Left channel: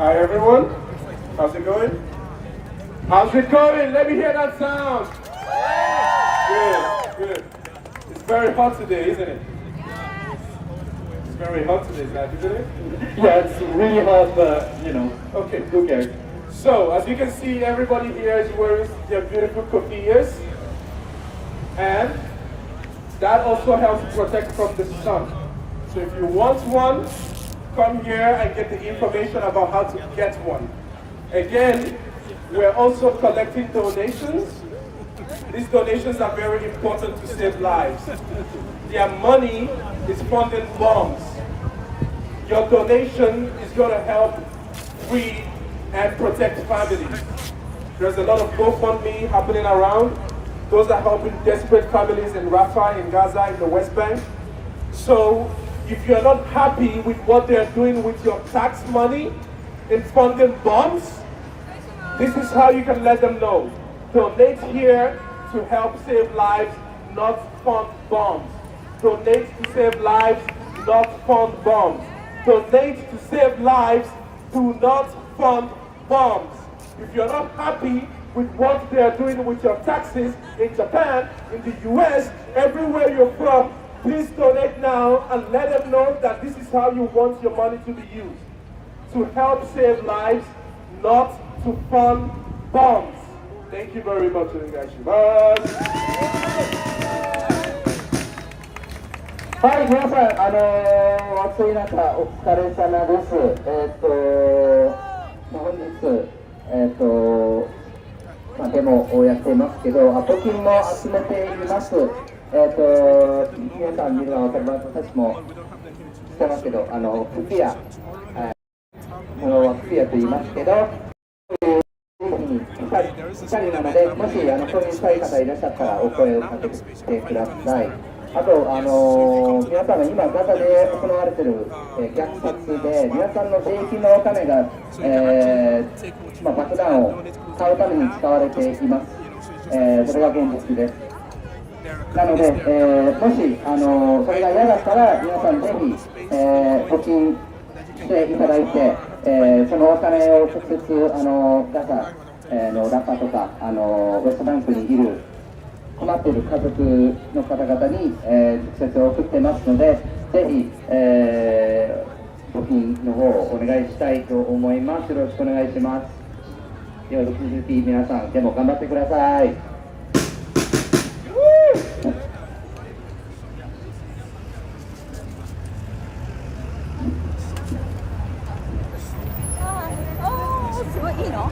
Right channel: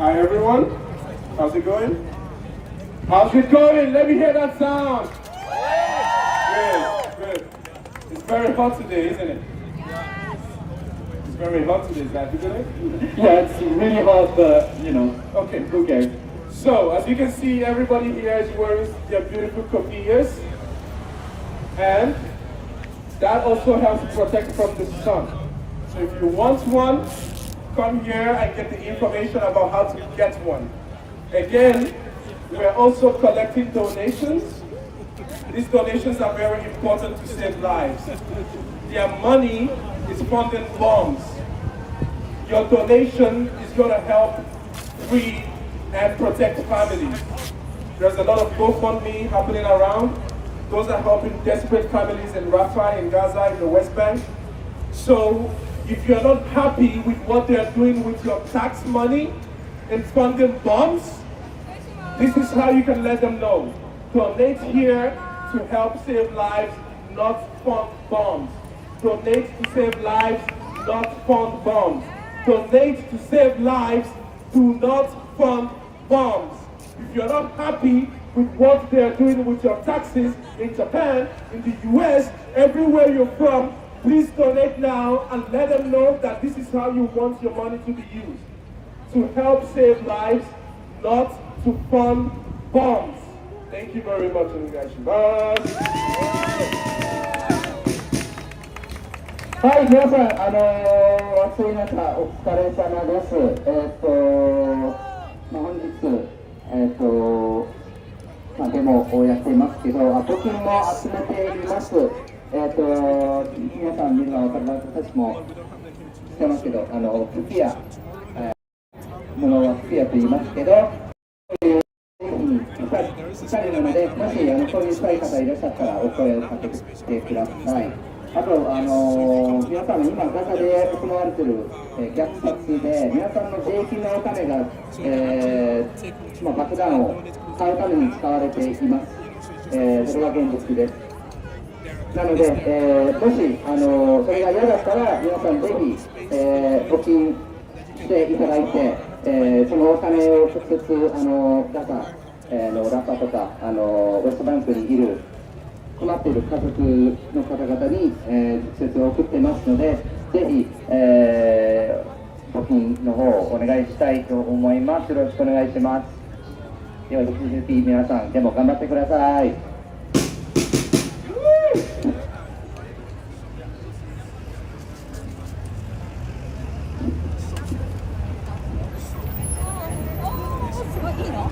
Hi everyone, how's it going? How's it going? Let me hear that sound. Good, good. It's very hot today, isn't it? It's very hot today, isn't it? Yeah, it's really hot, but Okay, who cares? So, as you can see, everybody here is wearing their beautiful coquillas, and that also helps protect from the sun. So if you want one, come here and get the information about how to get one. Again, we're also collecting donations. These donations are very important to save lives. Their money is funding bombs. Your donation is going to help free and protect families. There's a lot of GoFundMe happening around. Those are helping desperate families in Rafah, in Gaza, in the West Bank. So if you're not happy with what they're doing with your tax money in funding bombs, this is how you can let them know. Donate here to help save lives, not fund bombs. Donate to save lives, not fund bombs. Donate to save lives, do not fund bombs. If you're not happy with what they're doing with your taxes in Japan, in the US, everywhere you're from, please donate now and let them know that this is how you want your money to be used. To help save lives, not to fund bombs. Thank you very much.はい、皆さん、暑い中、お疲れ様です。本日、デモをやっていますけど、募金も集めています。皆さん見るのは分かります。私もしてますけど、フピア、ものはフピアと言いますけど、2人なので、もしそういうしたい方いらっしゃったらお声をかけてください。あと、皆さんが今、ガザで行われている、虐殺で、皆さんの税金のお金が、爆弾を買うために使われています。それが現実です。なので、もしそれが嫌だったら皆さんぜひ、募金していただいて、そのお金を直接ガザのラファとかウェストバンクにいる困っている家族の方々に、直接送ってますので、ぜひ、募金の方をお願いしたいと思います。よろしくお願いします。では引き続き皆さんでも頑張ってください。すごいいいの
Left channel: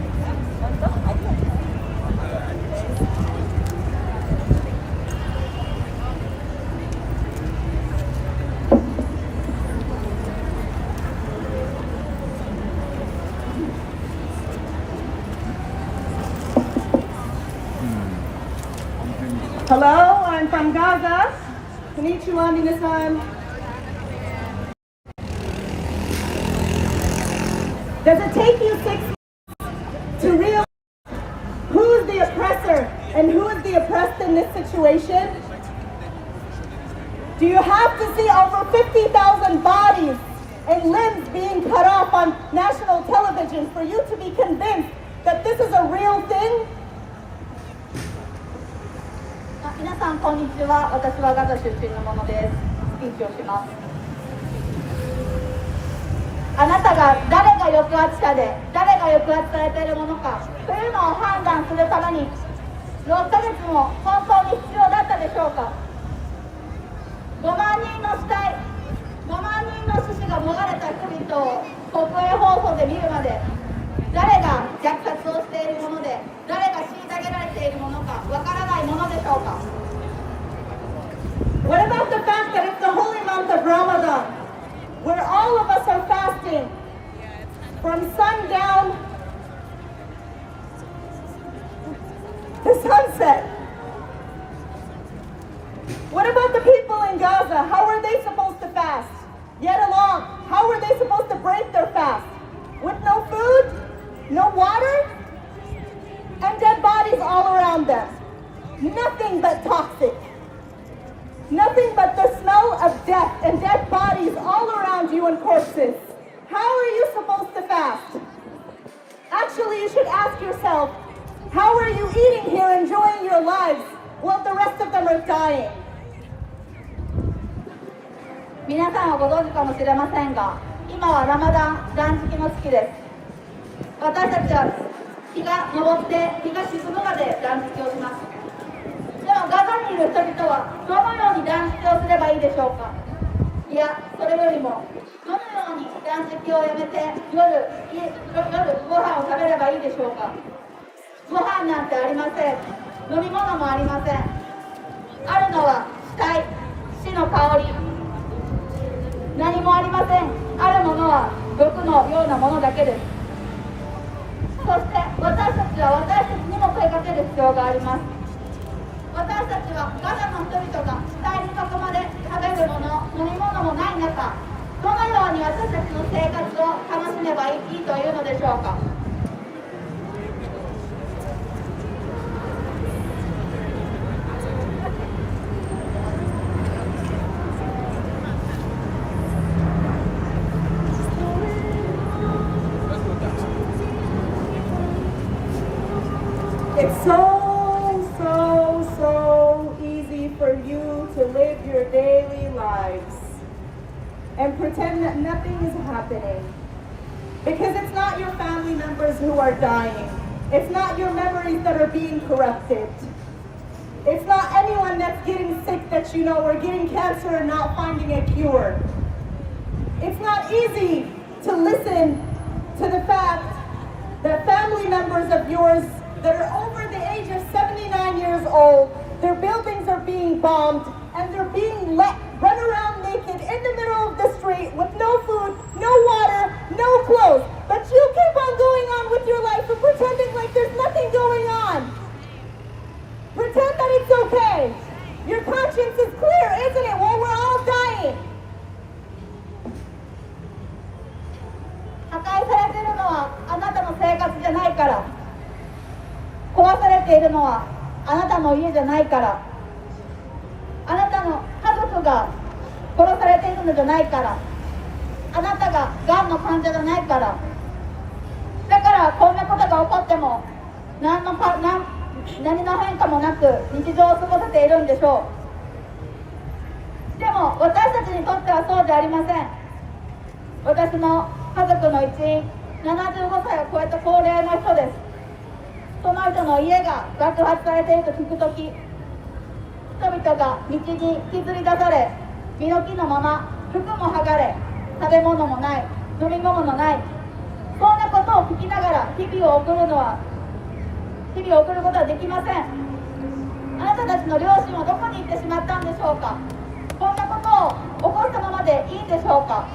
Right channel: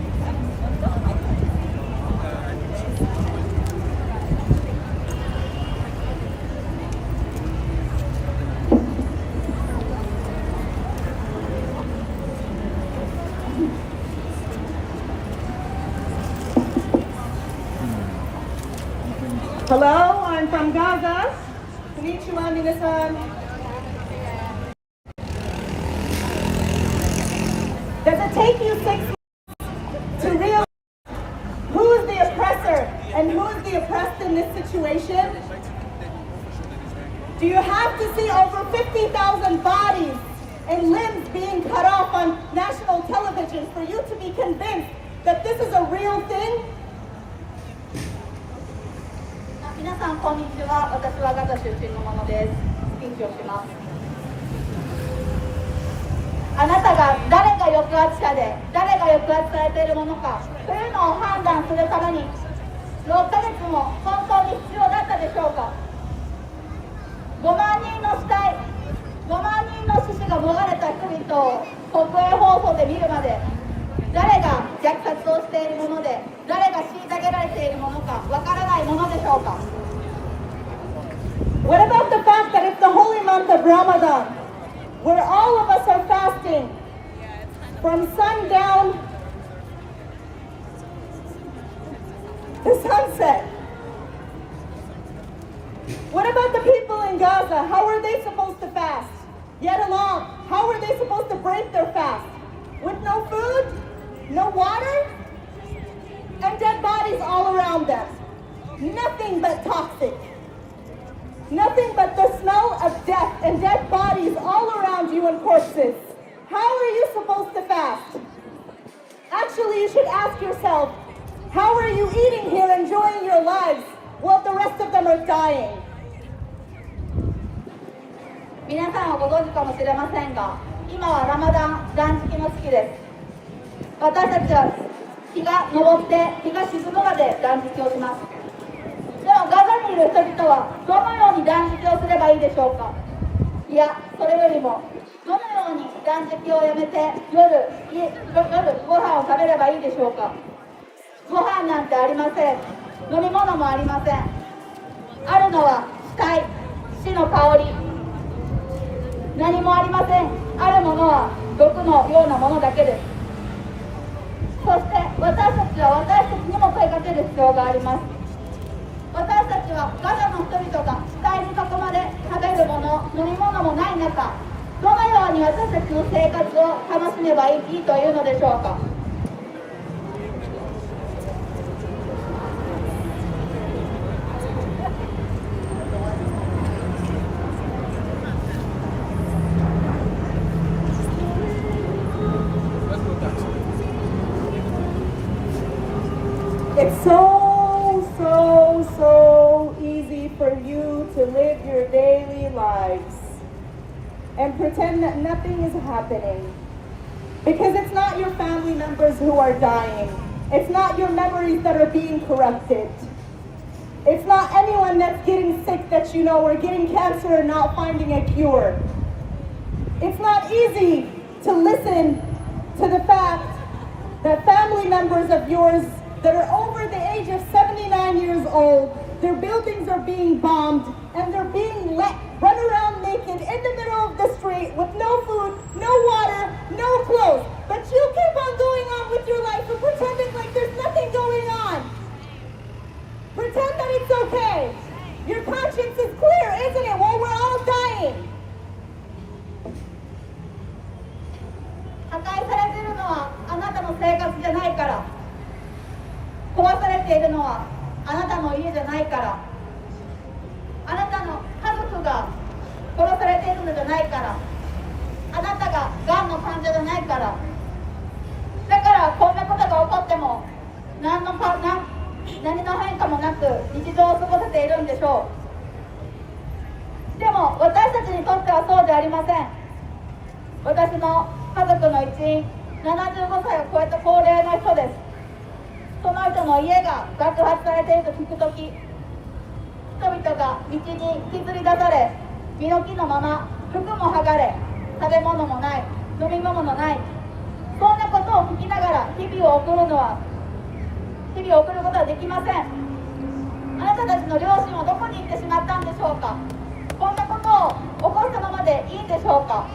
Hello, I'm from Gaza. Konnichiwa, minasan. Does it take you 6 months to realize who's the oppressor and who is the oppressed in this situation? Do you have to see over 50,000 bodies and limbs being cut off on national television for you to be convinced that this is a real thing? 皆さんこんにちは。私はガザ出身のものです。スピーチをします。あなたが誰が抑圧者で誰が抑圧されているものかというのを判断するために6ヶ月も本当に必要だったでしょうか。5万人の死体、5万人の死者が逃れた人々を国営放送で見るまで、誰が虐殺をしているもので誰が虐げられているものかわからないものでしょうか。What about the fact that it's the holy month of Ramadan, where all of us are fasting from sundown to sunset? What about the people in Gaza? How are they supposed to fast? Yet along, how are they supposed to break their fast? With no food, no water, and dead bodies all around them. Nothing but toxic. Nothing but the smell of death and dead bodies all around you and corpses. How are you supposed to fast? Actually, you should ask yourself, how are you eating here, enjoying your lives, while the rest of them are dying? 皆さんはご存知かもしれませんが、今はラマダン断食の月です。私たちは日が昇って日が沈むまで断食をします。でもガザにいる人々はどのように断食をすればいいでしょうか。いや、それよりもどのように断食をやめて夜ご飯を食べればいいでしょうか。ご飯なんてありません。飲み物もありません。あるのは死体、死の香り、何もありません。あるものは毒のようなものだけです。そして私たちは私たちにも問いかける必要があります。私たちはガザの人々が死体に囲まれ食べるもの、飲み物もない中、どのように私たちの生活を楽しめばいいというのでしょうか。It's so easy for you to live your daily lives and pretend that nothing is happening. Because it's not your family members who are dying. It's not your memories that are being corrupted. It's not anyone that's getting sick that you know or getting cancer and not finding a cure. It's not easy to listen to the fact that family members of yours that are over the age of 79 years old, their buildings are being bombed and they're being let run around naked in the middle of the street with no food, no water, no clothes. But you keep on going on with your life and pretending like there's nothing going on. Pretend that it's okay. Your conscience is clear, isn't it, while we're all dying? 破壊されているのはあなたの生活じゃないから。壊されているのはあなたの家じゃないから。が殺されているのじゃないから、あなたががんの患者じゃないから、だからこんなことが起こっても何の変化もなく日常を過ごせているんでしょう。でも私たちにとってはそうでありません。私の家族の一員、75歳を超えた高齢の人です。その人の家が爆発されていると聞くとき、人々が道に引きずり出され、身の木のまま服も剥がれ、食べ物もない、飲み物もない、そんなことを聞きながら日々を送ることはできません。あなたたちの両親はどこに行ってしまったんでしょうか。こんなことを起こしたままでいいんでしょうか。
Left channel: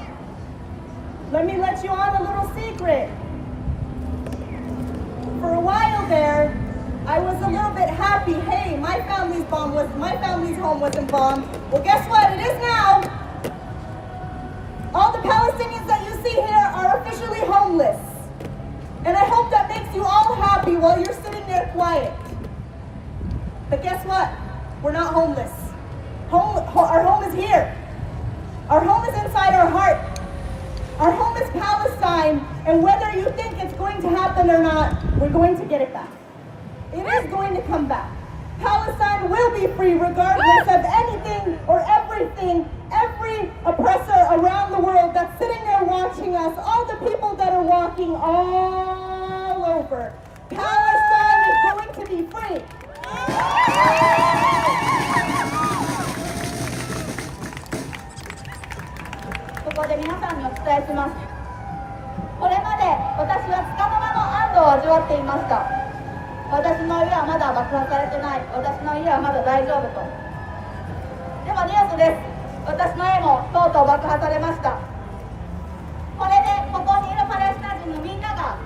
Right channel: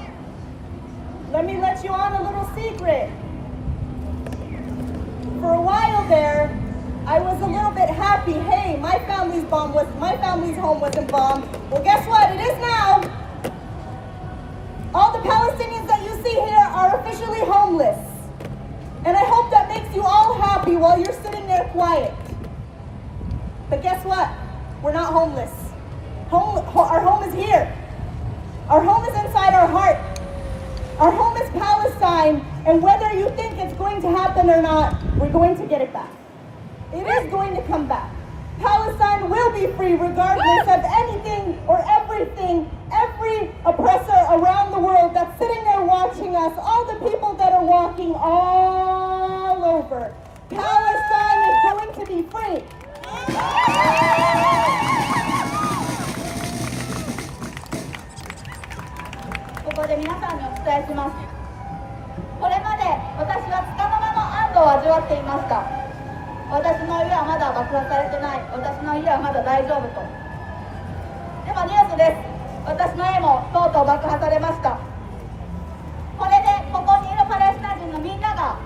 Let me let you on a little secret. For a while there, I was a little bit happy. Hey, my family's home wasn't bombed. Well, guess what? It is now. All the Palestinians that you see here are officially homeless. And I hope that makes you all happy while you're sitting there quiet. But guess what? We're not homeless. Our home is here. Our home is inside our heart. Our home is Palestine, and whether you think it's going to happen or not, we're going to get it back. It is going to come back. Palestine will be free regardless of anything or everything, every oppressor around the world that's sitting there watching us, all the people that are walking all over. Palestine is going to be free. ここで皆さんにお伝えします。これまで私は束の間の安堵を味わっていました。私の家はまだ爆破されてない。私の家はまだ大丈夫と。でもニュースです。私の家もとうとう爆破されました。これでここにいるパレスチナ人のみんなが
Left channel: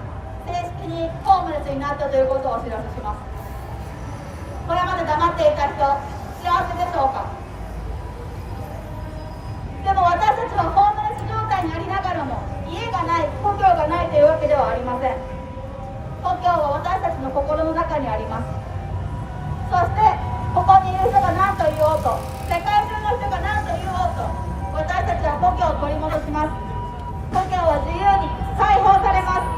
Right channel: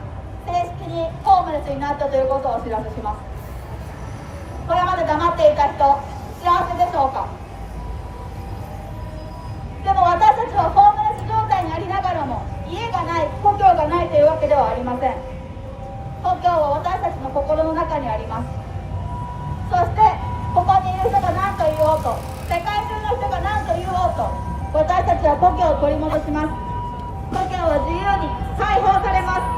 正式にホームレスになったということをお知らせします。これまで黙っていた人、幸せでしょうか。でも私たちはホームレス状態にありながらも家がない、故郷がないというわけではありません。故郷は私たちの心の中にあります。そしてここにいる人が何と言おうと、世界中の人が何と言おうと、私たちは故郷を取り戻します。故郷は自由に解放されます。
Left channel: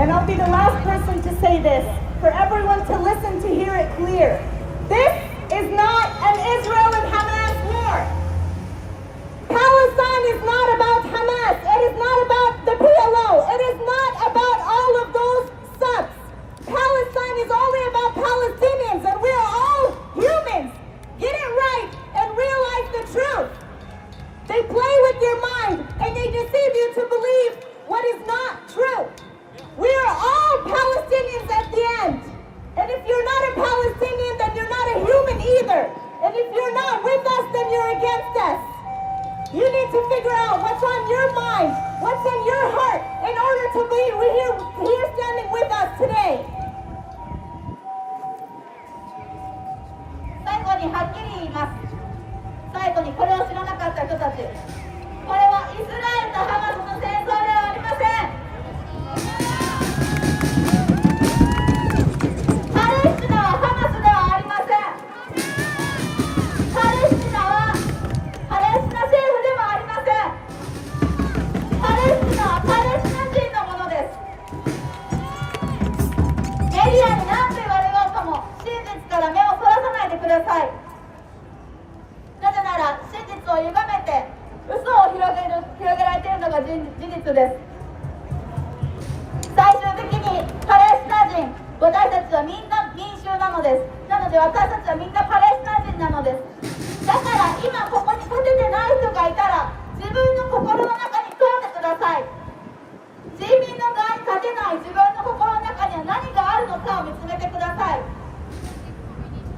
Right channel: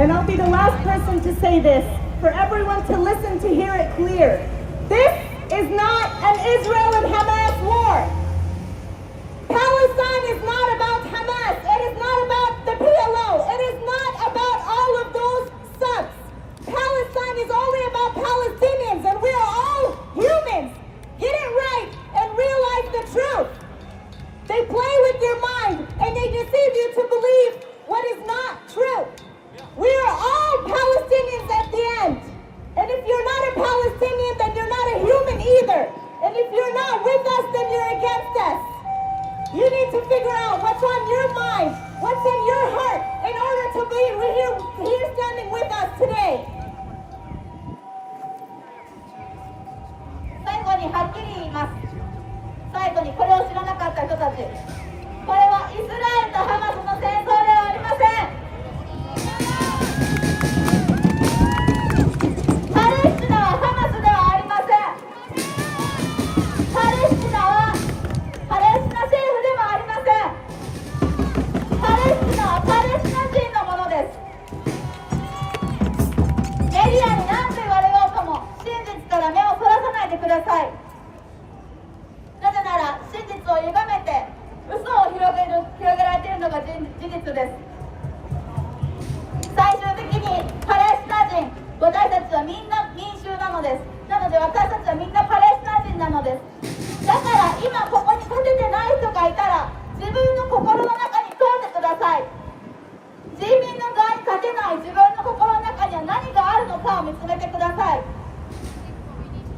And I'll be the last person to say this, for everyone to listen to hear it clear. This is not an Israel and Hamas war. Palestine is not about Hamas. It is not about the PLO. It is not about all of those sucks. Palestine is only about Palestinians, and we're all humans. Get it right and realize the truth. They play with your mind and they deceive you to believe what is not true. We are all Palestinians at the end. And if you're not a Palestinian, then you're not a human either. And if you're not with us, then you're against us. You need to figure out what's on your mind, what's in your heart, in order to be here standing with us today. 最後にはっきり言います。最後にこれを知らなかった人たち。これはイスラエルとハマスの戦争ではありません。パレスチナはハマスではありません。パレスチナはパレスチナ政府でもありません。パレスチナはパレスチナ人のものです。メディアに何と言われようとも真実から目をそらさないでください。なぜなら真実を歪めて嘘を広げられているのが事実です。最終的にパレスチナ人、私たちはみんな民衆なのです。なので私たちはみんなパレスチナ人なのです。だから今ここに立ててない人がいたら自分の心の中に問うてください。人民の側に立てない自分の心の中には何があるのかを見つめてください。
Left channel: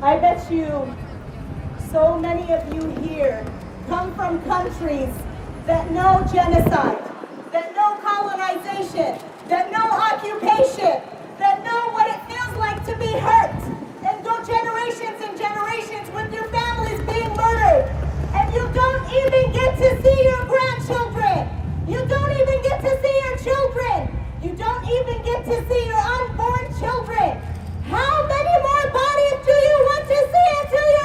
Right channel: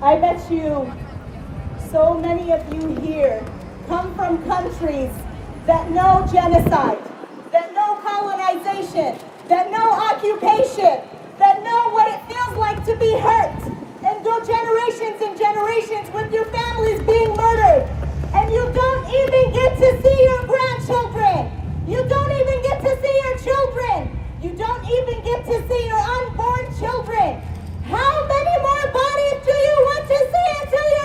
I bet you so many of you here come from countries that know genocide, that know colonization, that know occupation, that know what it feels like to be hurt, and go generations and generations with your families being murdered, and you don't even get to see your grandchildren. You don't even get to see your children. You don't even get to see your unborn children. How many more bodies do you want to see until you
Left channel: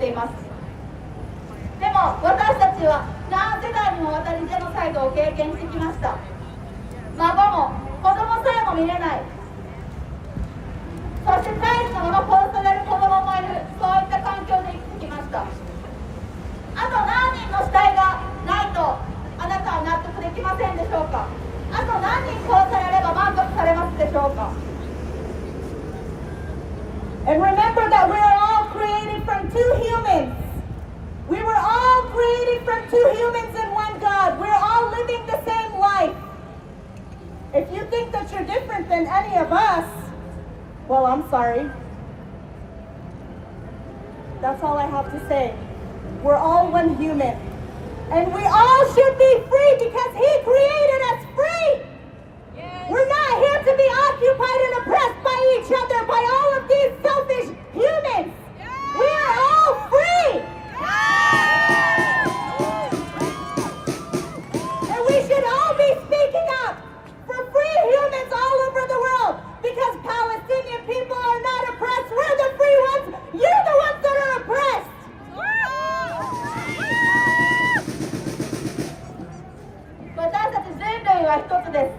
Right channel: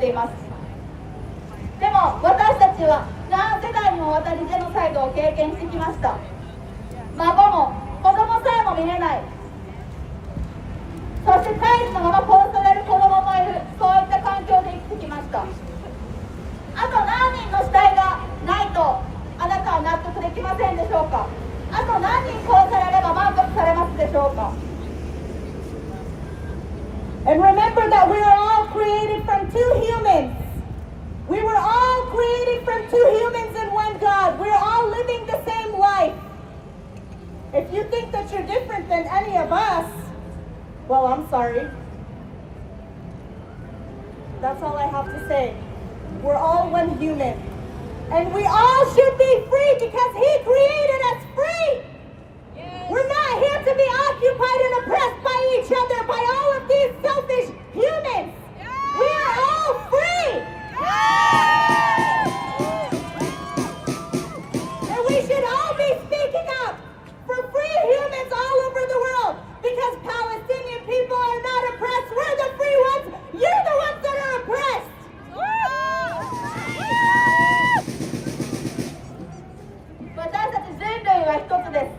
っています。でも私たちは何世代にもわたりジェノサイドを経験してきました。孫も子供さえも見れない、そして大事なまま殺される子供もいる、そういった環境で生きてきました。あと何人の死体がないとあなたは納得できませんでしょうか。あと何人殺されれば満足されますでしょうか。 And remember that we are all created from two humans. We were all created from two humans and one God. We're all living the same life. If you think that you're different than any of us, well, I'm sorry. That's all I have to say. We're all one human. And we all should be free because He created us free. We're not here to be occupied and oppressed by each other, by all of these selfish humans. We are all free. And we should all be speaking up for free humans all over the world because Palestinian people are not oppressed. We're the free ones. You're the ones that are oppressed. 私たち人類は一つです。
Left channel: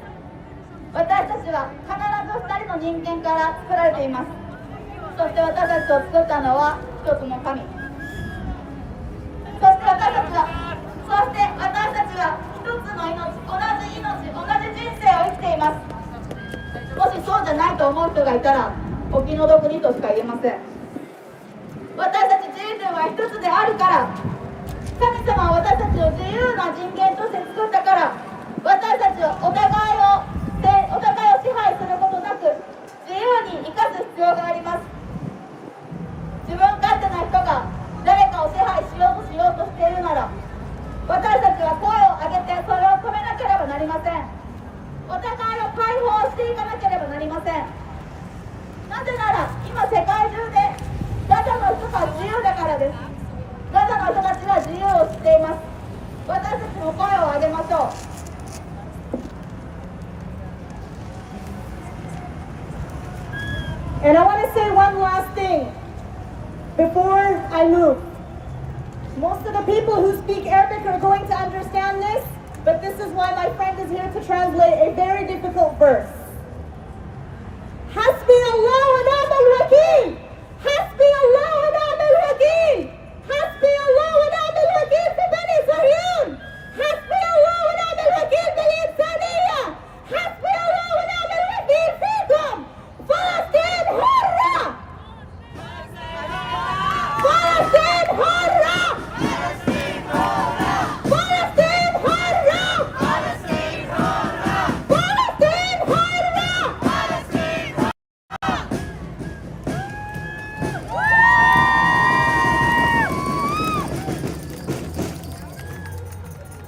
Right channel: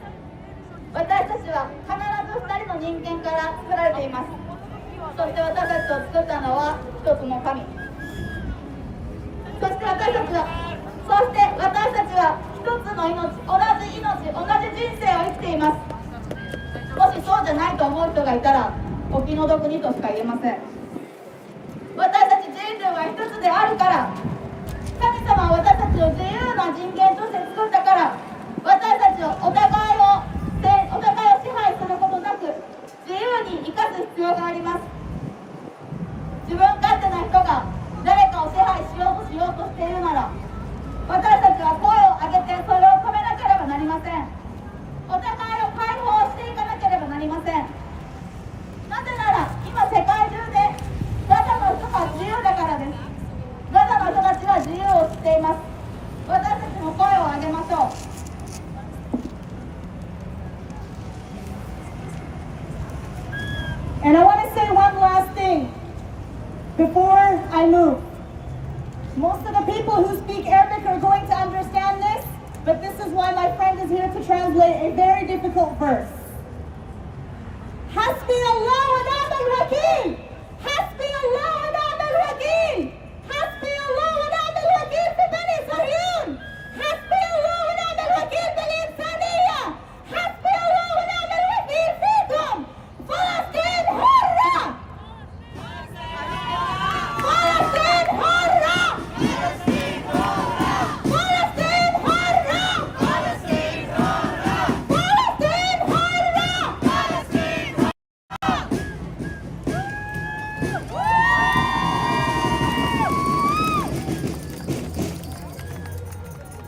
私たちは必ず2人の人間から作られています。そして私たちを作ったのは一つの神。そして私たちは一つの命、同じ人生を生きています。もしそうじゃないと思う人がいたらお気の毒にとしか言えません。私たち人類は一つであるから、神様は私たちを自由な人間として作ったから、私たちをお互いを支配することなく自由に生かす必要があります。自分勝手な人が誰かを支配しようとしているなら、私たちは声を上げてそれを止めなければなりません。お互いを解放していかなければなりません。なぜなら今世界中でガザの人が自由だからです。ガザの人たちは自由を知っています。私たちも声を上げましょう。And I want to say one last thing before I move. Most of the people who speak Arabic are going to understand this, but this is why my friend is here to translate a very difficult verse. Hasbi Allah wa ni'mal wakeel. Hasbi Allah wa ni'mal wakeel. Hasbi Allah wa ni'mal wakeel fi Bani Sahyun. Hasbi Allah wa ni'mal wakeel bil insaniyya. Hasbi Allah wa ni'mal wakeel fikum. Palestine hurra! Palestine hurra! Palestine hurra! Palestine hurra! Palestine hurra! Palestine hurra! Palestine hurra!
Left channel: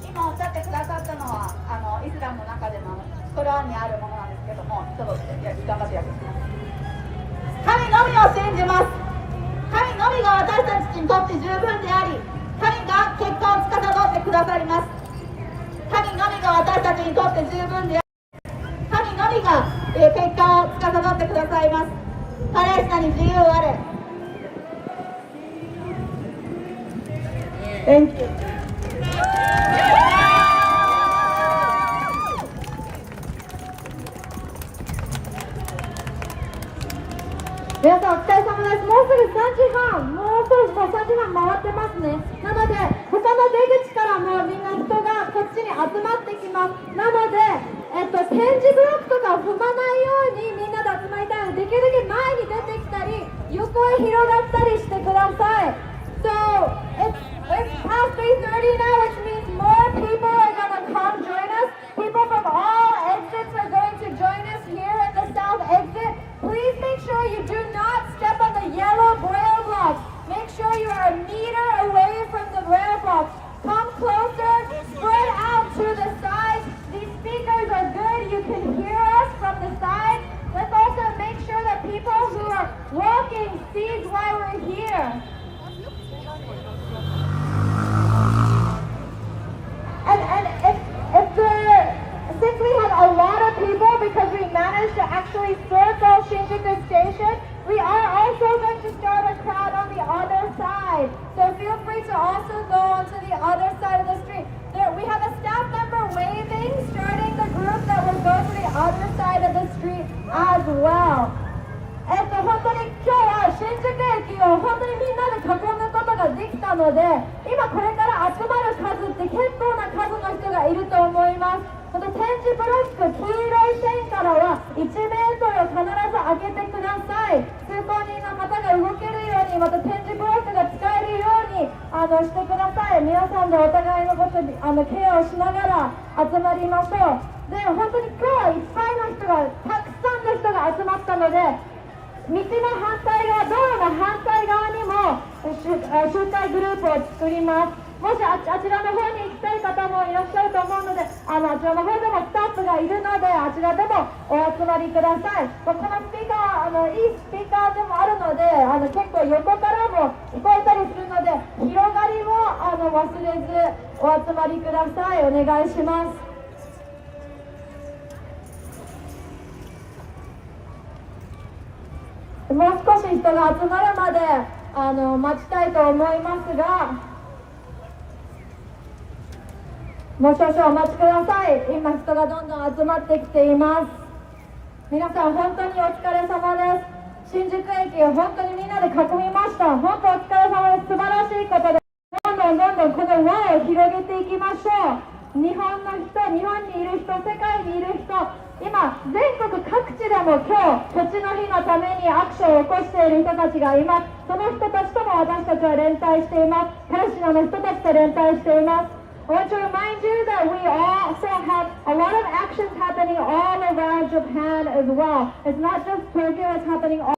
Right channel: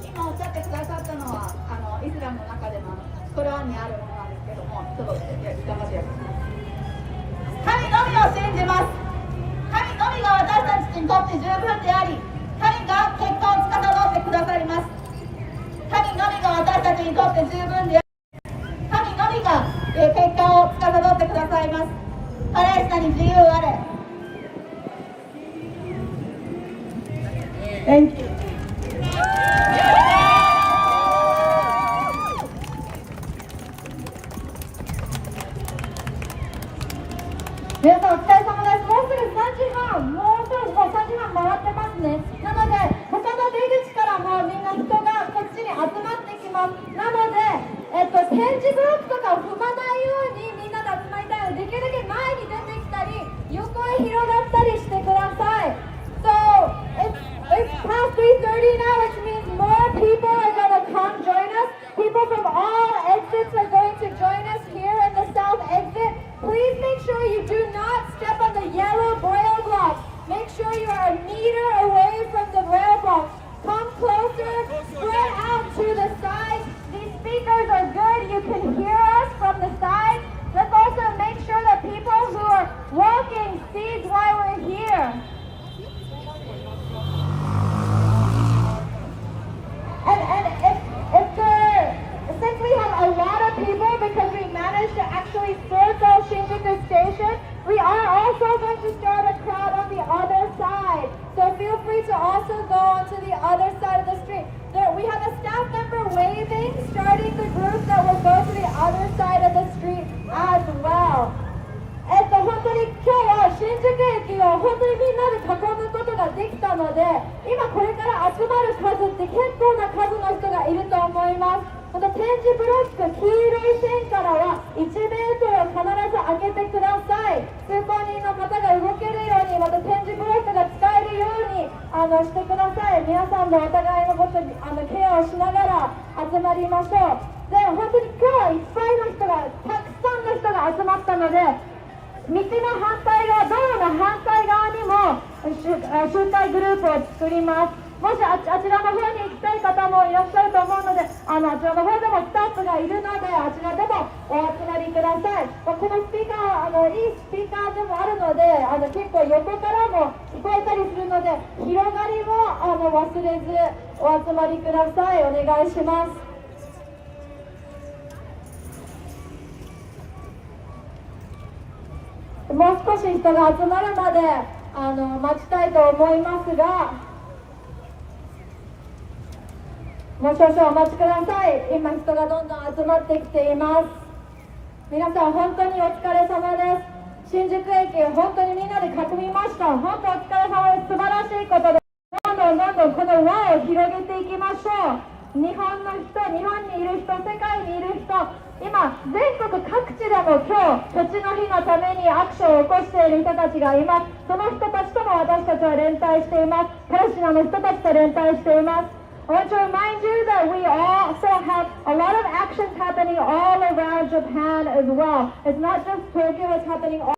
今おっしゃってくださったのはイスラムの中でのコラーンにあるものなんですけども、ちょっと頑張って訳します。神のみを信じます。神のみが私たちにとって十分であり、神が結果を司ってくださります。神のみが私たちにとって十分であり、神のみが結果を司ってくださいます。パレスチナに自由あれ。Thank you. 皆さんお疲れ様です。もうすぐ3時半、もう少し3時半回ってますね。なので他の出口からもみんな人がこっちに集まってきます。なので、展示ブロックとかを踏まないようにみんなで集まりたいので、できるだけ前に出てきたり横へ広がったりしてください。So it's past 3:30 now, which means more people are going to come join us. People from all exits are going to join us here in the south exit. Please make sure you do not step on the yellow braille blocks. Make sure you are a meter away from the braille blocks. Come closer, spread out to the sides. These speakers are good. You can hear us from the sides. Let's also make sure that people who are walking see why we're here. Since we have a lot of people, because we managed to actually circle Shinjuku Station, we are also going to start a crowd on the other side. to also go onto the other side of the street. We have a staff member waving, starting the group that will go to the other side of the street as well. 本当に今日は新宿駅を本当にみんなで囲むことができたので、今これから集まる数って結構な数の人がいると思います。また点字ブロック、黄色い線からは1メートル必ず開けてください。通行人の方が動けるように、また点字ブロックが使えるようにしてください。皆さんでお互いのことにケアをしながら集まりましょう。で、本当に今日はいっぱいの人が、たくさんの人が集まったので、道の反対側、道路の反対側にも集会グループを作ります。もしあちらの方に行きたい方もいらっしゃると思うので、あちらの方でもスタッフがいるので、あちらでもお集まりください。このスピーカー、いいスピーカーでもあるので、結構横からも聞こえたりするので、広がりも忘れずお集まりください。お願いします。もう少し人が集まるまで待ちたいと思いますが、もう少々お待ちください。今人がどんどん集まってきています。皆さん本当にお疲れ様です。新宿駅を本当にみんなで囲みました。本当お疲れ様です。素晴らしいことで、どんどんこの輪を広げていきましょう。日本の人、日本にいる人、世界にいる人、今全国各地でも今日土地の日のためにアクションを起こしている人たちがいます。その人たちとも私たちは連帯しています。パレスチナの人たちと連帯しています。I want to remind you that we also have a lot of actions happening all around Japan as well. It's not just Tokyo, it's happening all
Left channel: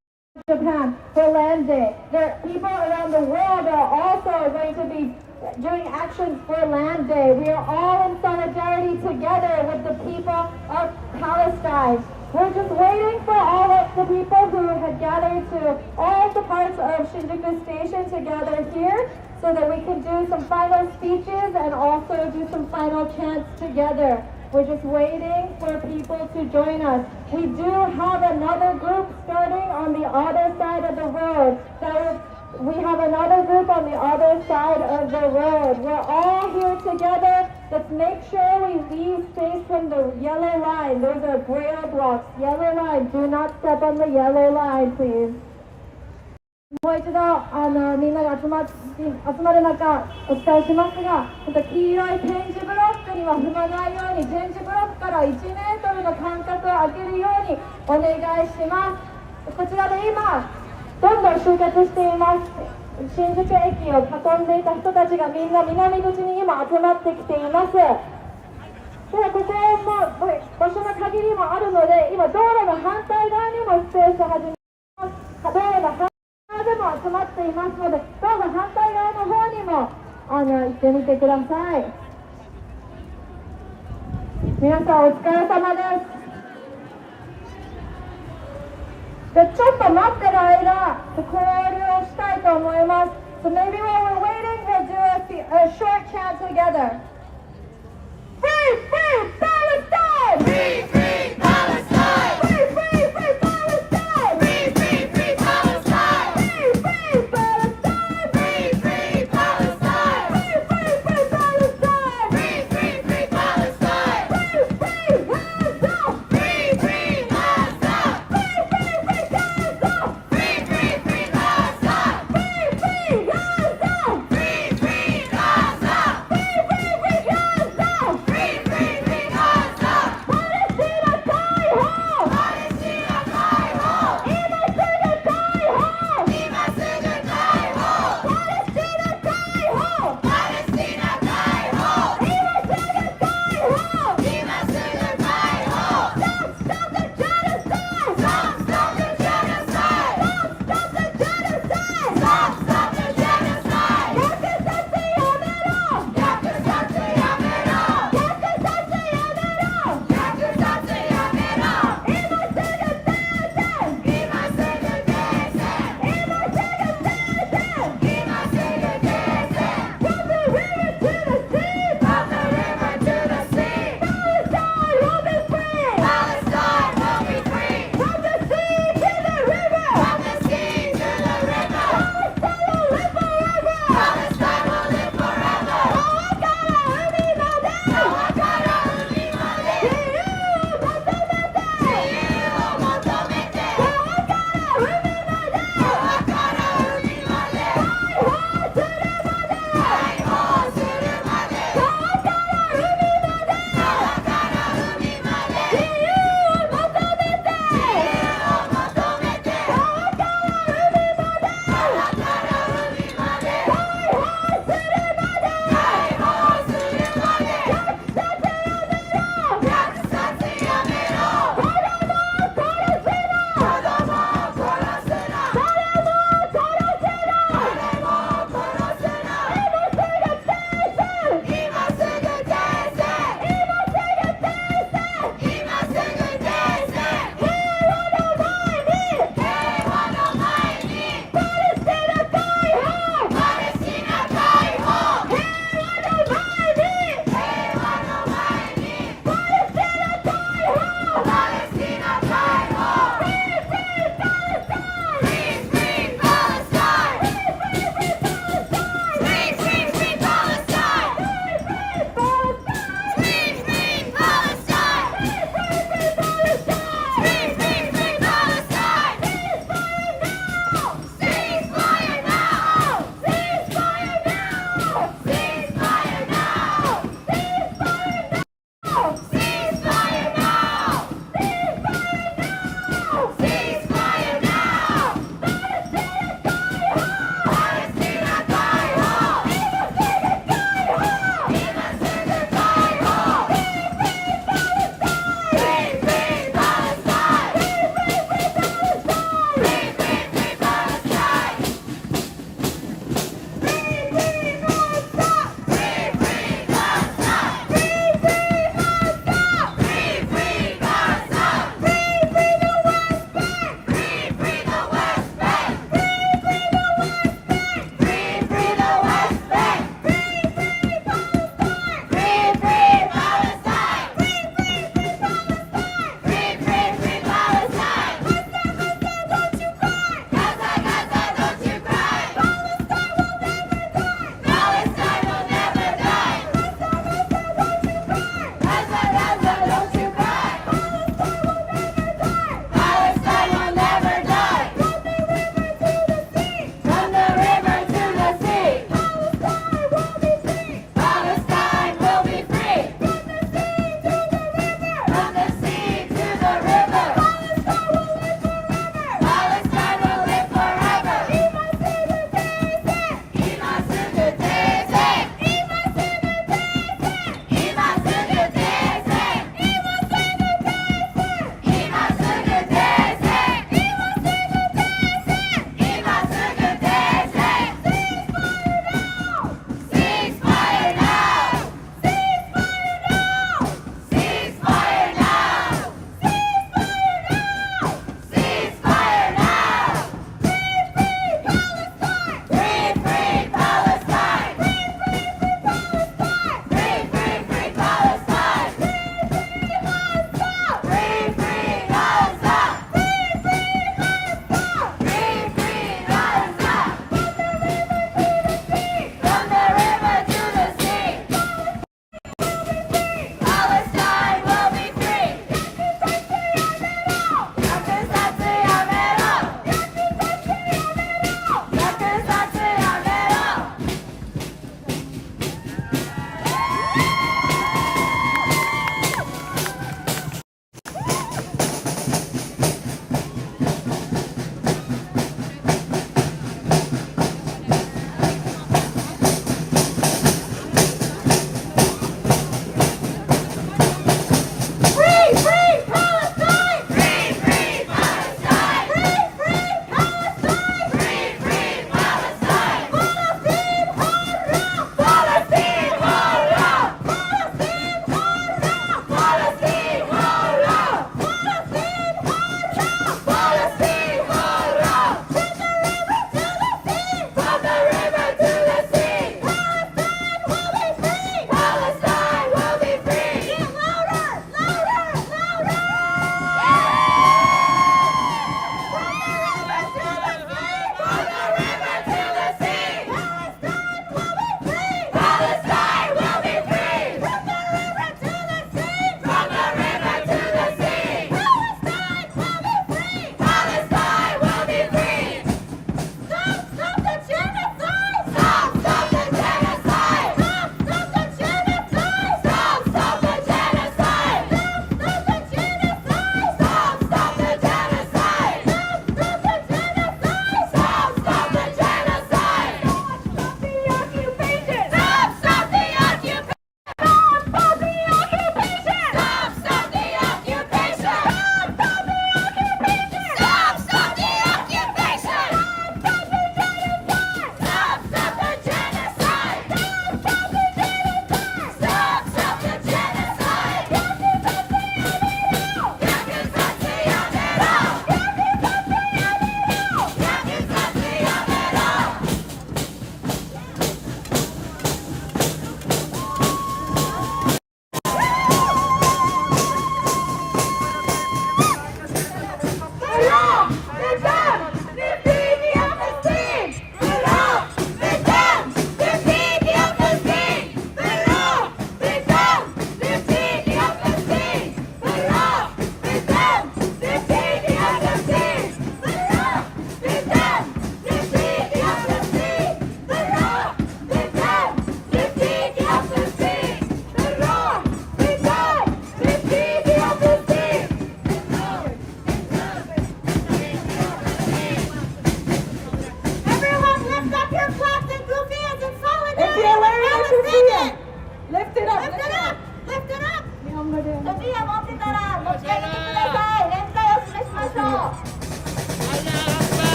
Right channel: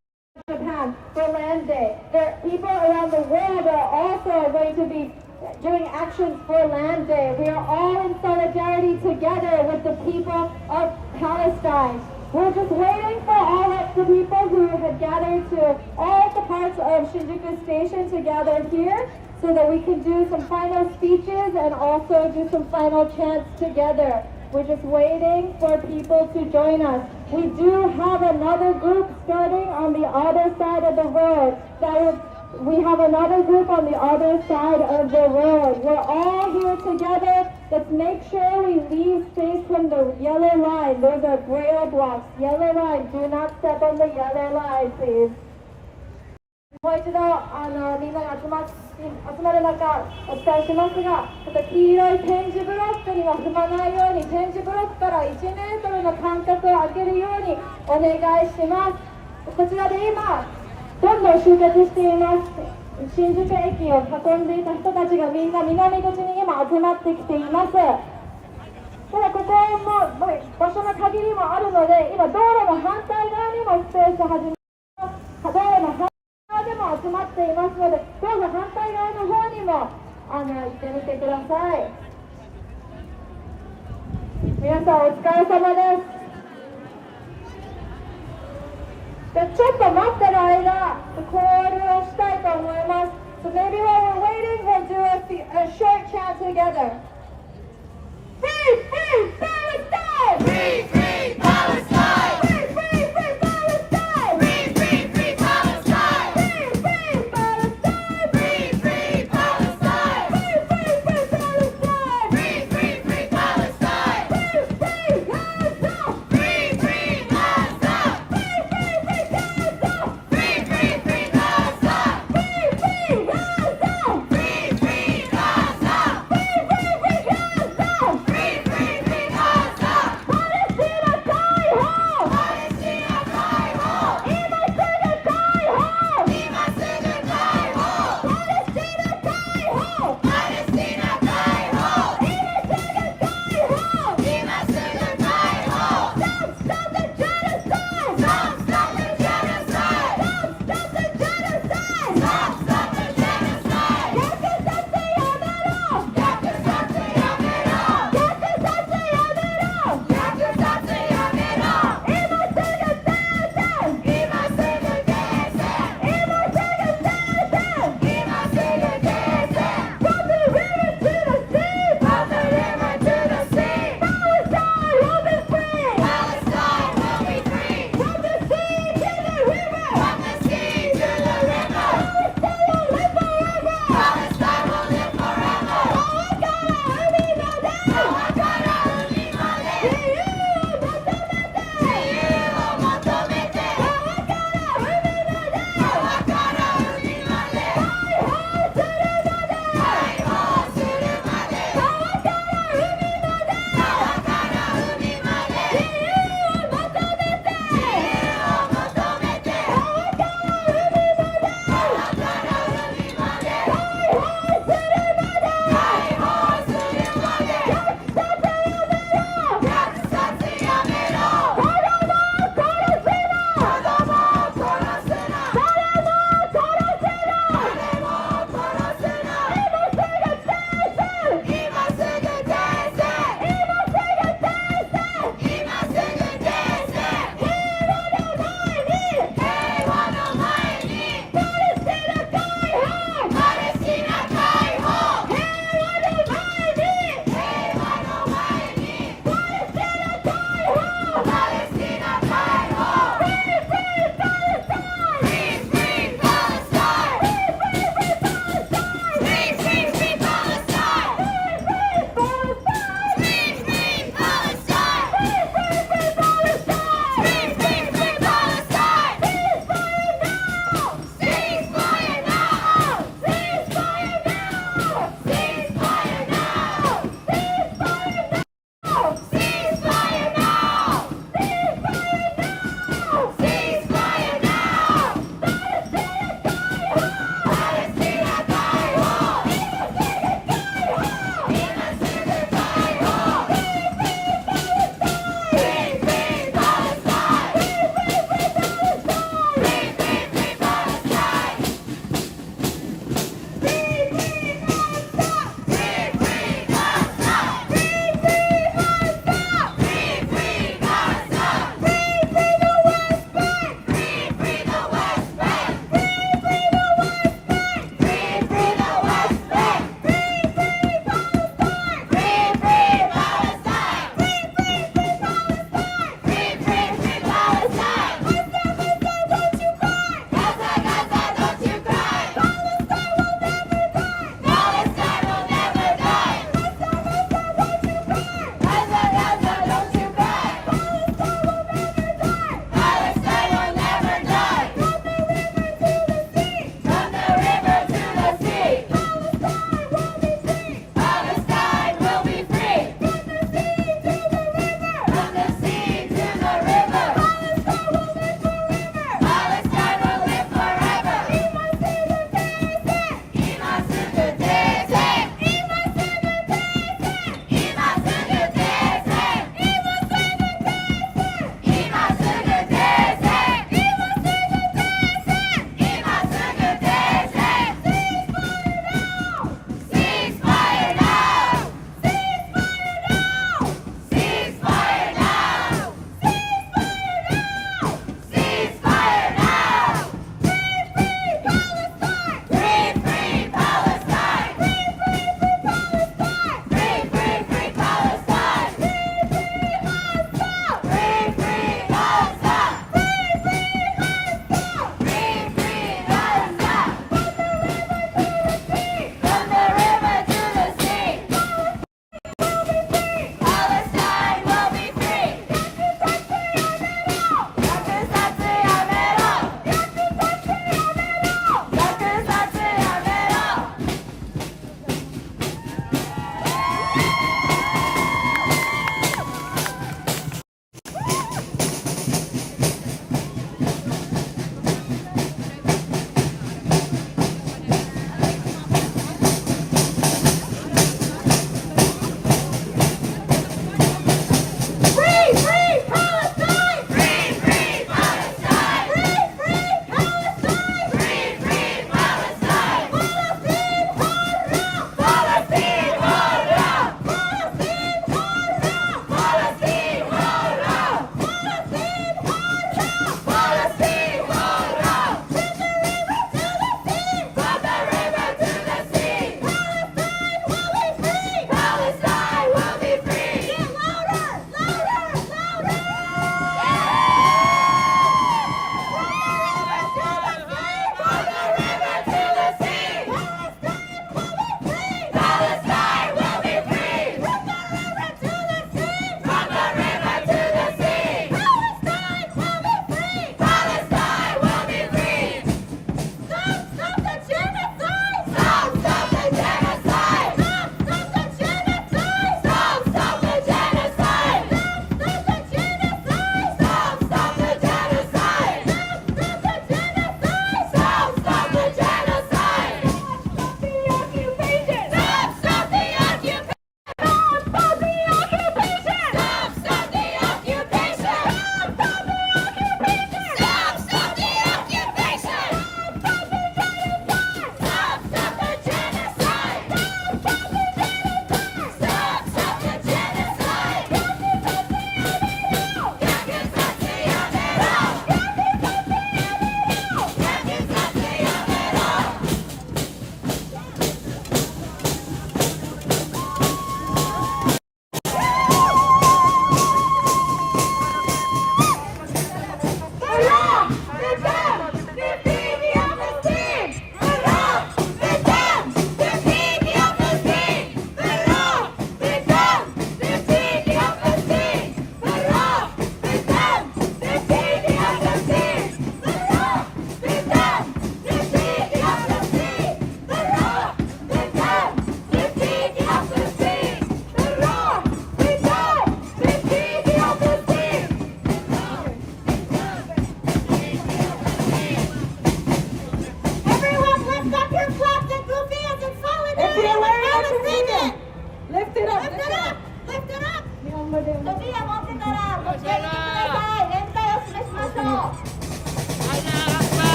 around Japan for Land Day. There are people around the world that are also going to be doing actions for Land Day. We are all in solidarity together with the people of Palestine. We're just waiting for all of the people who had gathered to all the parts of Shinjuku Station to gather here so that we can do some final speeches and also do some final chants together. We're just waiting for people to join us. We do have another group starting on the other side of the road. We have another group on the other side of the road. We're all here together. Let's make sure we leave space from the yellow line. Those are braille blocks. Yellow line. Do not step on the yellow line, please. もう一度みんなが集まる中お伝えしますが、黄色い点字ブロックには踏まないように、点字ブロックから1メートルの間隔を空けるようにお願いします。こちらで今どんどん集結しています。新宿駅を囲んでいた人たちがみんな南口に今集まってきています。ただここも場所の限りもあるので、今道路の反対側にもスペースを始めます。道路の反対側でも集まっていますので、どうぞ反対側の方にも行ってみてください。皆さんお疲れ様です。ちょっと待ってる間、交流をしたいと思います。So maybe while we're waiting, we'll do a short chat together. Free, free Palestine! Free, free Palestine! Free, free, free Palestine! Free, free, free Palestine! Free, free Palestine! Free, free Palestine! Free, free, free Palestine! Free, free, free Palestine! Free, free Gaza! Free, free Gaza! Free, free, free Gaza! Free, free, free Gaza! Free, free Gaza! Free, free Gaza! Free, free, free Gaza! Free, free, free Gaza! Palestine!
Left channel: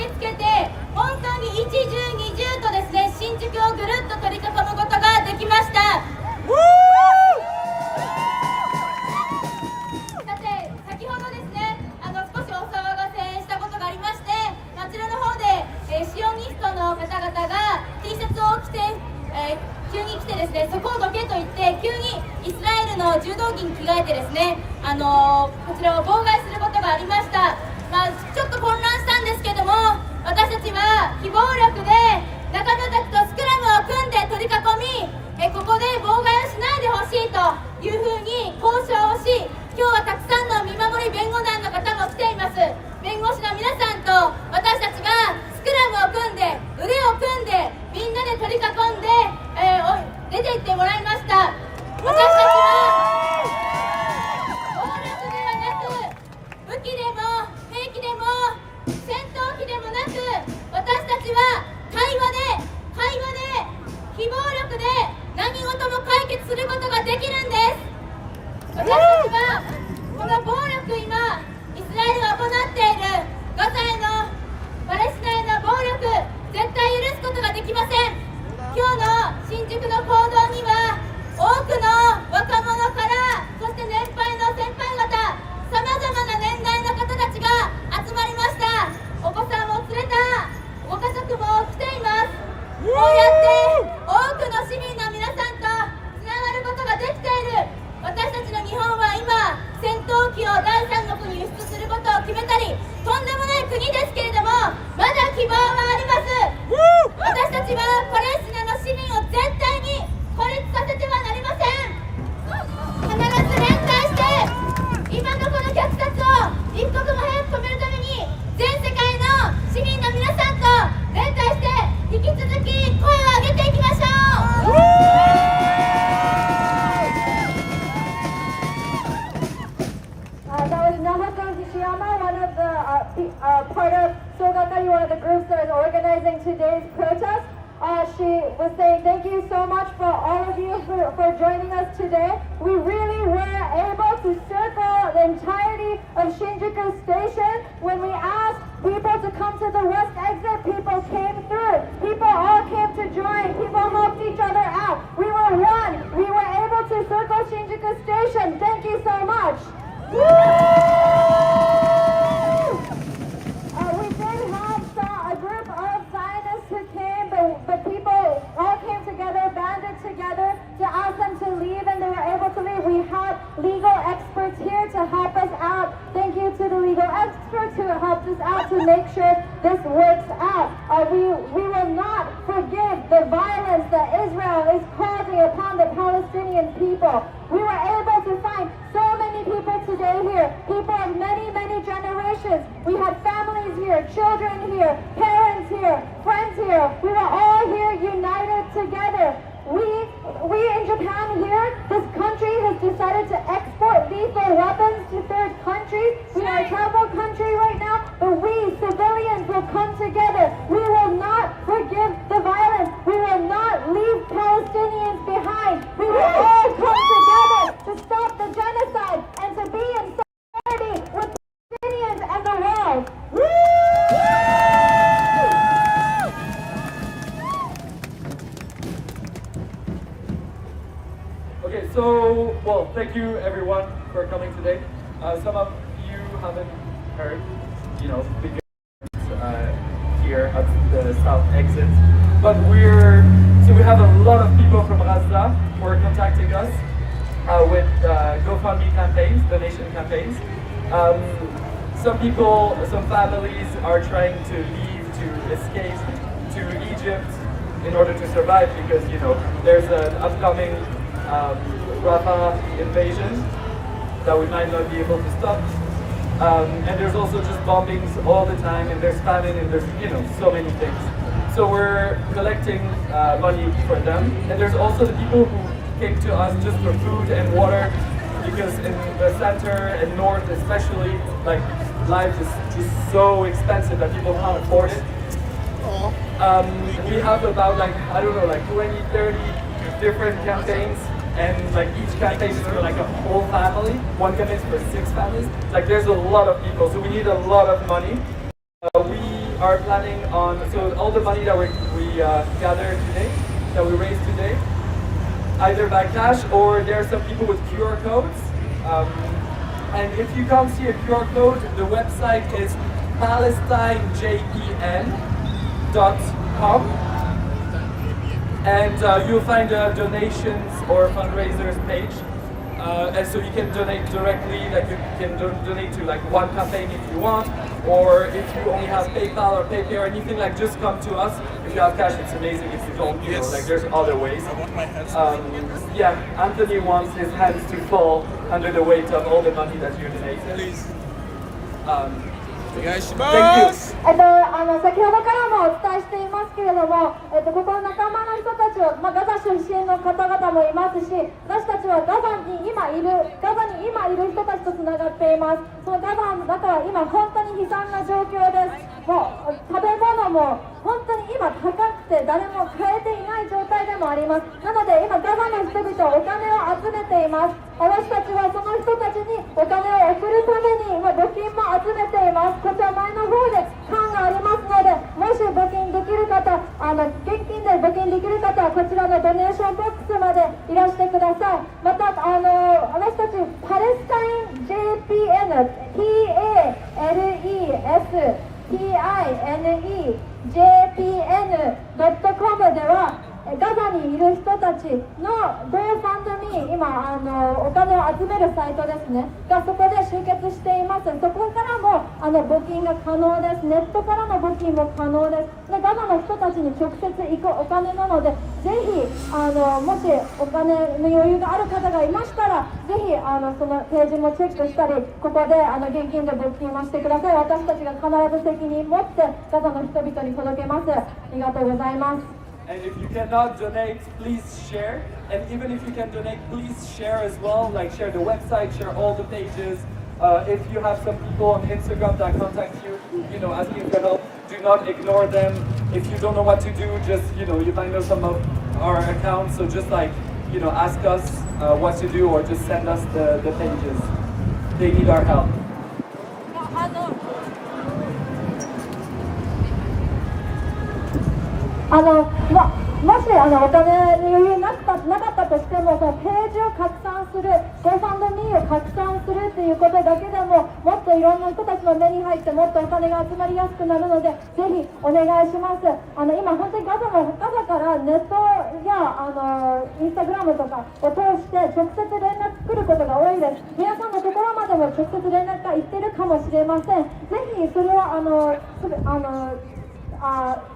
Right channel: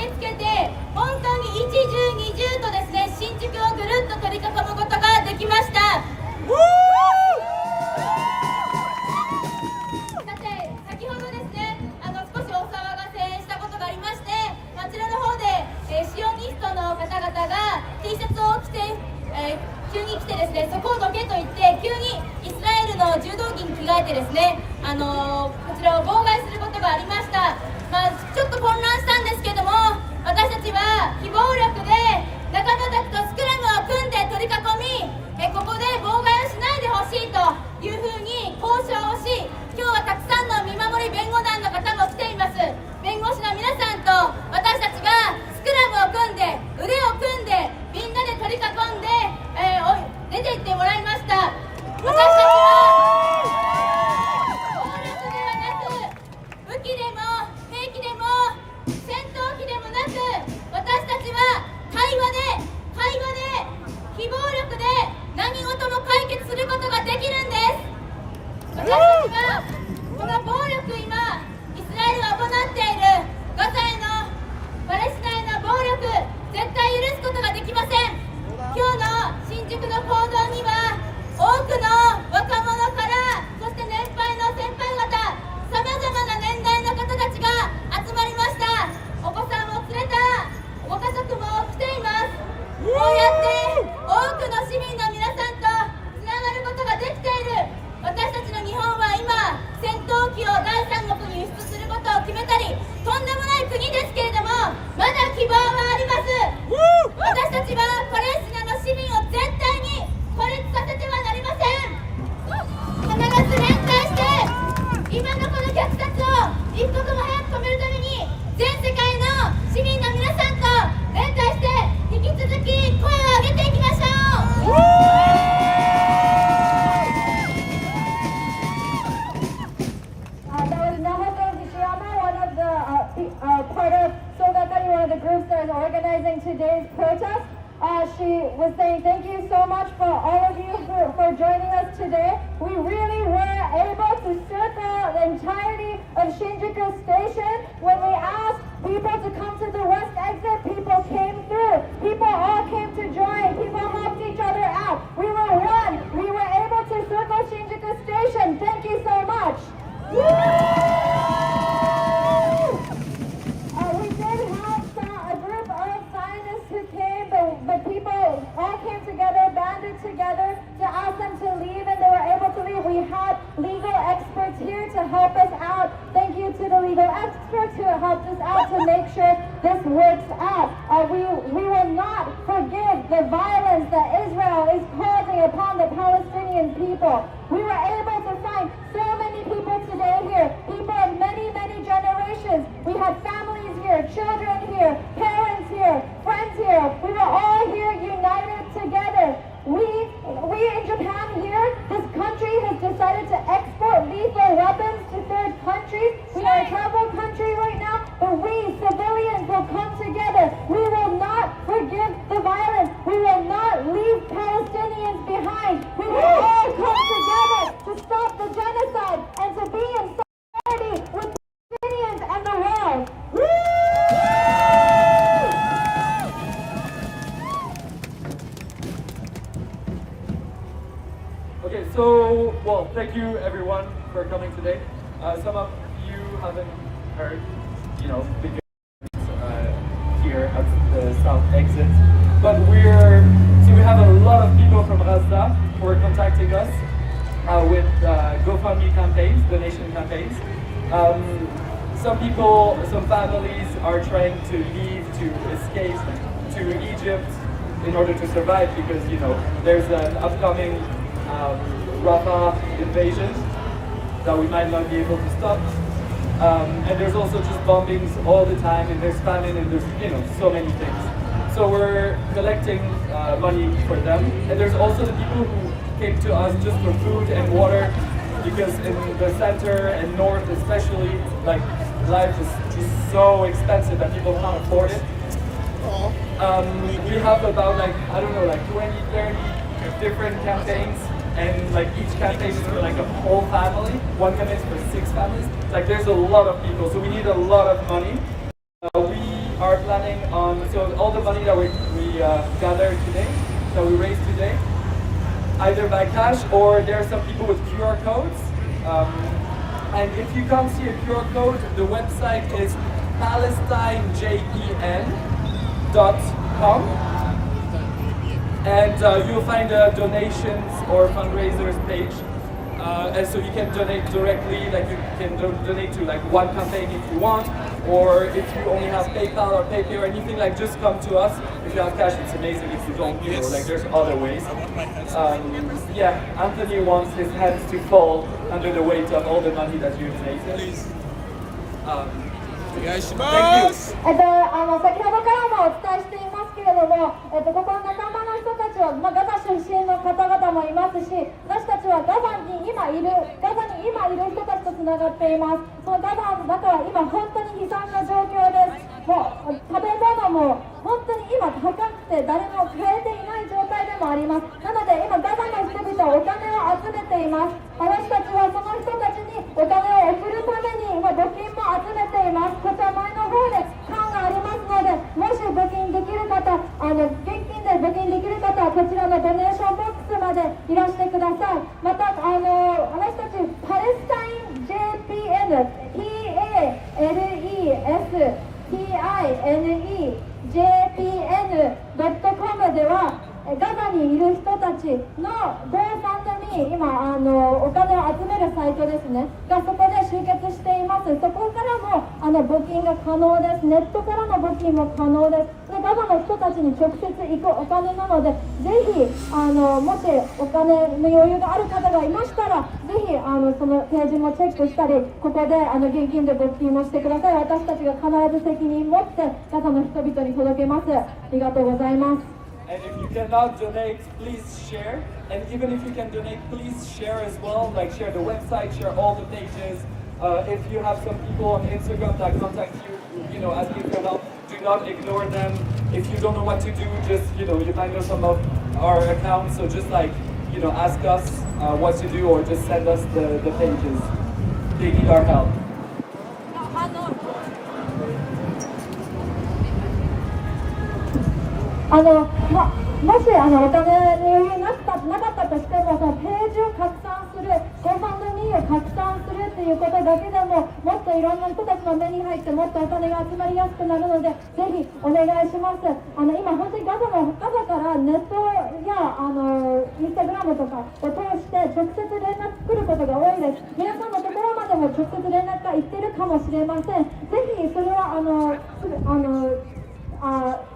駆けつけて本当に一重二重とですね、新宿をぐるっと取り囲むことができました。さて先ほどですね、少しお騒がせしたことがありまして、あちらの方で、シオニストの方々が T シャツを着て、急に来てですね、そこをどけと言って急にイスラエルの柔道着に着替えてですね、こちらを妨害することがありました。ちょっと混乱したんですけども、私たちは非暴力で仲間たちとスクラムを組んで取り囲み、ここで妨害をしないでほしいというふうに交渉をし、今日はたくさんの見守り弁護団の方も来ています。弁護士の皆さんと私たちがスクラムを組んで腕を組んでみんなで取り囲んで、出て行ってもらいました。私たちは暴力ではなく武器でも兵器でも戦闘機でもなく、私たちは会話で非暴力で何事も解決することができるんです。私たちはこの暴力、今イスラエルが行っているガザへのパレスチナへの暴力、絶対許すことができません。今日の新宿の行動には多くの若者から、そして年配の先輩方、さまざまな年代の方たちが集まりました。お子さんを連れたご家族も来ています。こうやって多くの市民の皆さんとつながることができている。私たちの日本は今戦闘機を第三国に輸出することを決めたり、とんでもない国ですけれども、まだ希望はあります。私たちはパレスチナの市民を絶対に孤立させてはなりません。必ず連帯して今のこの虐殺を一刻も早く止めるために、全世界の市民の皆さんと連帯して引き続き声を上げていきましょう。Part of Sogakari, one of the groups that is organizing today's protest. She was saying thank you so much for all of you for joining us today. We really were able to circle the entirety of Shinjuku Station. When we asked people to come to the west exit, people came through. People all came to join. People helped each other out. We were one. We were able to circle Shinjuku Station. Thank you so much. Together to ask them to leave, and they were able to leave. We had legal experts here to help us out. Thank you to the legal experts who helped us out to make sure this works out. We will not forgive the violence that Israel is causing upon the Palestinian people. We were able to find so many people today here, people of many, many generations. We had families here, children here, parents here, friends here. We were all here united together. We in Japan here, this country has decided to export lethal weapons to third countries. We are a capital country right now, but we civilians will come together. We will not forgive the violence. We will not leave Palestinians behind. We will all come together to stop the genocide and to be in solidarity with Palestinians and the world. Okay, so, well, thank you everyone for coming today. Some of you haven't heard, because here at the south exit, but we have a lot of people from Gaza who are contacting us with GoFundMe campaigns, donation campaigns. Some families are trying to leave, to escape to Egypt in order to survive because, there's an upcoming Rafah invasion that we might not be able to stop. And there's also just bombings all the time, and there's famine, and there's, so many things. So we're collecting money for them. And there's also the people who came to us just for food and water, because in the center and north especially, life is just so expensive that people can't afford it. We have about 20, 30 different campaigns, and each campaign is for a whole family. One campaign is for 6 families. There's a lot of people, so we need a lot of money. We are planning on, so all the money that we gathered today, that we raised today, either by cash or there are some people with QR codes. And if you can't see a QR code, the website is PalestineJPN.com. And you'll find a donations or fundraisers page. And so you can donate directly, like you can donate to like one campaign if you want, or if you only have PayPal or PayPay or anything, like just come to us. If you have cash, it's amazing. If you don't, you know, like there's other ways. Yeah, Anthony wants his hands to fall under the weight of all the money that you've taken. Please. Thank you. 先ほどからもお伝えしていますけれども、ここの仲間の人たちを、ガザ出身の方々もいますし、私たちはガザに今いる人たちとつながっています。そのガザの中は今本当に悲惨な状況です。もう食べ物も本当に今高くて誰も買えていない状態でもあります。なので今ガザの人々はお金を集めています。私たちはその人たちにお金を送るために今募金も集めています。こちら前の方で缶がありますので、もし募金できる方、現金で募金できる方はこちらのドネーションボックスまでいらしてください。また私たちパレスタイン JPN PALESTINEJPN.com ではガザにいる人たちの GoFundMe、今お金を集めるサイトですねがそこで集結しています。そこからも募金が可能です。ネットからの募金も可能です。ガザの人たちに直接行くお金なので、ぜひもしお金の余裕がある方がいましたら、ぜひそのページもチェックしたり、ここで現金で募金をしてください。私たちが必ず責任を持ってガザの人々に届けます。ありがとうございます。And if you cannot donate, please share. And even if you can donate, please share as well. Like share the website, share all the pages. If you have some people on Instagram that contact you, you know, asking for help, do not ignore them. If you don't know what to do, just, you know, you find out some of our accounts. So just like, you know, ask us what to do or just send us the pages. They need our help. もしお金に余裕なかったとしても、そのページを拡散する、GoFundMeを拡散するっていうことだけでも、もっといろんな人たちの目に入って、もっとお金が集まりやすくなるので、ぜひお願いします。今、本当にガザからネットやインスタグラムとかを通して直接連絡来ることが多いです。皆さんのところまでも直接連絡が行ってるかもしれません。ぜひそれは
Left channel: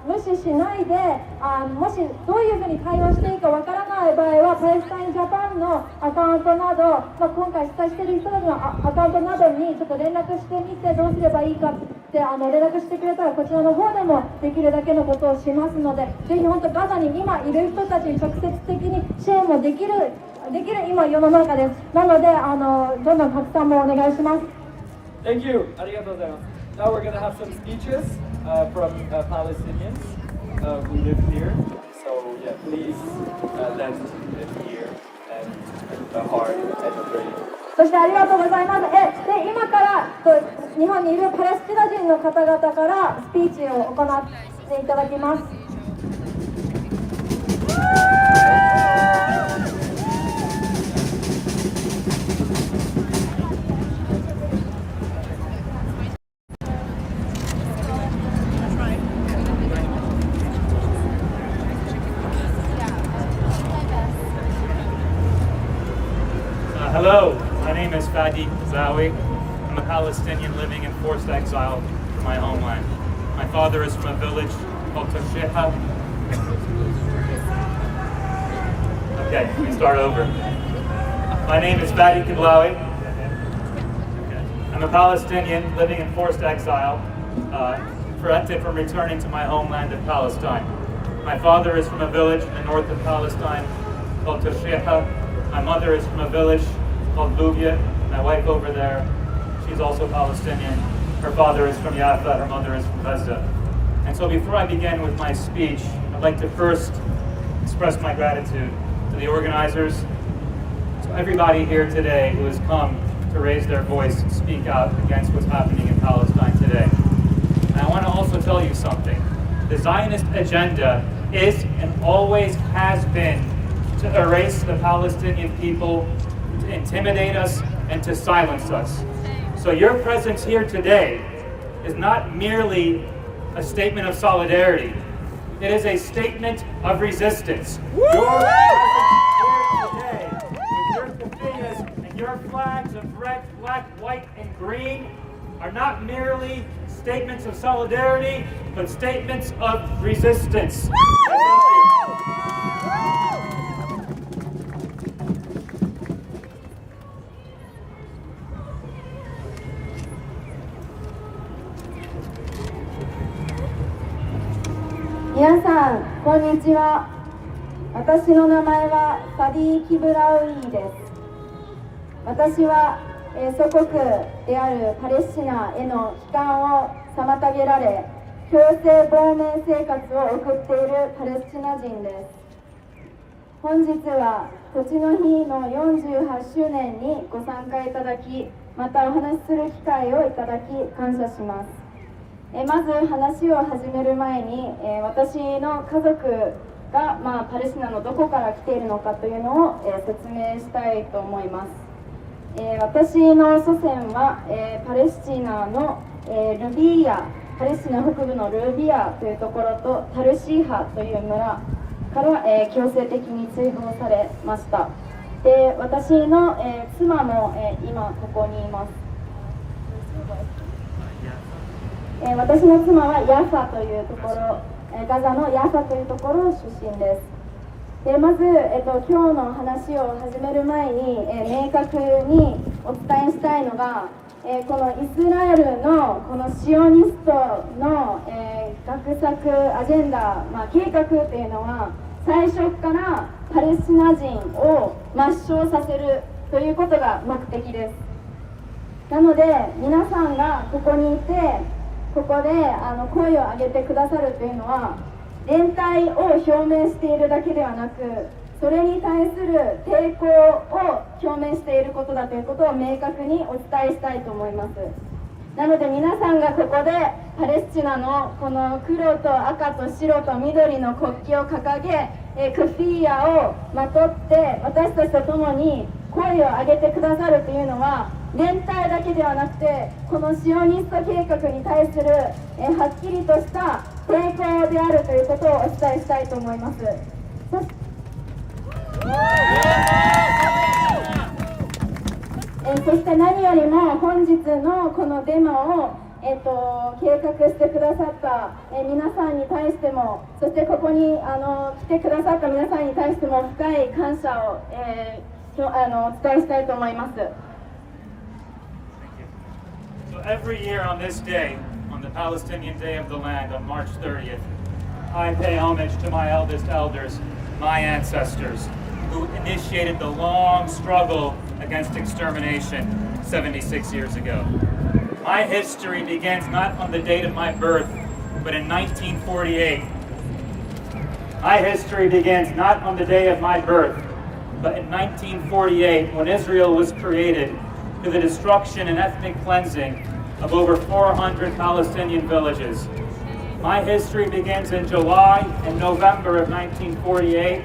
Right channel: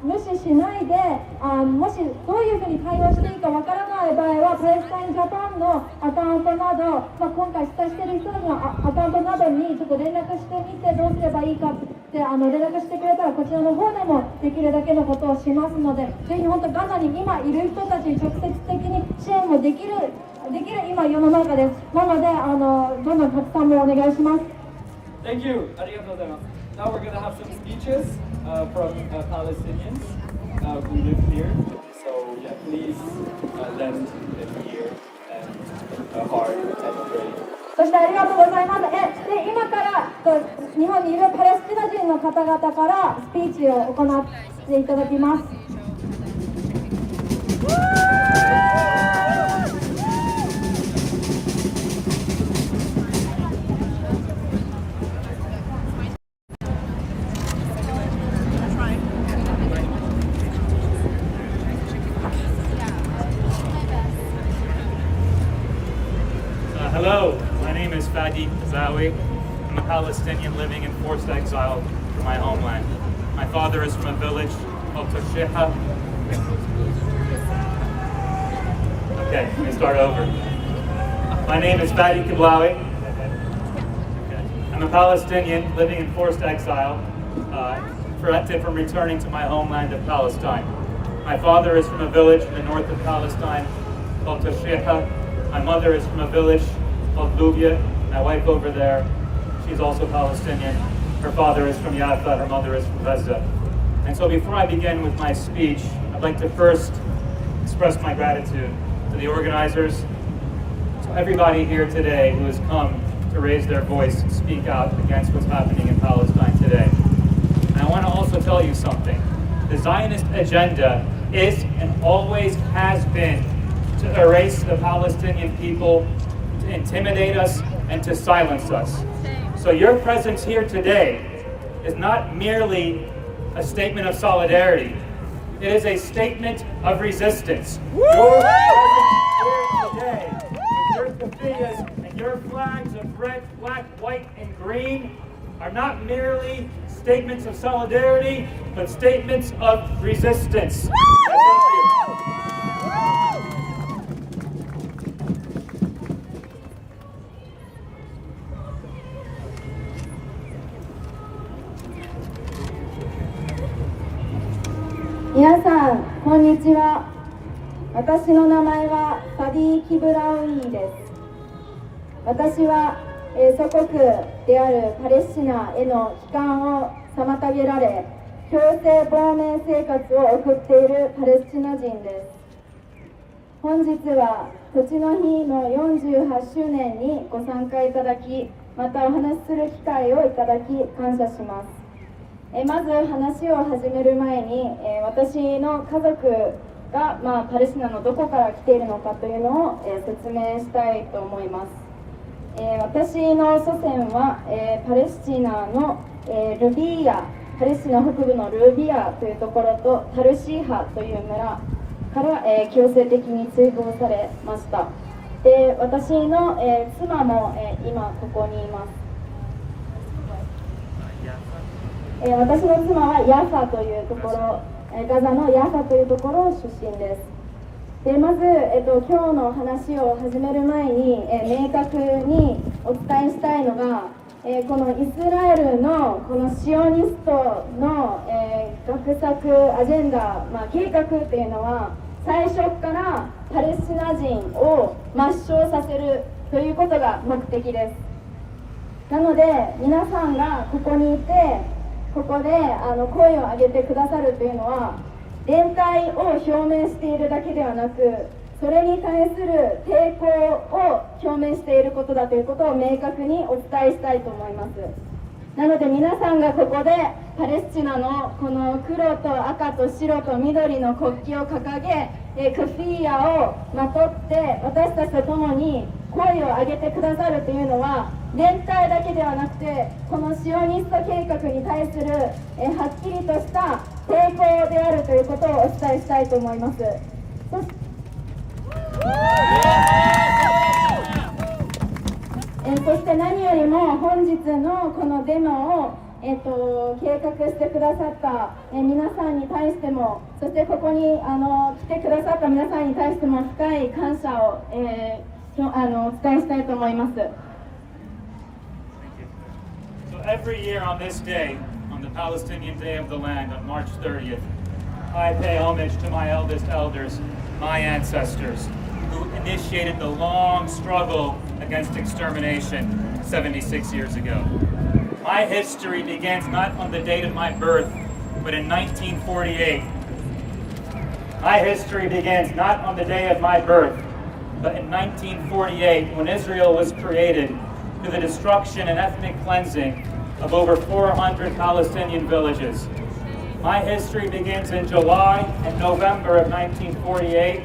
無視しないで、もしどういうふうに対応していいかわからない場合は、パレスタインジャパンのアカウントなど、今回出演している人たちのアカウントなどにちょっと連絡してみて、どうすればいいかって連絡してくれたら、こちらの方でもできるだけのことをしますので、ぜひ本当ガザに今いる人たちに直接的に支援もできる今世の中です。なのでどんどん拡散もお願いします。Thank you. ありがとうございます。Now we're going to have some speeches from Palestinians who live here. So yeah, please lend an ear and a heart and pray. そしてありがとうございます。で今から日本にいるパレスチナ人の方々からスピーチを行っていただきます。Hello, my name is Fadi Zawi. I'm a Palestinian living in forced exile from my homeland. My father is from a village called Toshiha. Okay, let me start over. My name is Fadi Kiblawi. I'm a Palestinian living in forced exile, prevented from returning to my homeland of Palestine. My father is from a village in the north of Palestine called Toshiha. My mother is from a village called Lubia. My wife over there, she's also Palestinian. Her father is from Yafa, her mother is from Gaza. And so before I begin with my speech, I'd like to first express my gratitude to the organizers, to everybody here today who has come to raise their voice and speak out against what's happening in Palestine today. And I want to also tell you something. The Zionist agenda is and always has been to erase the Palestinian people, to intimidate us, and to silence us. So your presence here today is not merely a statement of solidarity. It is a statement of resistance. Your presence here today, with your keffiyehs and your flags of red, black, white, and green, are not merely statements of solidarity, but statements of resistance. Thank you. 皆さん、こんにちは。私の名前はサディ・キブラウイーです。私は、祖国であるパレスチナへの帰還を妨げられ、強制亡命生活を送っているパレスチナ人です。本日は土地の日の48周年にご参加いただき、またお話しする機会をいただき感謝します。まず話を始める前に、私の家族が、パレスチナのどこから来ているのかというのを、説明したいと思います。私の祖先は、パレスチナの、ルビーヤ、パレスチナ北部のルビアというところとタルシーハという村から、強制的に追放されました。で、私の、妻も、今ここにいます。私の妻はヤファというところ、ガザのヤファというところ出身です。で、まず、今日の話を始める前に、明確にお伝えしたいのが、このイスラエルのこのシオニストの、画策アジェンダ、計画というのは最初からパレスチナ人を抹消させるということが目的です。なので皆さんがここにいてここで声を上げてくださるというのは連帯を表明しているだけではなく、それに対する抵抗を表明していることだということを明確にお伝えしたいと思います。なので皆さんがここでパレスチナのこの黒と赤と白と緑の国旗を掲げ、クフィーヤをまとって私たちと共に声を上げてくださるというのは連帯だけではなくて、このシオニスト計画に対するはっきりとした抵抗であるということをお伝えしたいと思います。そして何よりも本日のこのデモを、計画してくださった、皆さんに対しても、そしてここに来てくださった皆さんに対しても深い感謝を、お伝えしたいと思います。So every year on this day, on the Palestinian Day of the Land, on March 30th, I pay homage to my eldest elders, my ancestors, who initiated the long struggle against extermination 76 years ago. My history begins not on the date of my birth, but in 1948. My history begins not on the day of my birth, but in 1948, when Israel was created, through the destruction and ethnic cleansing of over 400 Palestinian villages. My history begins in July and November of 1948,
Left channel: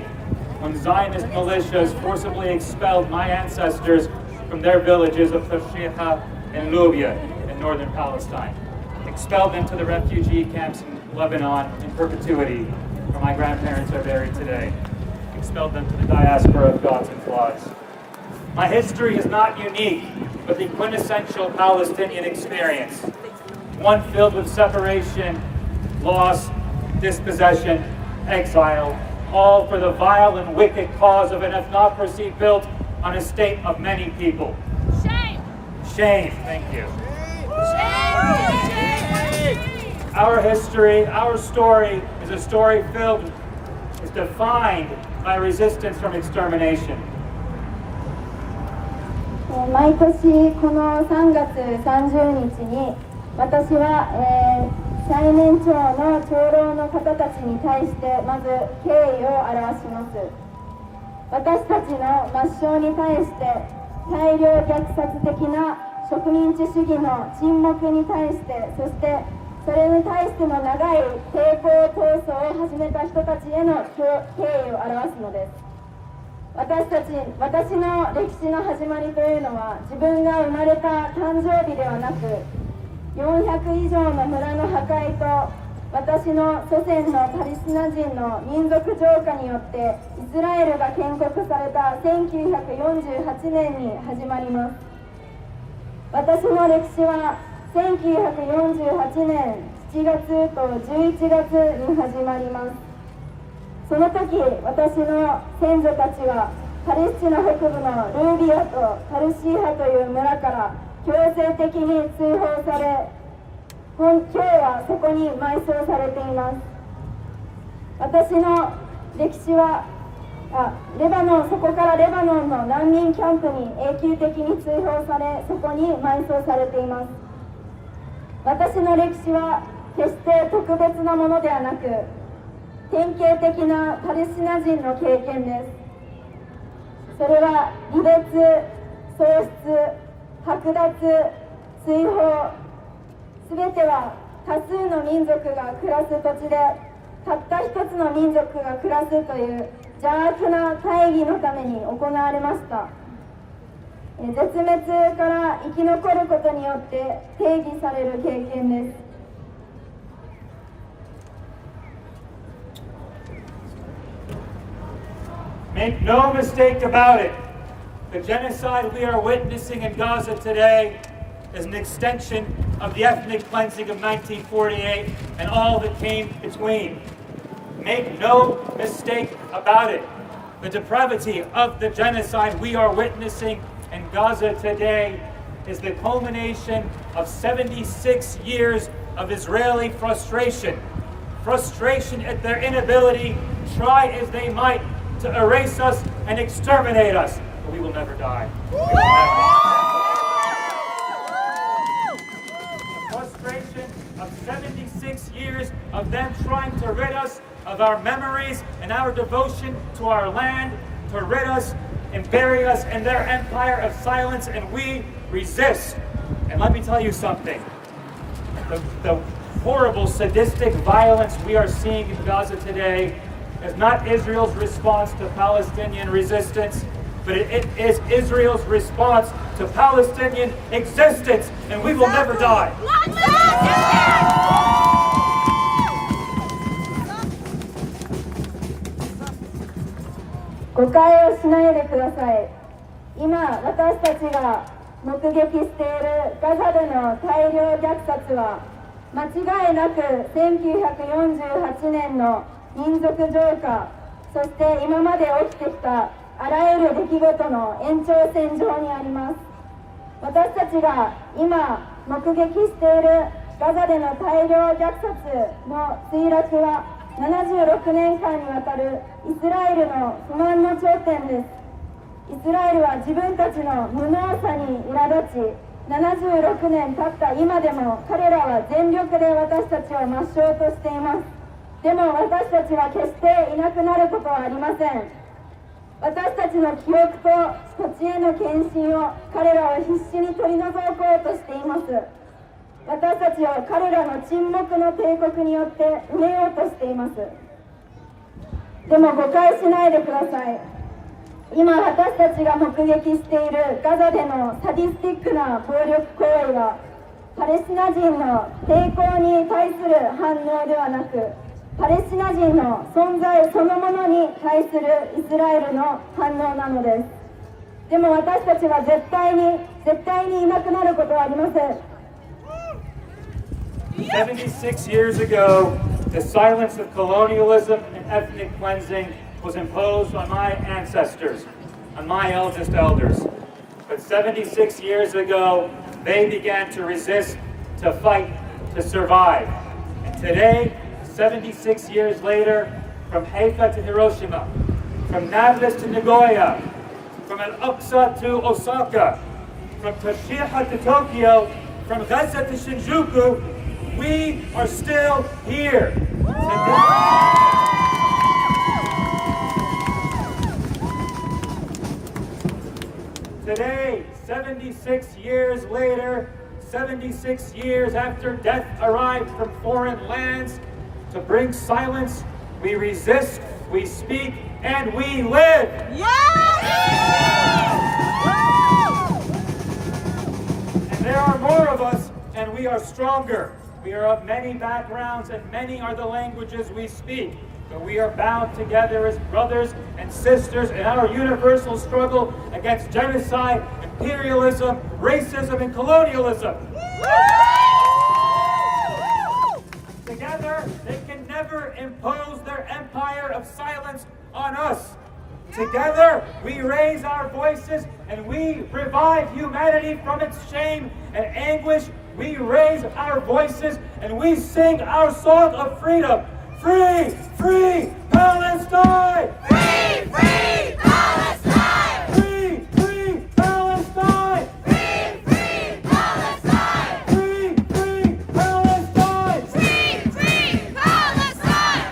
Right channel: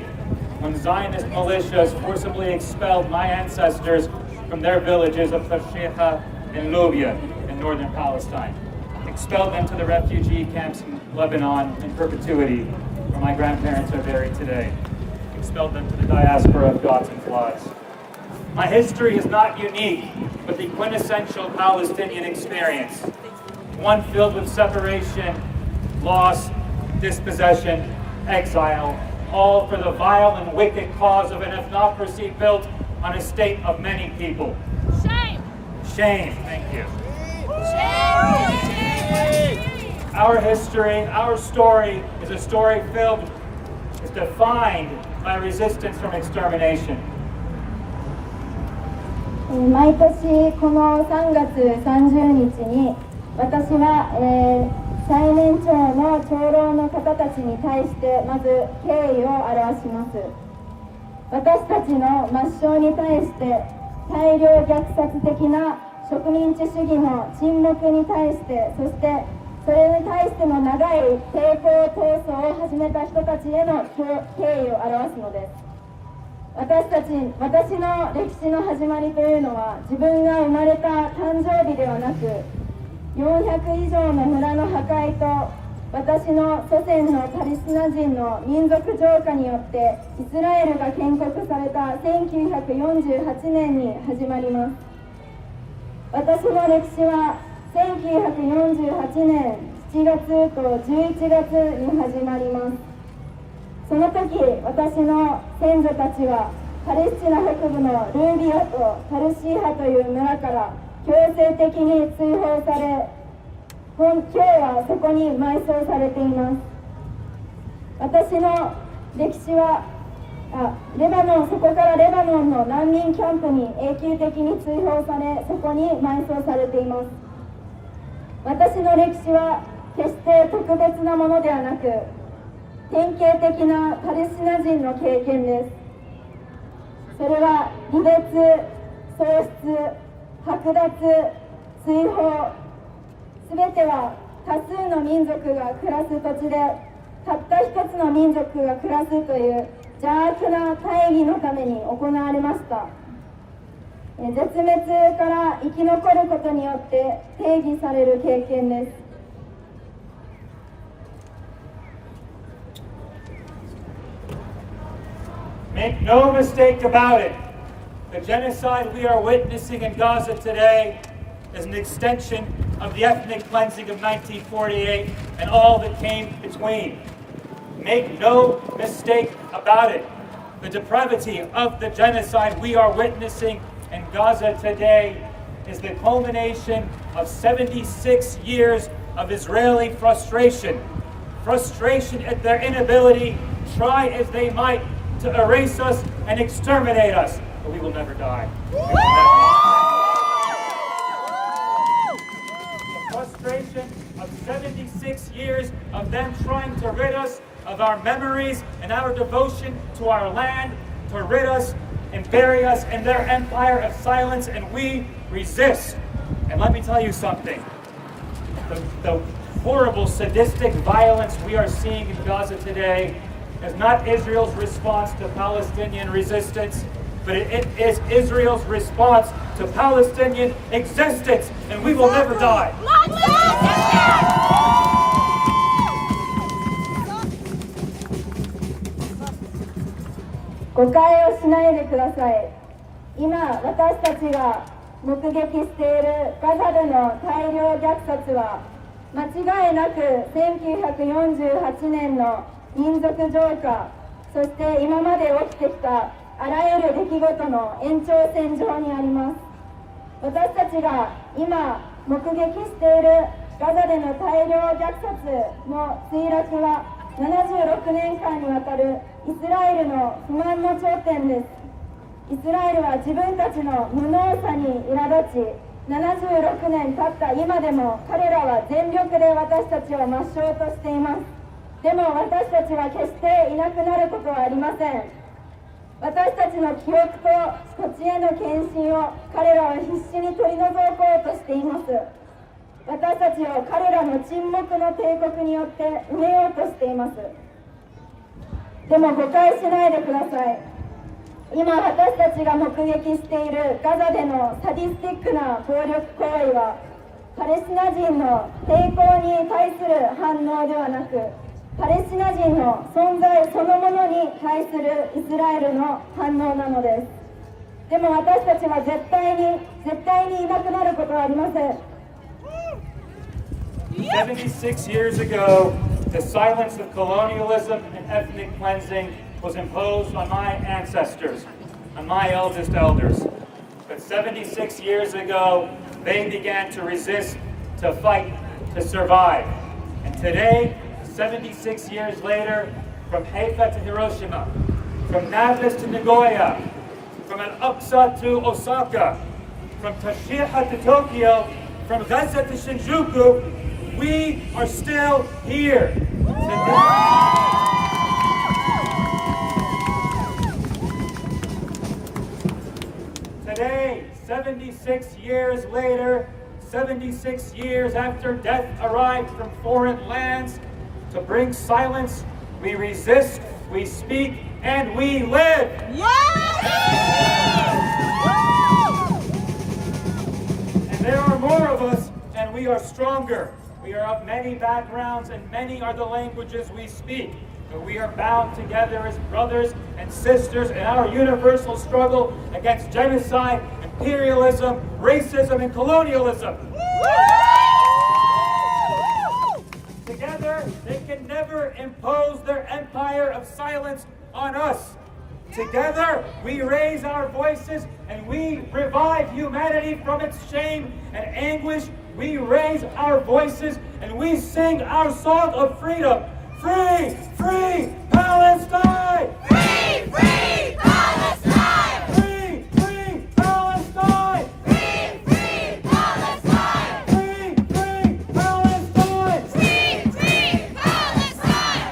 when Zionist militias forcibly expelled my ancestors from their villages of Tashriha and Lubia in northern Palestine, expelled them to the refugee camps in Lebanon in perpetuity, where my grandparents are buried today, expelled them to the diaspora of gods and flies. My history is not unique, but the quintessential Palestinian experience, one filled with separation, loss, dispossession, exile, all for the vile and wicked cause of an ethnocracy built on a state of many people. Shame! Shame, thank you. Shame! Our history, our story is a story is defined by resistance from extermination. 毎年この3月30日に私は、最年長の長老の方たちに対してまず敬意を表します。私たちの抹消に対して大量虐殺的な植民地主義の沈黙に対して、そしてそそれに対しての長い抵抗闘争を始めた人たちへの敬意を表すのです。私の歴史の始まりというのは、自分が生まれた誕生日ではなく、400以上の村の破壊と私の祖先のパレスチナ人の民族浄化によってイスラエルが建国された1948年に始まります。私の歴史は1948年7月と11月に始まります。その時、私の先祖たちはパレスチナ北部のルービアとパルシーハという村から強制的に追放され、今日はそこに埋葬されています。私の歴史はそこからレバノンの難民キャンプに永久的に追放され、そこに埋葬されています。私の歴史は決して特別なものではなく、典型的なパレスチナ人の経験です。それは離別、喪失、剥奪、追放、すべては多数の民族が暮らす土地で、たった一つの民族が暮らすという邪悪な大義のために行われました。絶滅から生き残ることによって定義される経験です。Make no mistake about it, the genocide we are witnessing in Gaza today is an extension of the ethnic cleansing of 1948 and all that came between. Make no mistake about it, the depravity of the genocide we are witnessing in Gaza today is the culmination of 76 years of Israeli frustration at their inability, try as they might, to erase us and exterminate us. But we will never die. We will never die. The frustration of 76 years of them trying to rid us of our memories and our devotion to our land, to rid us and bury us in their empire of silence, and we resist. And let me tell you something. The horrible, sadistic violence we are seeing in Gaza today is not Israel's response to Palestinian resistance, but it is Israel's response to Palestinian existence, and we will never die. 誤解をしないでください。今、私たちが目撃しているガザでの大量虐殺は、間違いなく1948年の民族浄化、そして今まで起きてきたあらゆる出来事の延長線上にあります。私たちが今目撃しているガザでの大量虐殺の墜落は76年間にわたるイスラエルの不満の頂点です。イスラエルは自分たちの無能さに苛立ち、76年経った今でも彼らは全力で私たちを抹消としています。でも私たちは決していなくなることはありません。私たちの記憶と土地への献身を彼らは必死に取り除こうとしています。私たちを彼らの沈黙の帝国によって埋めようとしています。でも誤解しないでください。今私たちが目撃しているガザでのサディスティックな暴力行為は、パレスチナ人の抵抗に対する反応ではなく、パレスチナ人の存在そのものに対するイスラエルの反応なのです。でも私たちは絶対にいなくなることはありません。76 years ago, the silence of colonialism and ethnic cleansing was imposed on my ancestors, on my eldest elders. But 76 years ago, they began to resist, to fight, to survive. And today, 76 years later, from Haifa to Hiroshima, from Nablus to Nagoya, from Al-Aqsa to Osaka, from Toshiha to Tokyo, from Gaza to Shinjuku, we are still here. Today, 76 years later, 76 years after death arrived from foreign lands to bring silence, we resist, we speak, and we live. And there are more of us, and we are stronger. We are of many backgrounds, and many are the languages we speak. But we are bound together as brothers and sisters in our universal struggle against genocide, imperialism, racism, and colonialism. Together, they can never impose their empire of silence on us. Together, we raise our voices and we revive humanity from its shame and anguish. We raise our voices and we sing our song of freedom. Free, free Palestine! Free, free Palestine! Free, free Palestine! Free, free Palestine! Free, free Palestine! Free, free Palestine!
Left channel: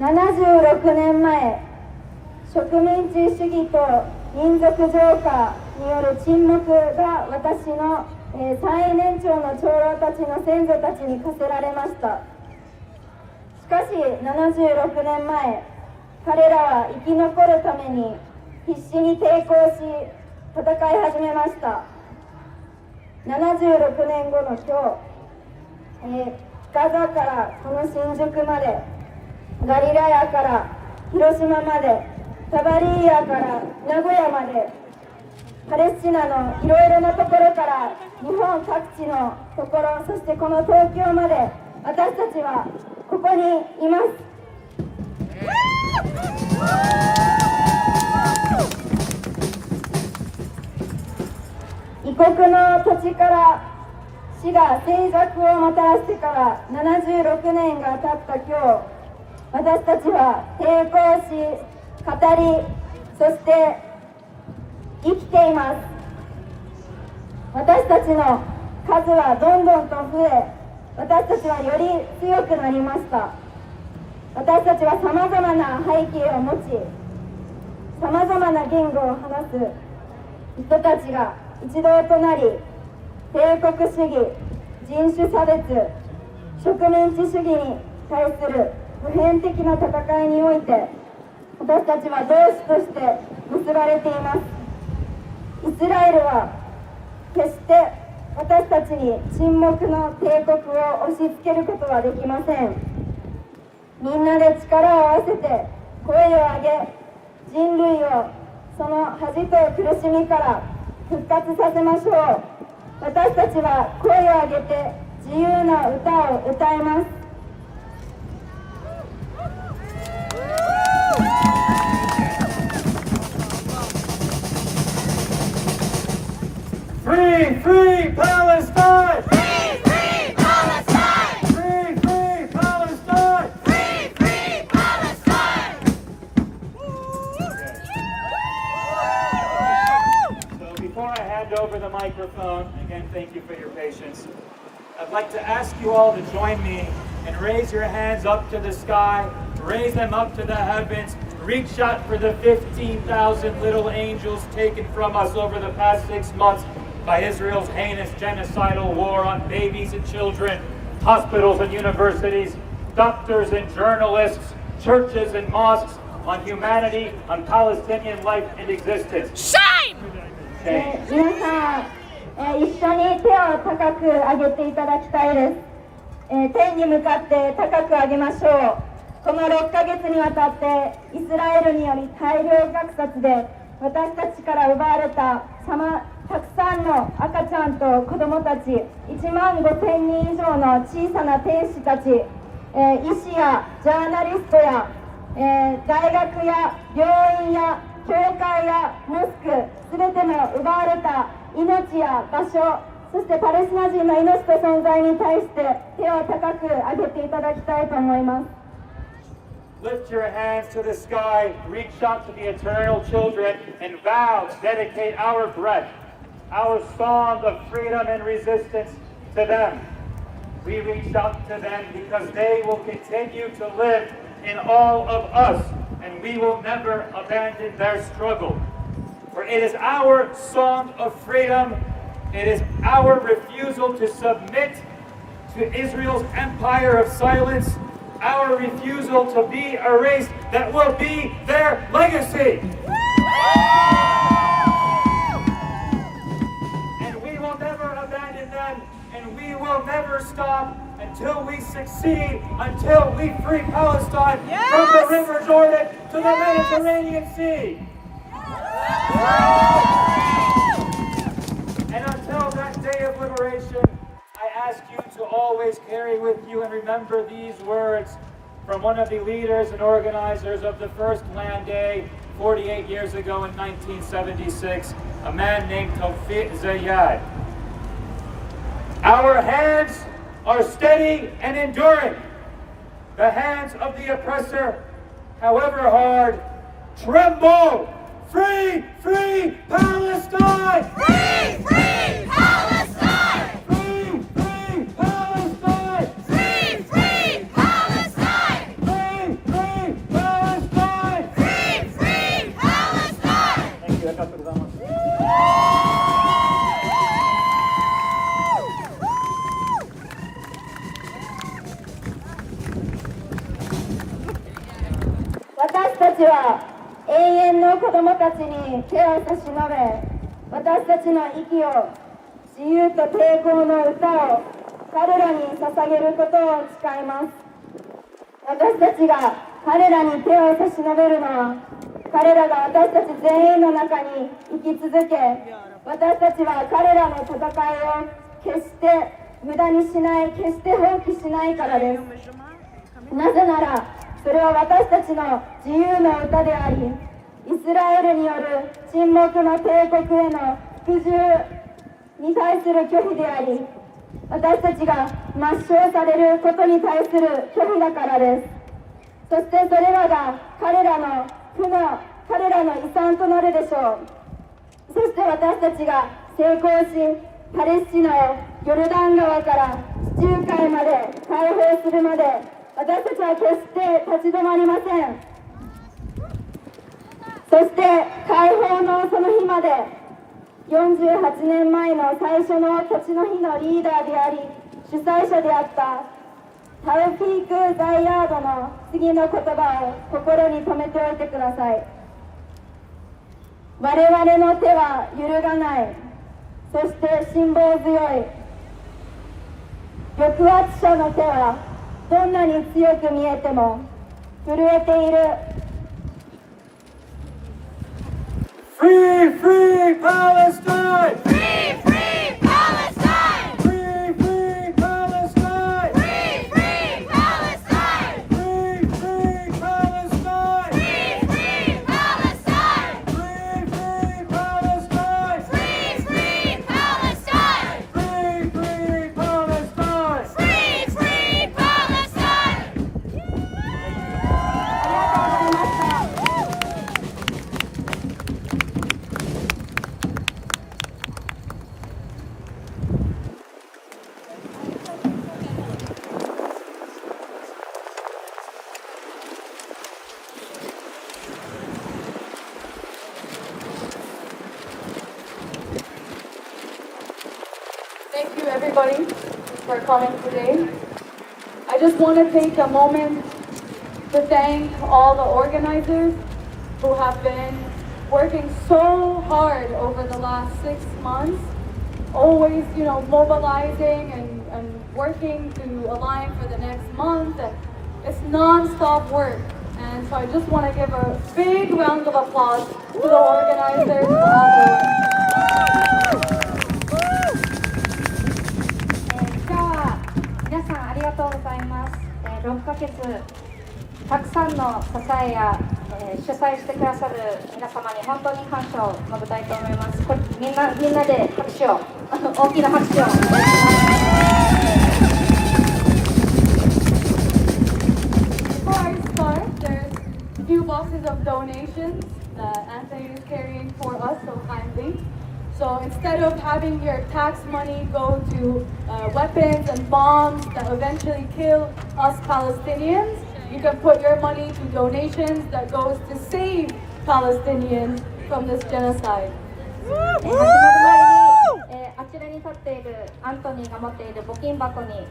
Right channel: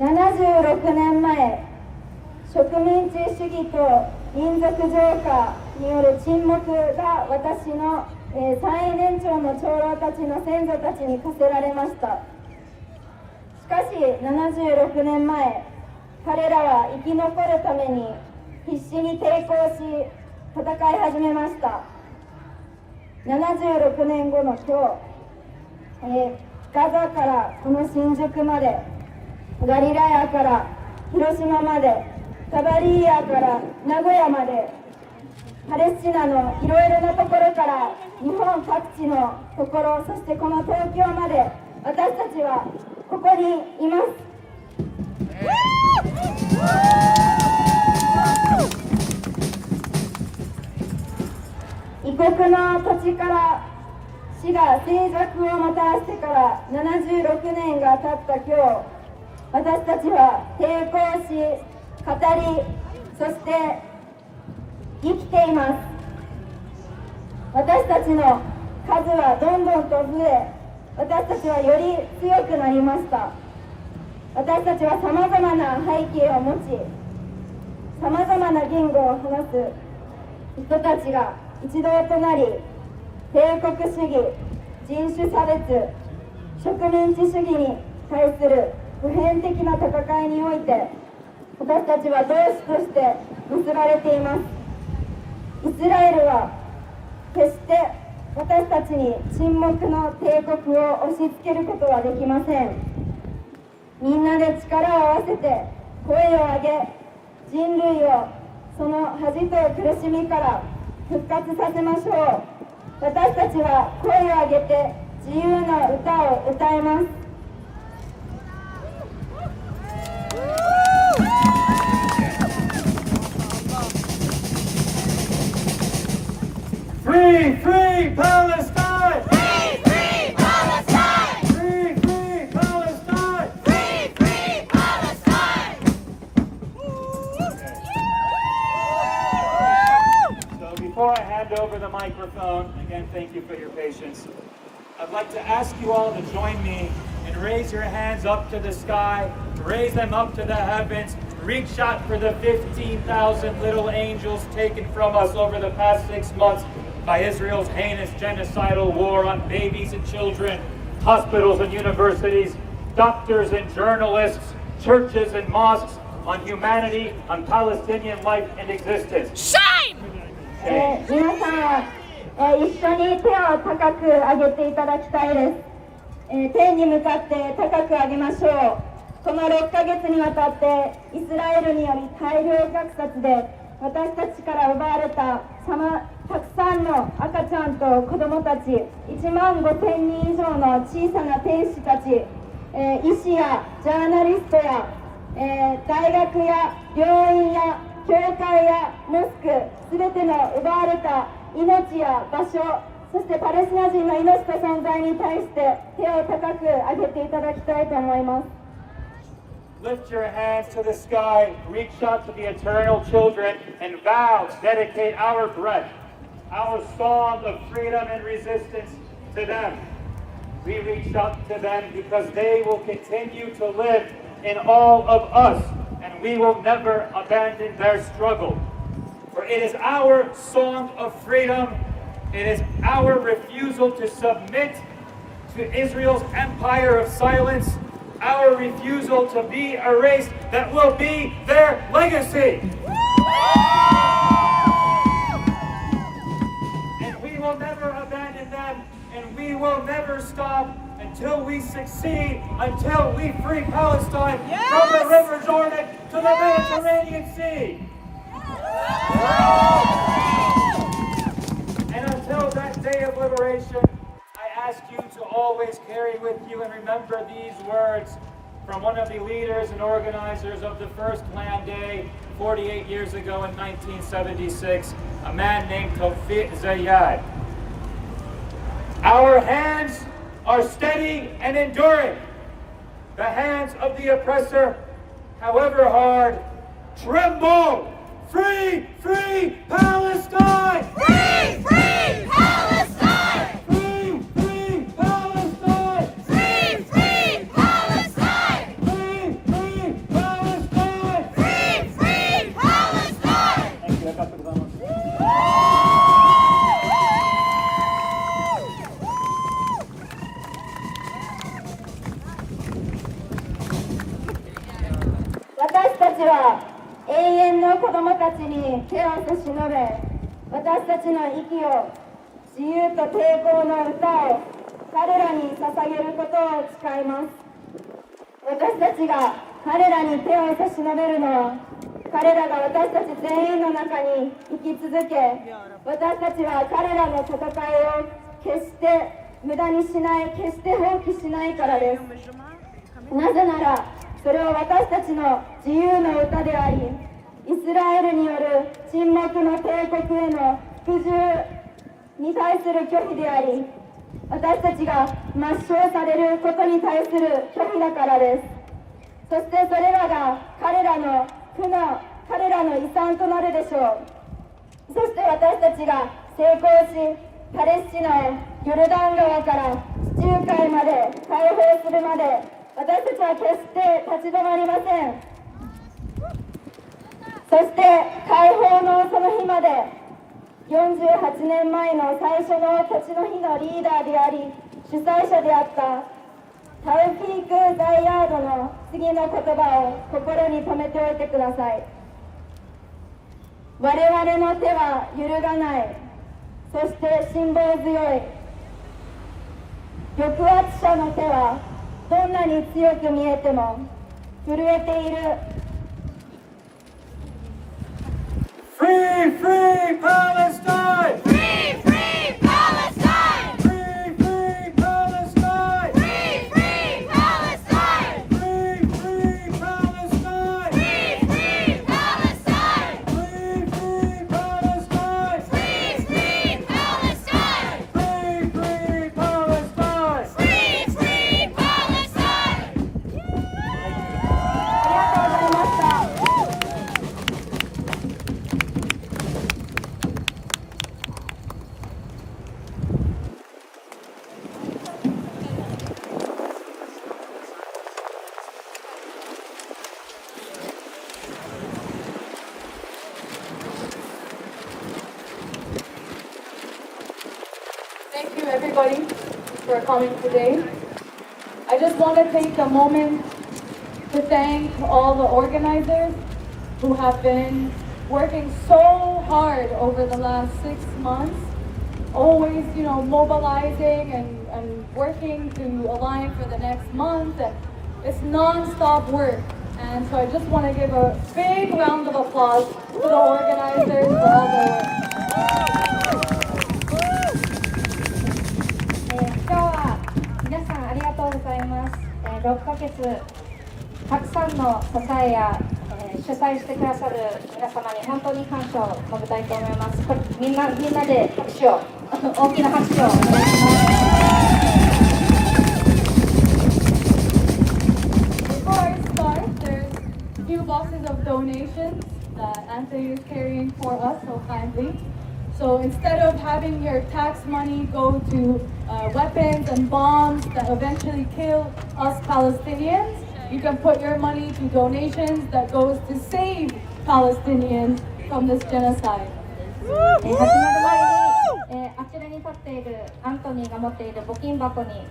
76年前、植民地主義と民族浄化による沈黙が私の、最年長の長老たちの先祖たちに課せられました。しかし76年前、彼らは生き残るために必死に抵抗し戦い始めました。76年後の今日、ガザからこの新宿まで、ガリラヤから広島まで、タバリーヤから名古屋まで、パレスチナのいろいろなところから日本各地のところ、そしてこの東京まで私たちはここにいます。異国の土地から死が静寂をもたらしてから76年が経った今日、私たちは抵抗し、語り、そして生きています。私たちの数はどんどんと増え、私たちはより強くなりました。私たちはさまざまな背景を持ち、さまざまな言語を話す人たちが一堂となり、帝国主義、人種差別、植民地主義に対する普遍的な戦いにおいて、私たちは同志として結ばれています。イスラエルは決して私たちに沈黙の帝国を押し付けることはできません。みんなで力を合わせて声を上げ、人類をその恥と苦しみから復活させましょう。私たちは声を上げて自由な歌を歌います。Free, free Palestine! Free, free Palestine! Free, free Palestine! Free, free Palestine! So before I hand over the microphone, again, thank you for your patience. I'd like to ask you all to join me and raise your hands up to the sky, raise them up to the heavens, reach out for the 15,000 little angels taken from us over the past 6 months by Israel's heinous genocidal war on babies and children, hospitals and universities, doctors and journalists, churches and mosques, on humanity, on Palestinian life and existence. Shame! 皆さん、一緒に手を高く上げていただきたいです。天に向かって高く上げましょう。この6ヶ月にわたってイスラエルにより大量虐殺で私たちから奪われたたくさんの赤ちゃんと子どもたち、1万5000人以上の小さな天使たち、医師やジャーナリストや、大学や病院や教会やモスク、すべての奪われた命や場所、そしてパレスチナ人の命と存在に対して手を高く上げていただきたいと思います。Lift your hands to the sky, reach out to the eternal children, and vow to dedicate our breath, our song of freedom and resistance to them. We reached out to them because they will continue to live in all of us, and we will never abandon their struggle. For it is our song of freedom, it is our refusal to submit to Israel's empire of silence, our refusal to be erased that will be their legacy. And we will never abandon them, and we will never stop until we succeed, until we free Palestine from the River Jordan to the Mediterranean Sea. And until that day of liberation, I ask you to always carry with you and remember these words from one of the leaders and organizers of the first Land Day 48 years ago in 1976, a man named Tawfiq Zayad. Our hands are steady and enduring. The hands of the oppressor, however hard, tremble. Free, free Palestine! Free, free Palestine! Free, free Palestine! Free, free Palestine! Free, free Palestine! Free, free Palestine! Thank you. ありがとうございます。私たちは永遠の子供たちに手を差し伸べ、私たちの息を、自由と抵抗の歌を彼らに捧げることを誓います。私たちが彼らに手を差し伸べるのは、彼らが私たち全員の中に生き続け、私たちは彼らの戦いを決して無駄にしない、決して放棄しないからです。なぜなら、それは私たちの自由の歌であり、イスラエルによる沈黙の帝国への服従に対する拒否であり、私たちが抹消されることに対する拒否だからです。そしてそれらが彼らの遺産となるでしょう。そして私たちが成功し、パレスチナをヨルダン川から地中海まで解放するまで、私たちは決して立ち止まりません。そして解放のその日まで、48年前の最初の立ちの日のリーダーであり主催者であったタウフィーク・ザイヤードの次の言葉を心に留めておいてください。我々の手は揺るがない、そして辛抱強い。抑圧者の手はどんなに強く見えても震えている。Free, free Palestine! Free, free Palestine! Free, free Palestine! Free, free Palestine! Free, free Palestine! Free, free Palestine! Free, free Palestine! Free, free Palestine! Free, free Palestine! Free, free Palestine! ありがとうございました。Thank you everybody for coming today. I just want to take a moment to thank all the organizers who have been working so hard over the last 6 months, always, mobilizing and working to align for the next month. And it's non-stop work. And so I just want to give a big round of applause to the organizers for all the work. 今日は皆さんありがとうございます。6ヶ月たくさんの支えや主催してくださる皆様に本当に感謝を述べたいと思います。みんなで拍手を大きな拍手をお願いします。Before I start, there's a few boxes of donations that Anthony is carrying for us so kindly. So instead of having your tax money go to weapons and bombs that eventually kill us Palestinians. You can put your money to donations that goes to save Palestinians from this genocide. 始まる前に、あちらに立っているアントニーが持っている募金箱に、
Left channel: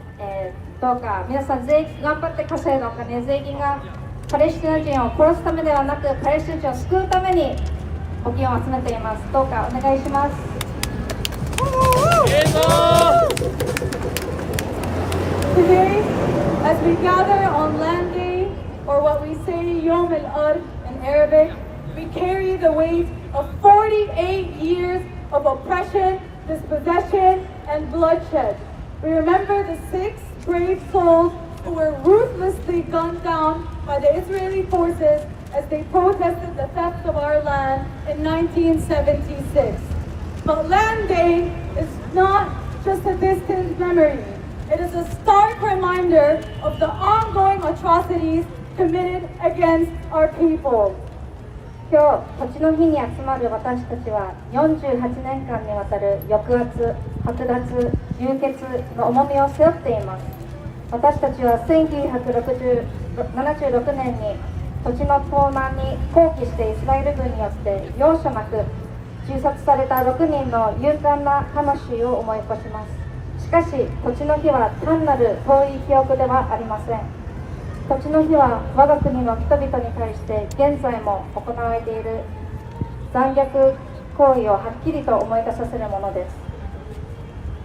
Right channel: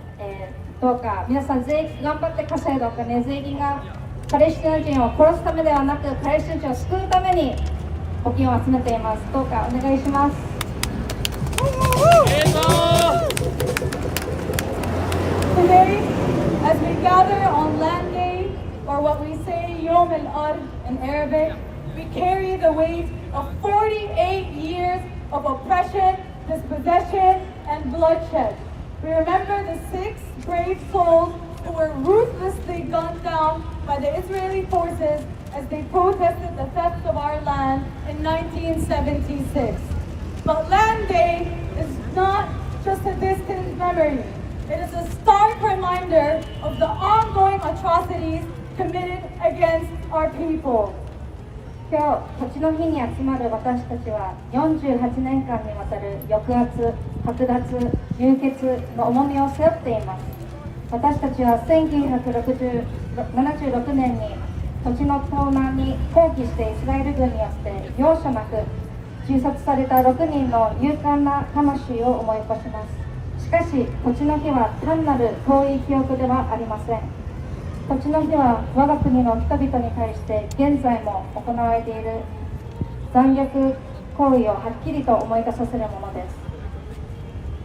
どうか皆さん頑張って稼いだお金、税金がパレスチナ人を殺すためではなくパレスチナ人を救うために募金を集めています。どうかお願いします。Today, as we gather on Land Day, or what we say Yom al-Ard in Arabic, we carry the weight of 48 years of oppression, dispossession, and bloodshed. We remember the 6 brave souls who were ruthlessly gunned down by the Israeli forces as they protested the theft of our land in 1976. But Land Day is not just a distant memory. It is a stark reminder of the ongoing atrocities committed against our people. 今日、土地の日に集まる私たちは48年間にわたる抑圧、剥奪、流血の重みを背負っています。私たちは1976年に土地の盗難に抗議してイスラエル軍によって容赦なく銃殺された6人の勇敢な魂を思い起こします。しかし、土地の日は単なる遠い記憶ではありません。土地の日は我が国の人々に対して現在も行われている残虐行為をはっきりと思い出させるものです。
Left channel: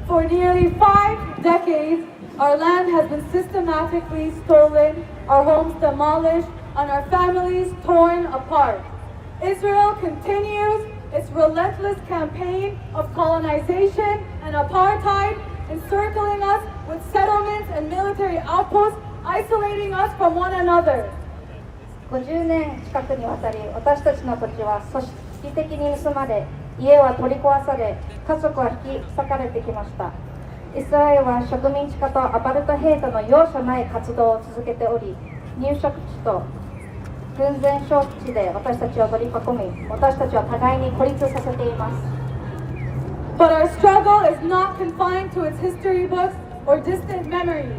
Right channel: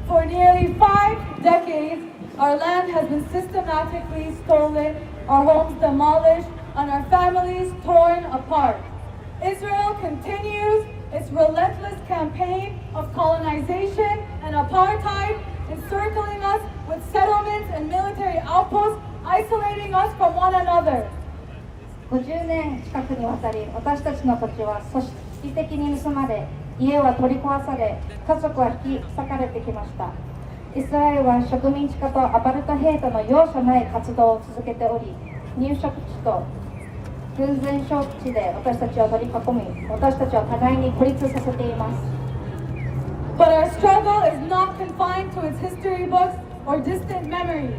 For nearly 5 decades, our land has been systematically stolen, our homes demolished, and our families torn apart. Israel continues its relentless campaign of colonization and apartheid, encircling us with settlements and military outposts, isolating us from one another. 50年近くにわたり私たちの土地は組織的に盗まれ、家は取り壊され、家族は引き裂かれてきました。イスラエルは植民地化とアパルトヘイトの容赦ない活動を続けており、入植地と軍前勝地で私たちを取り囲み、私たちを互いに孤立させています。But our struggle is not confined to its history books or distant memories.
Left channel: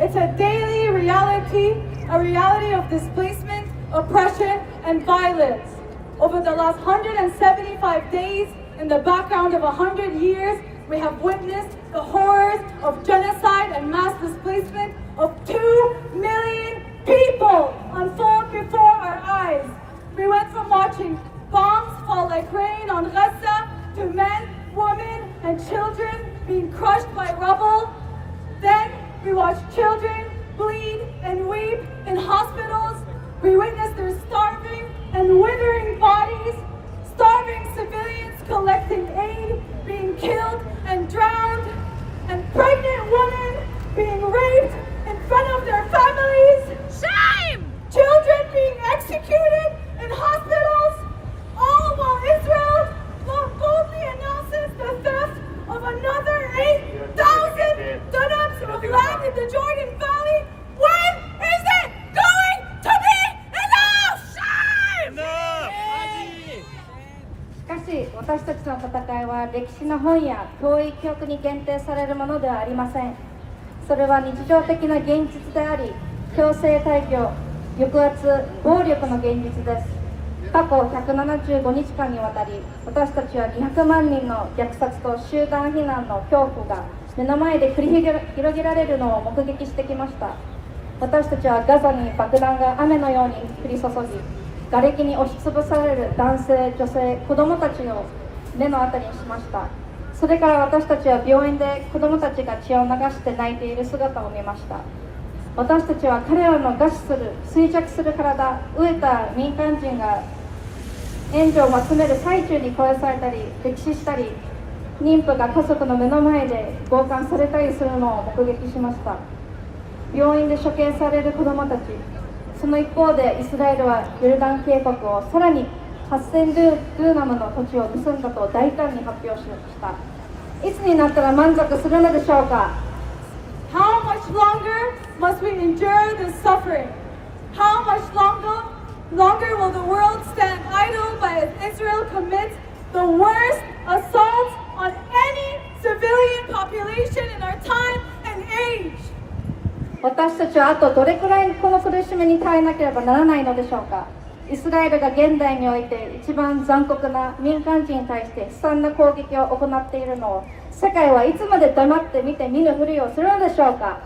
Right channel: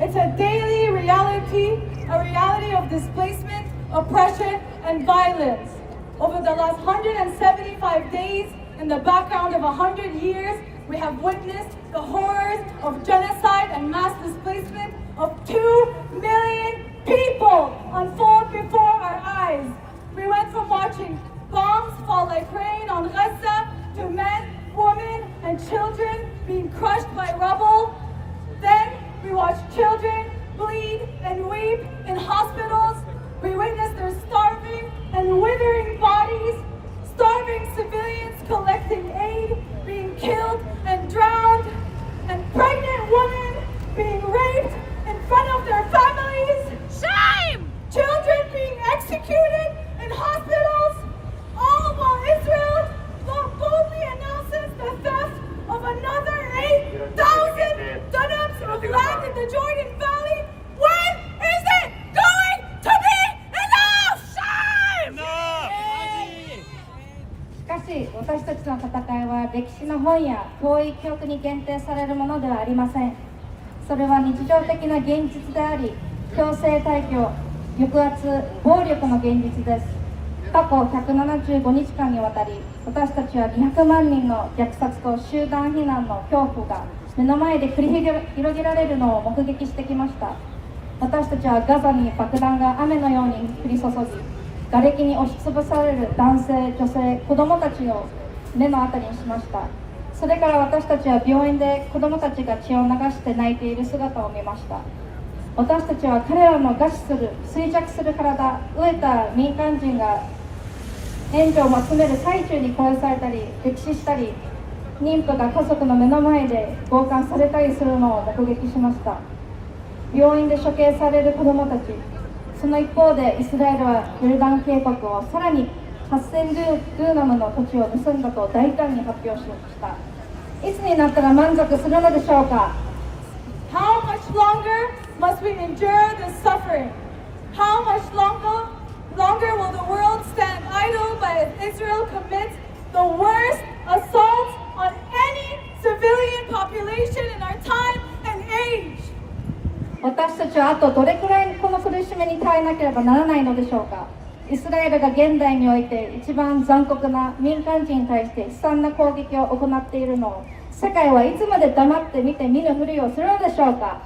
It's a daily reality, a reality of displacement, oppression, and violence. Over the last 175 days, in the background of 100 years, we have witnessed the horrors of genocide and mass displacement of 2 million people unfold before our eyes. We went from watching bombs fall like rain on Gaza to men, women, and children being crushed by rubble. Then we watched children bleed and weep in hospitals. We witnessed their starving and withering bodies, starving civilians collecting aid, being killed and drowned, and pregnant women being raped in front of their families. Shame! Children being executed in hospitals, all while Israel boldly announces the theft of another 8,000 dunams of land in the Jordan Valley. When is it going to be enough? Shame! しかし、私たちの戦いは歴史の本や遠い記憶に限定されるものではありません。それは日常的な現実であり、強制退去、抑圧、暴力の現実です。過去175日間にわたり、私たちは200万人の虐殺と集団避難の恐怖が目の前で繰り広げられるのを目撃してきました。私たちはガザに爆弾が雨のように降り注ぎ、瓦礫に押しつぶされる男性、女性、子供たちを目の当たりにしました。それから私たちは病院で子供たちが血を流して泣いている姿を見ました。私たちは彼らの餓死する、衰弱する体、飢えた民間人が援助を集める最中に殺されたり、溺死したり、妊婦が家族の目の前で強姦されたりするのを目撃しました。病院で処刑される子どもたち、その一方でイスラエルはヨルダン渓谷をさらに8000ドゥーナムの土地を盗んだと大胆に発表しました。いつになったら満足するのでしょうか。 How much longer must we endure this suffering? How much longer will the world stand idle by as Israel commits the worst assaults on any civilian population in our time and age. 私たちはあとどれくらいこの苦しみに耐えなければならないのでしょうか。イスラエルが現代において一番残酷な民間人に対して悲惨な攻撃を行っているのを世界はいつまで黙って見て見ぬふりをするのでしょうか。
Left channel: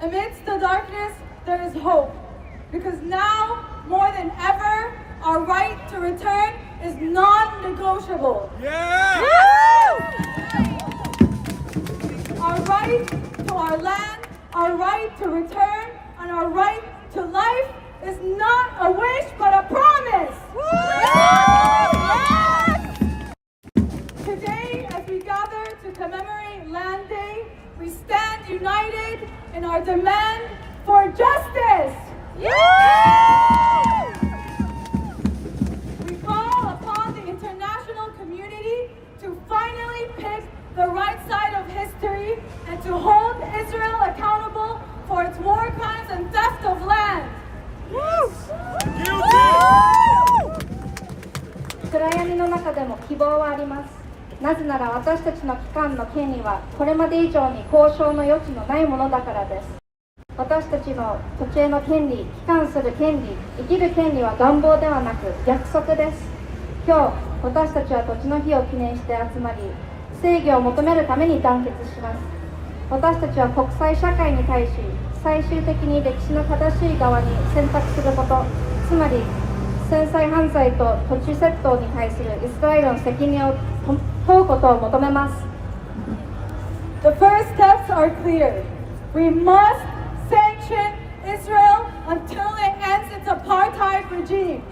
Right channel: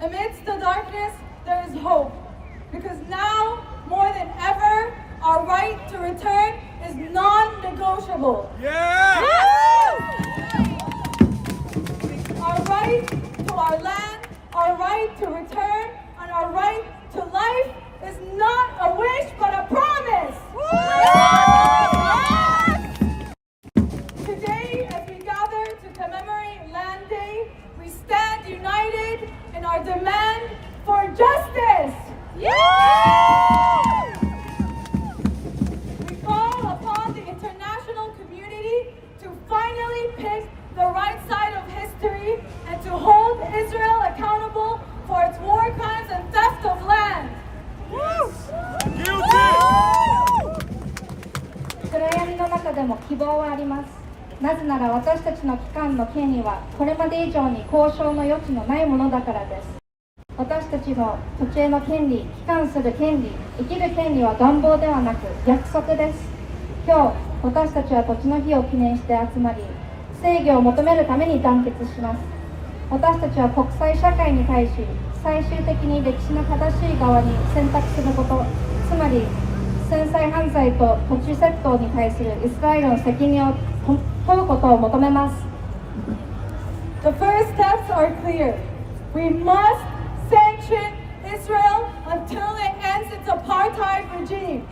Amidst the darkness, there is hope. Because now, more than ever, our right to return is non-negotiable. Yeah! Our right to our land, our right to return, and our right to life is not a wish but a promise. Today, as we gather to commemorate Land Day, we stand united in our demand for justice. We call upon the international community to finally pick the right side of history and to hold Israel accountable for its war crimes and theft of land. 暗闇の中でも希望はあります。なぜなら私たちの帰還の権利はこれまで以上に交渉の余地のないものだからです。私たちの土地への権利、帰還する権利、生きる権利は願望ではなく約束です。今日、私たちは土地の日を記念して集まり、正義を求めるために団結します。私たちは国際社会に対し、最終的に歴史の正しい側に選択すること、つまり戦災犯罪と土地窃盗に対するイスラエルの責任を問うことを求めます。The first steps are clear. We must sanction Israel until it ends its apartheid regime.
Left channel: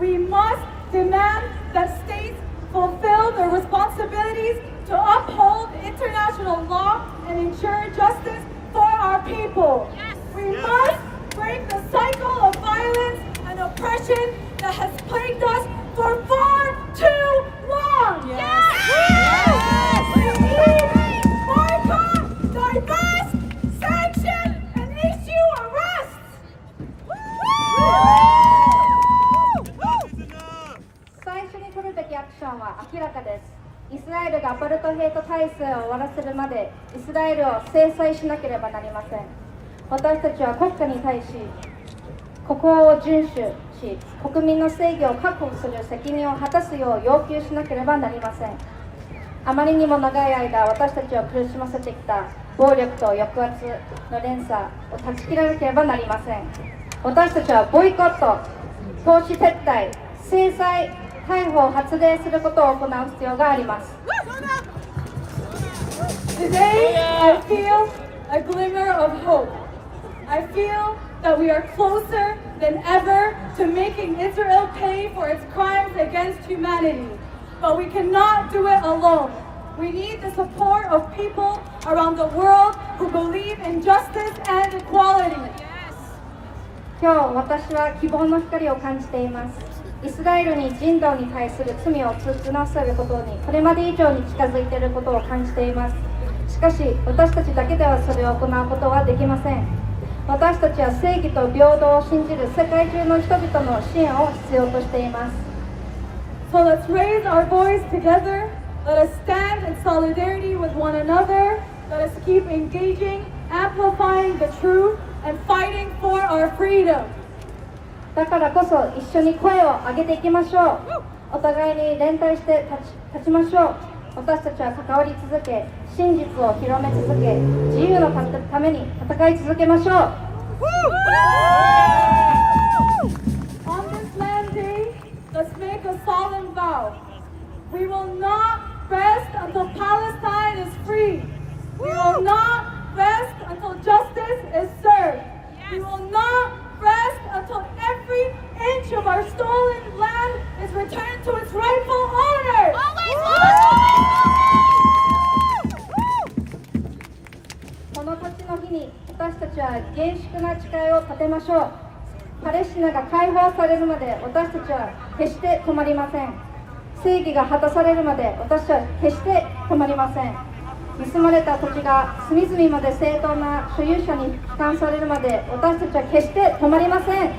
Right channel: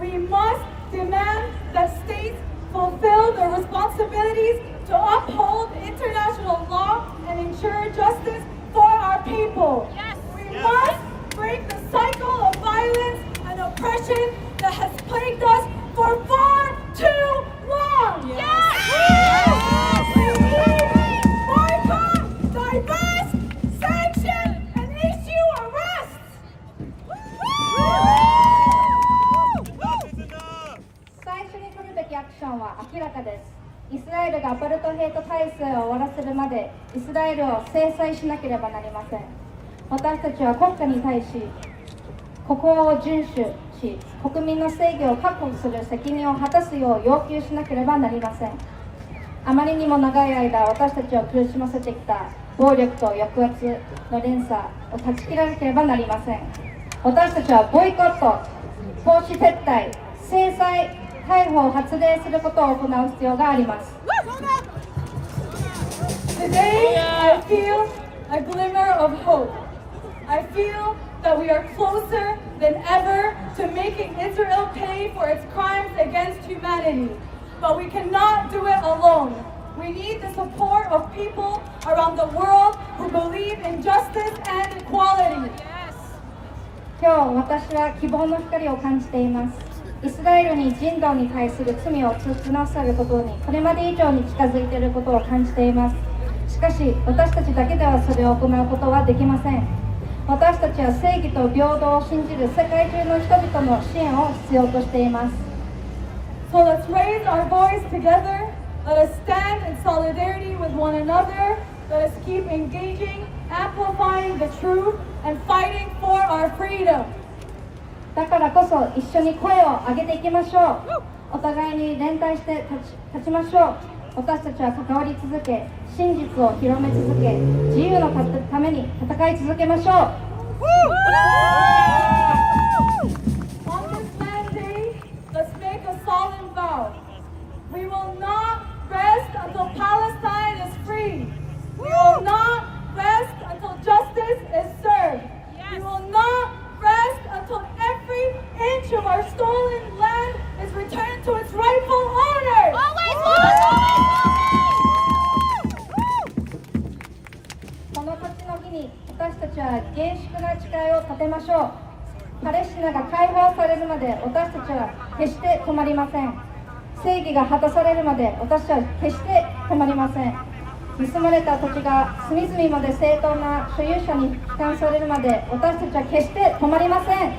We must demand that states fulfill their responsibilities to uphold international law and ensure justice for our people. We must break the cycle of violence and oppression that has plagued us for far too long. We need boycott, divest, sanction, and issue arrests. 最初に取るべきアクションは明らかです。イスラエルがアパルトヘイト体制を終わらせるまでイスラエルを制裁しなければなりません。私たちは国家に対し国法を遵守し、国民の正義を確保する責任を果たすよう要求しなければなりません。あまりにも長い間私たちを苦しませてきた暴力と抑圧の連鎖を断ち切らなければなりません。私たちはボイコット、投資撤退、制裁、逮捕を発令することを行う必要があります。Today, I feel a glimmer of hope. I feel that we are closer than ever to making Israel pay for its crimes against humanity. But we cannot do it alone. We need the support of people around the world who believe in justice and equality. 今日私は希望の光を感じています。イスラエルに人道に対する罪を償わせることにこれまで以上に近づいていることを感じています。しかし私たちだけではそれを行うことはできません。私たちは正義と平等を信じる世界中の人々の支援を必要としています。So let's raise our voice together. Let us stand in solidarity with one another. Let us keep engaging, amplifying the truth, and fighting for our freedom. だからこそ一緒に声を上げていきましょう。お互いに連帯して立ちましょう。私たちは関わり続け、真実を広め続け、自由のために戦い続けましょう。On this land day, let's make a solemn vow. We will not rest until Palestine is free. We will not rest until justice is served. We will not rest until every inch of our stolen land is returned to its rightful owners. この時の日に私たちは厳粛な誓いを立てましょう。パレスチナが解放されるまで私たちは決して止まりません。正義が果たされるまで私たちは決して止まりません。盗まれた土地が隅々まで正当な所有者に帰還されるまで私たちは決して止まりません。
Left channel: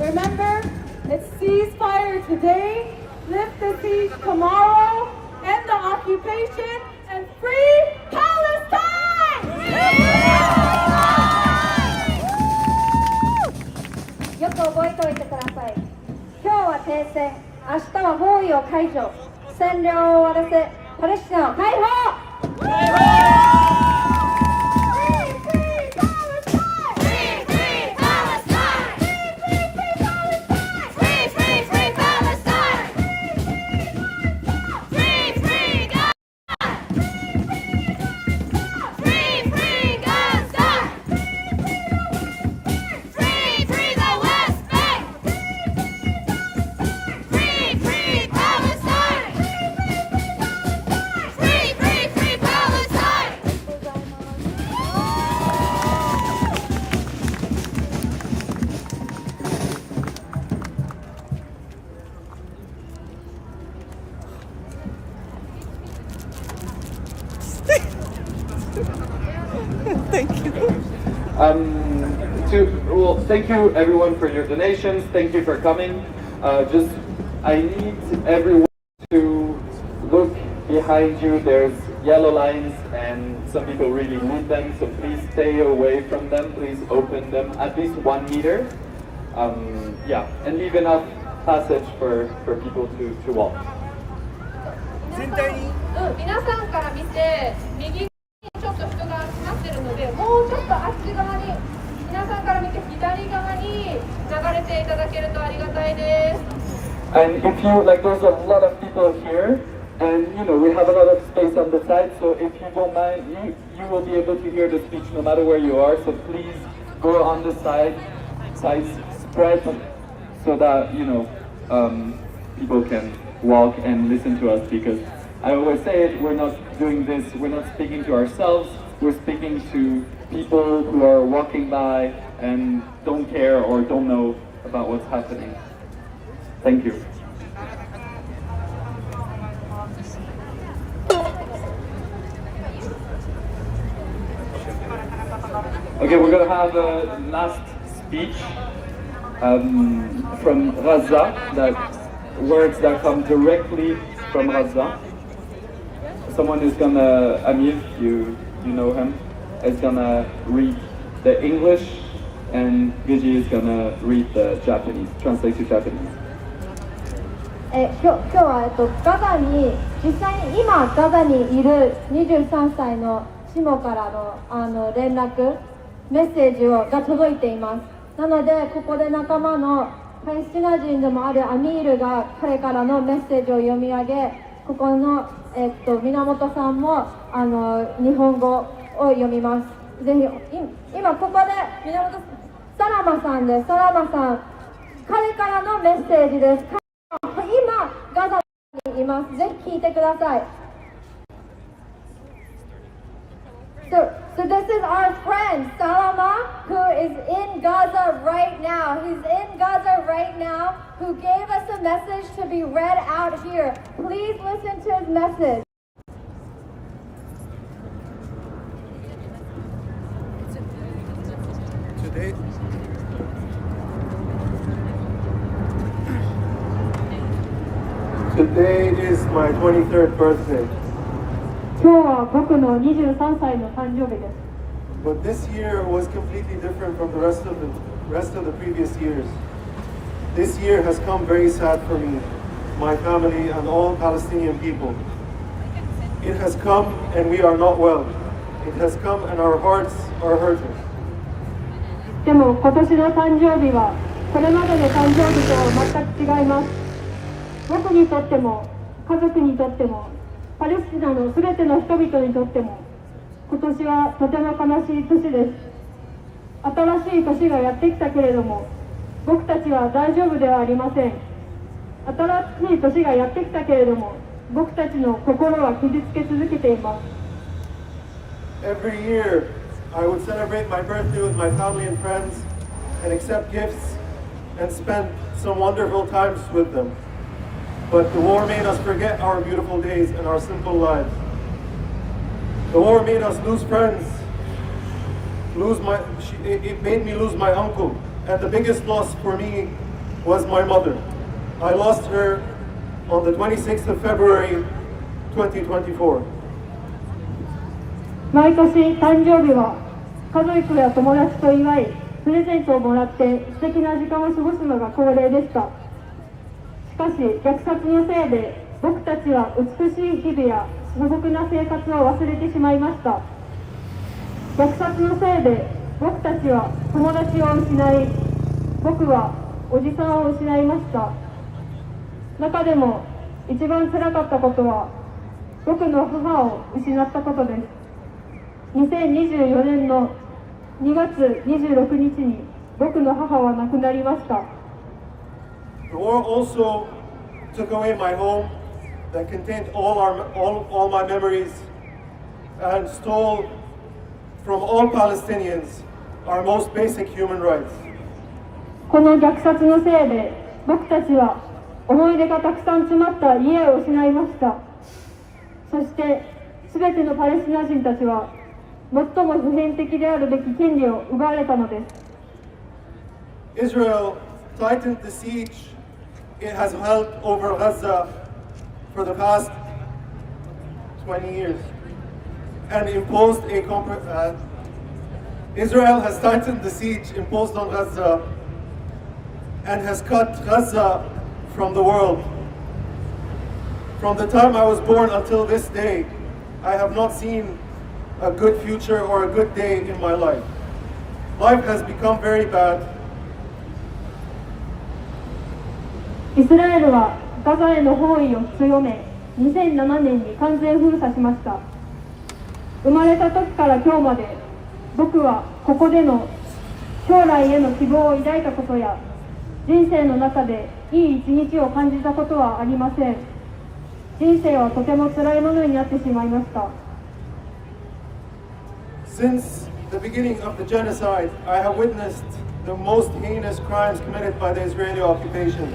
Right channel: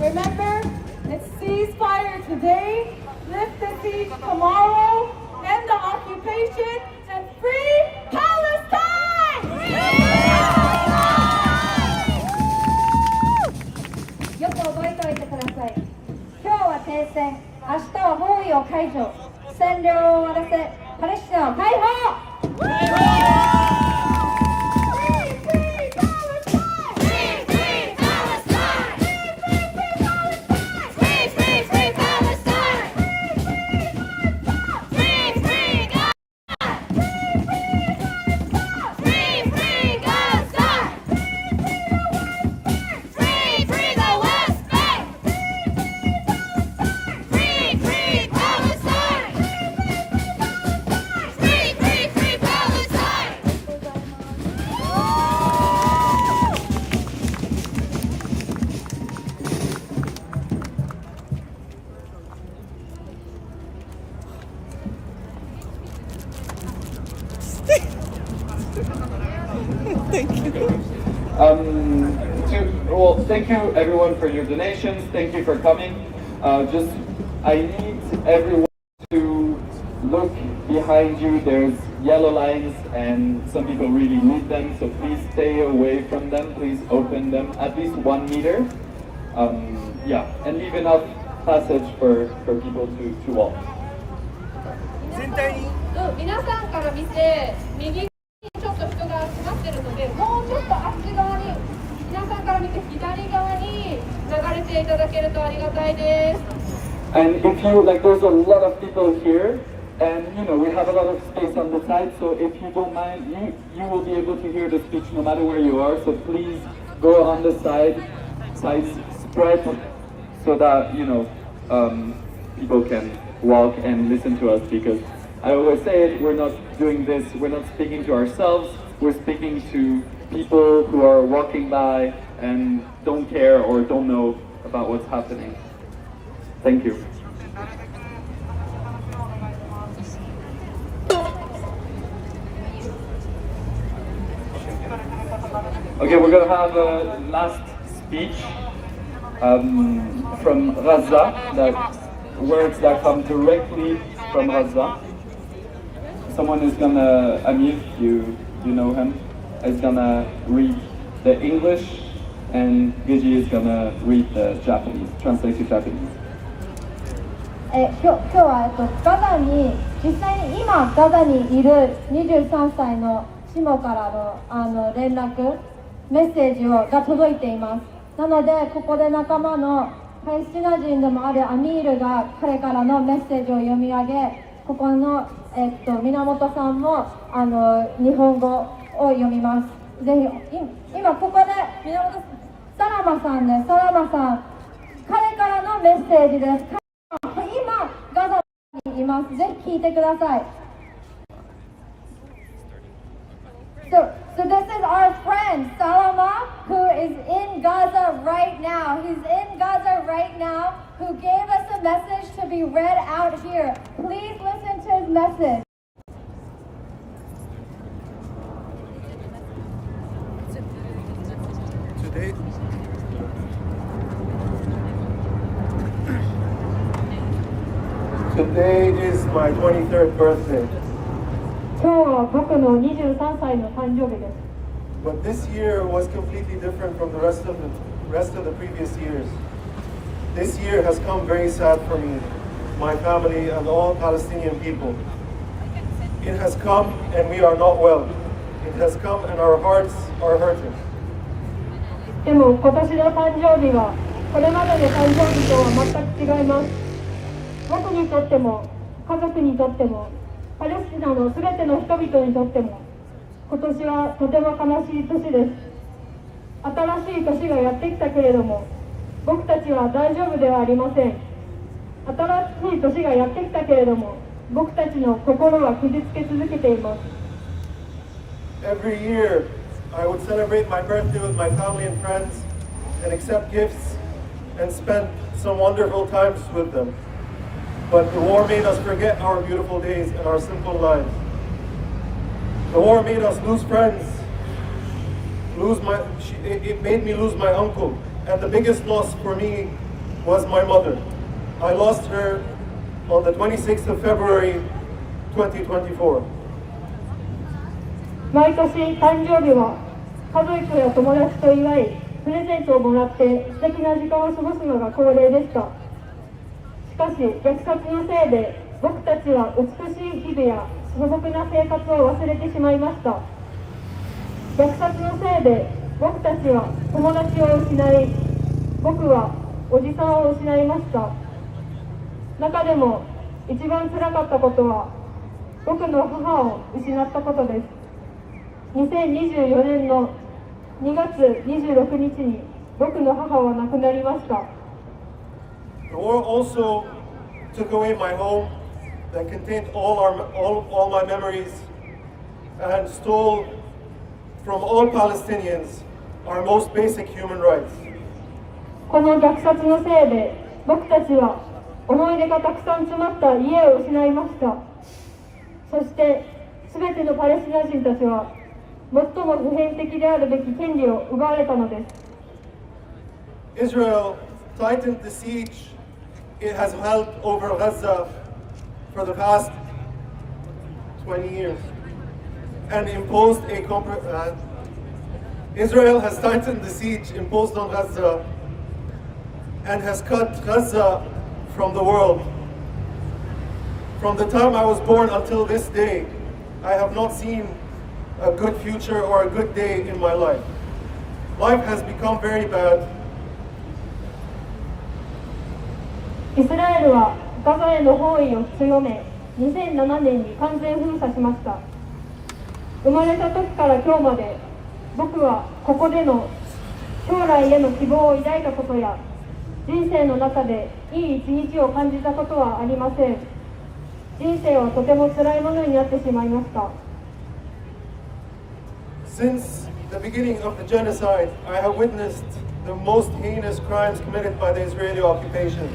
Remember, it's ceasefire today, lift the siege tomorrow, end the occupation, and free Palestine!よく覚えておいてください。今日は停戦、明日は包囲を解除、占領を終わらせ、パレスチナを解放。Thank you everyone for your donations. Thank you for coming. I need everyone to look behind you. There's yellow lines and some people really need them, so please stay away from them. Please open them at least 1 meter. Yeah, and leave enough passage for people to walk. 皆さんから見て右にちょっと人が集まってるので、もうちょっとあっち側に、皆さんから見て左側に流れていただけるとありがたいです。And if you like, there's a lot of people here, and you know we have a lot of space on the side. So if you don't mind, you will be able to hear the speech no matter where you are. So please go on the sides spread so that people can walk and listen to us, because I always say it, we're not doing this, we're not speaking to ourselves, we're speaking to people who are walking by and don't care or don't know about what's happening. Thank you. Okay, we're gonna have a last speech from Raza, words that come directly from Raza. Someone is gonna, Amir, you know him, is gonna read the English, and Gigi is gonna read the Japanese, translate to Japanese. 今日はガザに実際に今ガザにいる23歳のシモからの連絡メッセージが届いています。なのでここで仲間のパレスチナ人でもあるアミールが彼からのメッセージを読み上げ、ここの、源さんも日本語を読みます。ぜひ今ここで源サラマさんです。サラマさん、彼からのメッセージです。今ガザにいます。ぜひ聞いてください。So this is our friend Salama, who is in Gaza right now. He's in Gaza right now, who gave us a message to be read out here. Please listen to his message. Today is my 23rd birthday. 今日は僕の23歳の誕生日です。But this year was completely different from the rest of the previous years. This year has come very sad for me, my family, and all Palestinian people. It has come and we are not well. It has come and our hearts are hurting. でも今年の誕生日はこれまでの誕生日とは全く違います。僕にとっても家族にとってもパレスチナのすべての人々にとっても今年はとても悲しい年です。新しい年がやってきたけれども僕たちは大丈夫ではありません。新しい年がやってきたけれども僕たちの心は傷つけ続けています。 Every year I would celebrate my birthday with my family and friends and accept gifts and spend some wonderful times with them. But the war made us forget our beautiful days and our simple lives. The war made us lose friends. It made me lose my uncle. And the biggest loss for me was my mother. I lost her on the 26th of February 2024. 毎年誕生日は家族や友達と祝い、プレゼントをもらって素敵な時間を過ごすのが恒例でした。しかし虐殺のせいで僕たちは美しい日々や素朴な生活を忘れてしまいました。虐殺のせいで僕たちは友達を失い、僕はおじさんを失いました。中でも一番辛かったことは僕の母を失ったことです。2024年の2月26日に僕の母は亡くなりました。The war also took away my home that contained all my memories and stole from all Palestinians our most basic human rights. この虐殺のせいで僕たちは思い出がたくさん詰まった家を失いました。そして全てのパレスチナ人たちは最も普遍的であるべき権利を奪われたのです。Israel tightened the siege it has held over Gaza for the past 20 years and imposed Israel has tightened the siege imposed on Gaza and has cut Gaza from the world. From the time I was born until this day, I have not seen a good future or a good day in my life. Life has become very bad. イスラエルはガザへの包囲を強め、2007年に完全封鎖しました。生まれた時から今日まで、僕はここでの将来への希望を抱いたことや、人生の中でいい一日を感じたことはありません。人生はとても辛いものになってしまいました。Since the beginning of the genocide, I have witnessed the most heinous crimes committed by the Israeli occupation.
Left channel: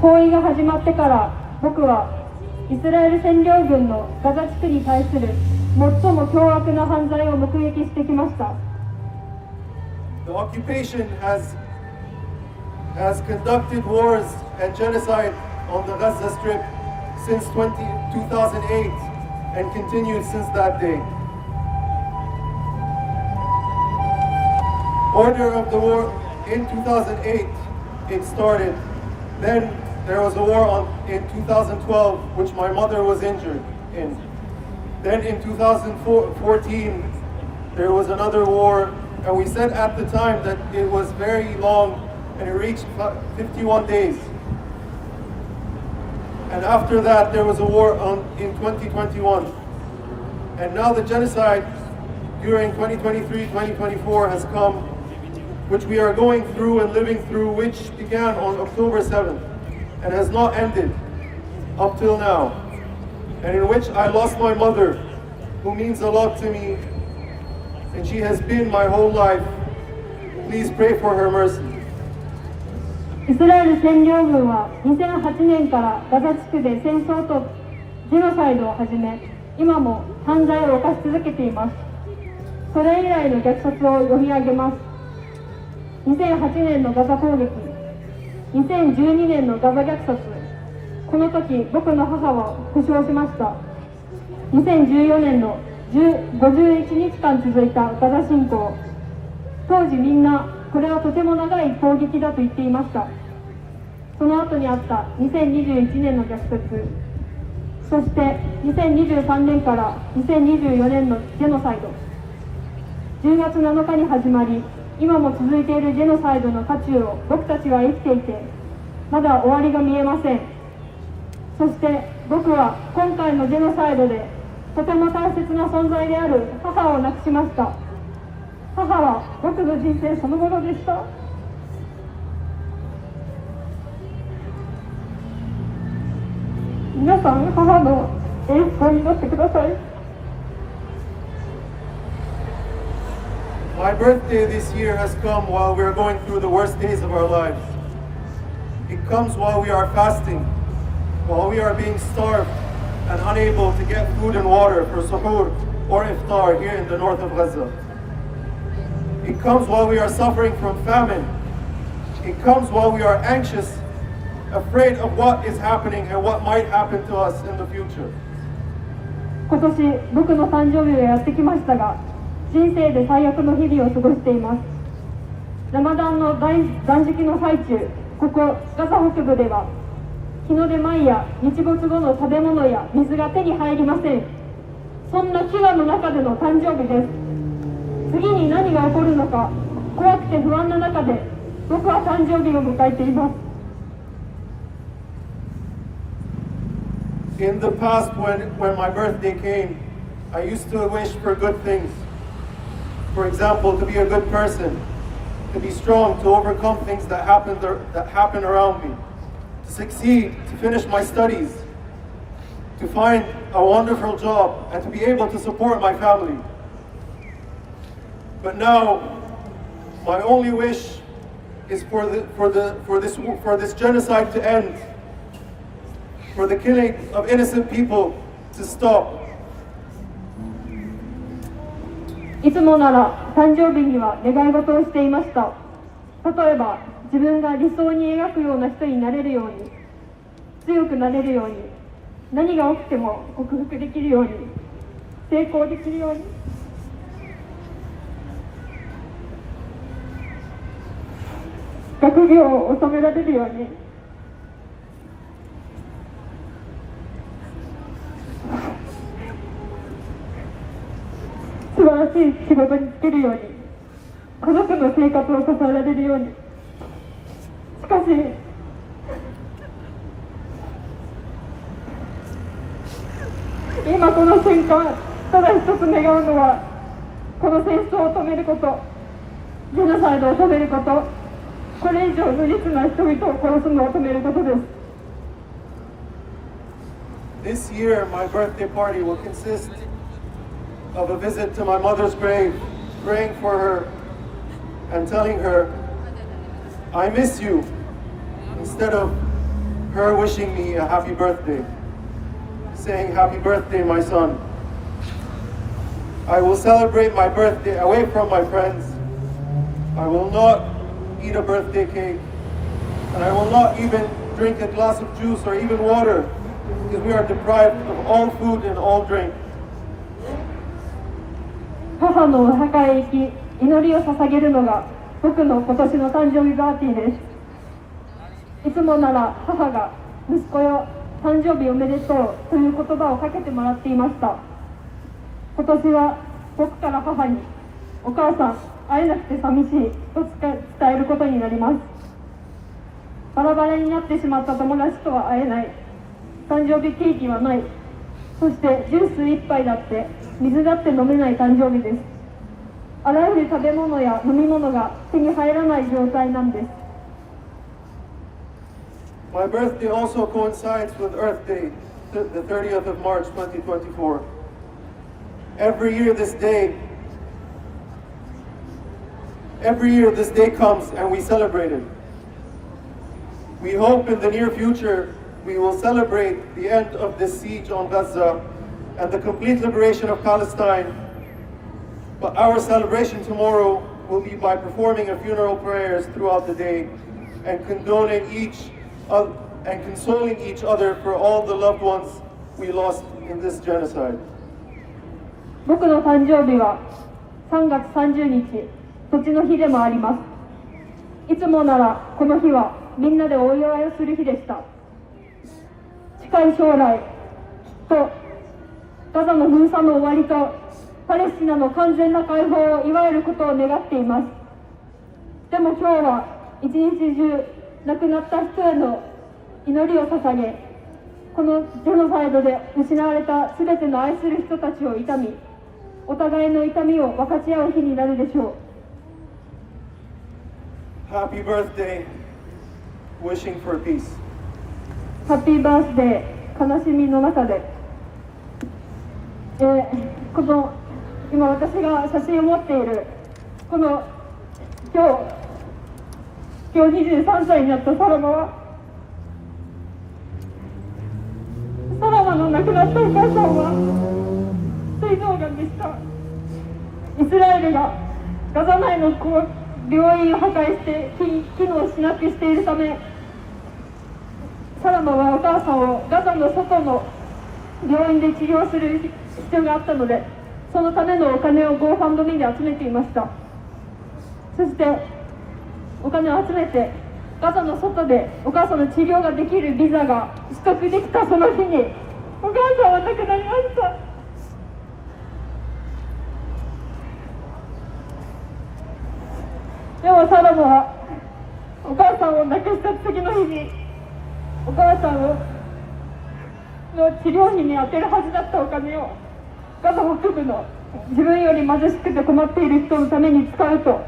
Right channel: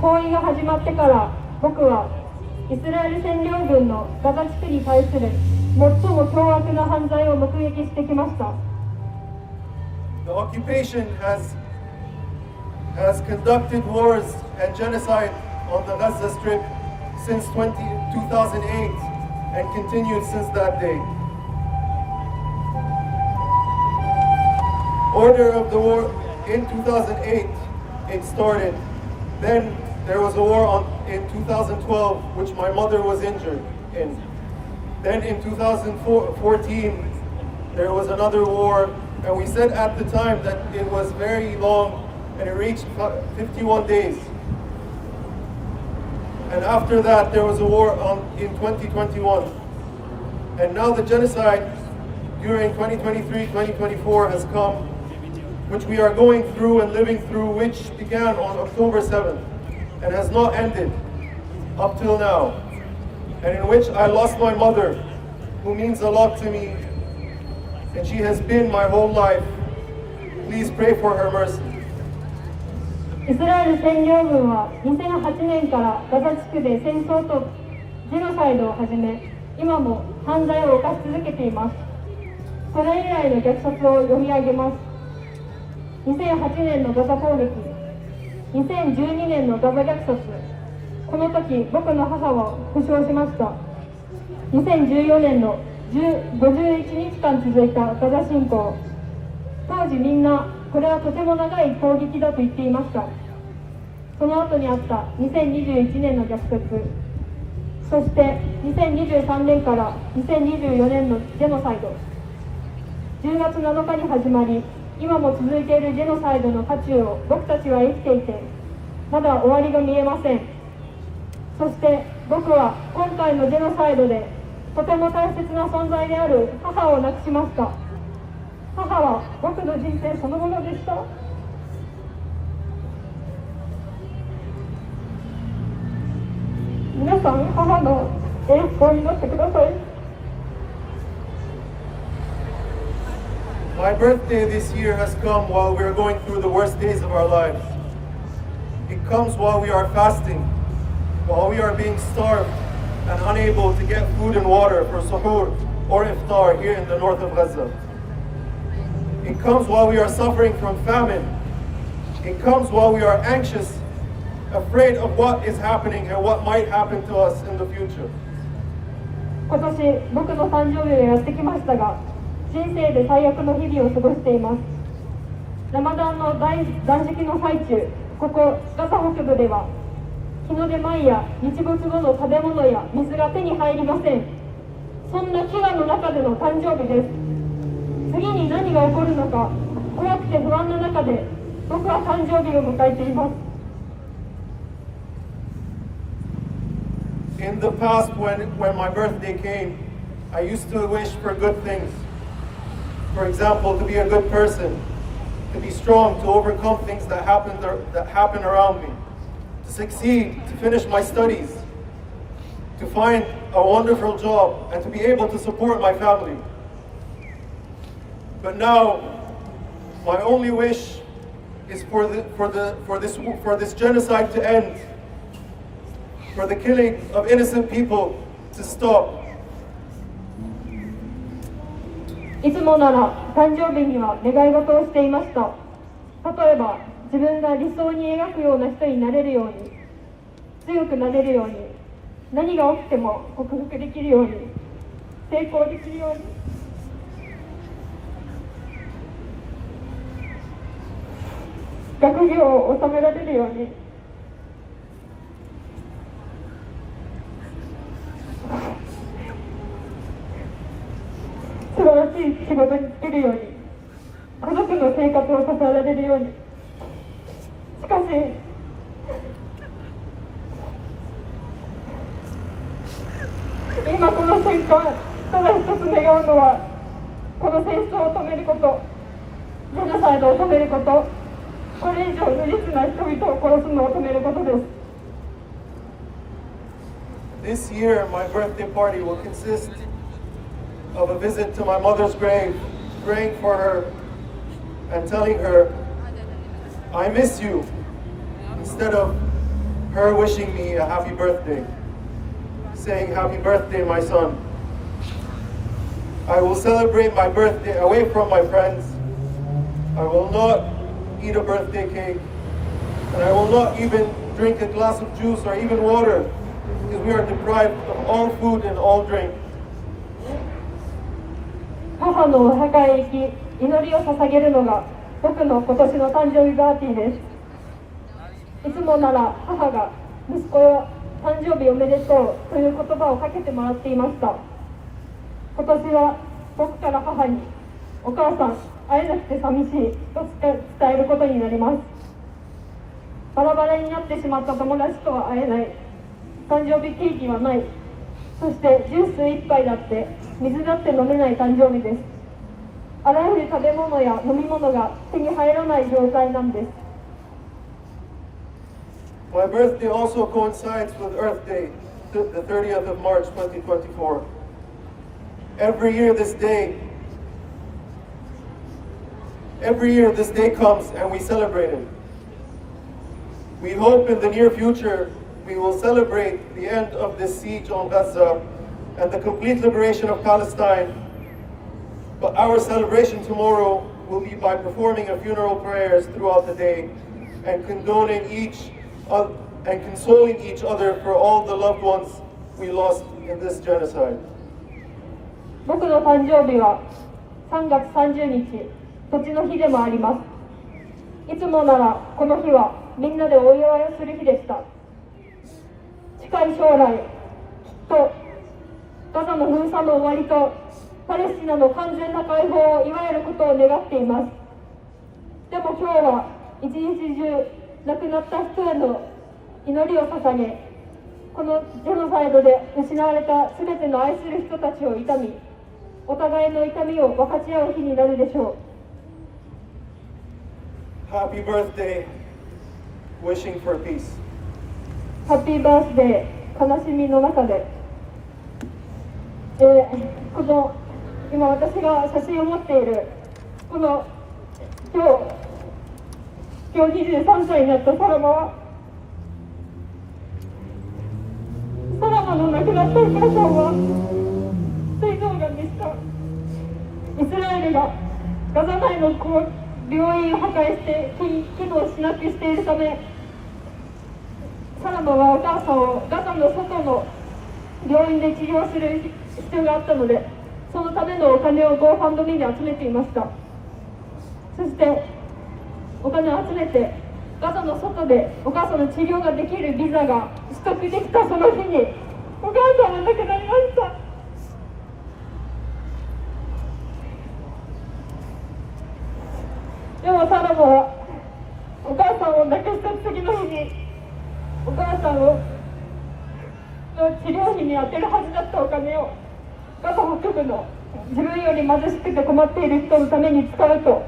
包囲が始まってから僕はイスラエル占領軍のガザ地区に対する最も凶悪な犯罪を目撃してきました。The occupation has conducted wars and genocide on the Gaza Strip since 2008 and continued since that day. Order of the war in 2008 it started. Then there was a war in 2012 which my mother was injured in. Then in 2014 there was another war, and we said at the time that it was very long and it reached 51 days. And after that there was a war in 2021. And now the genocide during 2023-2024 has come, which we are going through and living through, which began on October 7th and has not ended up till now, and in which I lost my mother, who means a lot to me, and she has been my whole life. Please pray for her mercy. イスラエル占領軍は2008年からガザ地区で戦争とジェノサイドを始め、今も犯罪を犯し続けています。それ以来の虐殺を読み上げます。2008年のガザ攻撃、2012年のガザ虐殺、この時僕の母は負傷しました。2014年の51日間続いたガザ侵攻、当時みんなこれはとても長い攻撃だと言っていました。その後にあった2021年の虐殺、そして2023年から2024年のジェノサイド、10月7日に始まり、今も続いているジェノサイドの渦中を僕たちは生きていて、まだ終わりが見えません。そして僕は今回のジェノサイドでとても大切な存在である母を亡くしました。母は僕の人生そのものでした。皆さん、母の栄光になってください。My birthday this year has come while we are going through the worst days of our lives. It comes while we are fasting, while we are being starved and unable to get food and water for suhoor or iftar here in the north of Gaza. It comes while we are suffering from famine. It comes while we are anxious afraid of what is happening and what might happen to us in the future. 今年僕の誕生日がやってきましたが、人生で最悪の日々を過ごしています。ラマダンの断食の最中、ここガザ北部では日の出前や日没後の食べ物や水が手に入りません。そんな飢餓の中での誕生日です。次に何が起こるのか怖くて不安な中で僕は誕生日を迎えています。In the past, when my birthday came, I used to wish for good things. For example, to be a good person, to be strong, to overcome things that happen around me, to succeed, to finish my studies, to find a wonderful job, and to be able to support my family. But now, my only wish is for this genocide to end, for the killing of innocent people to stop. いつもなら誕生日には願い事をしていました。例えば自分が理想に描くような人になれるように、強くなれるように、何が起きても克服できるように、成功できるように、学業を収められるように、素晴らしい仕事に就けるように、家族の生活を支えられるように。しかし今この瞬間、ただ一つ願うのはこの戦争を止めること、ジェノサイドを止めること、これ以上無実な人々を殺すのを止めることです。This year, my birthday party will consist of a visit to my mother's grave, praying for her and telling her, I miss you, instead of her wishing me a happy birthday, saying, happy birthday, my son. I will celebrate my birthday away from my friends. I will not eat a birthday cake, and I will not even drink a glass of juice or even water, because we are deprived of all food and all drink. 母のお墓へ行き、祈りを捧げるのが僕の今年の誕生日パーティーです。いつもなら母が息子よ、誕生日おめでとうという言葉をかけてもらっていました。今年は僕から母に、お母さん、会えなくて寂しいと伝えることになります。バラバラになってしまった友達とは会えない、誕生日ケーキはない、そしてジュース一杯だって水だって飲めない誕生日です。あらゆる食べ物や飲み物が手に入らない状態なんです。My birthday also coincides with Earth Day, the 30th of March 2024. Every year this day comes and we celebrate it. We hope in the near future we will celebrate the end of this siege on Gaza and the complete liberation of Palestine. But our celebration tomorrow will be by performing a funeral prayers throughout the day and consoling each other for all the loved ones we lost in this genocide. 僕の誕生日は3月30日、土地の日でもあります。いつもならこの日はみんなでお祝いをする日でした。近い将来、きっとガザの封鎖の終わりとパレスチナの完全な解放を祝えることを願っています。でも今日は一日中亡くなった人への祈りを捧げ、このジェノサイドで失われたすべての愛する人たちを悼み、お互いの痛みを分かち合う日になるでしょう。Happy birthday, wishing for peace. ハッピーバースデー、悲しみの中で、この今私が写真を持っているこの今日23歳になったサラマは、サラマの亡くなったお母さんは膵臓がんでした。イスラエルがガザ内の病院を破壊して機能しなくしているため、サラマはお母さんをガザの外の病院で治療する必要があったので、そのためのお金を GoFundMe に集めていました。そしてお金を集めてガザの外でお母さんの治療ができるビザが取得できたその日にお母さんは亡くなりました。でもサラモはお母さんを亡くした次の日にお母さんの治療費に充てるはずだったお金をガザ北部の自分より貧しくて困っている人のために使うと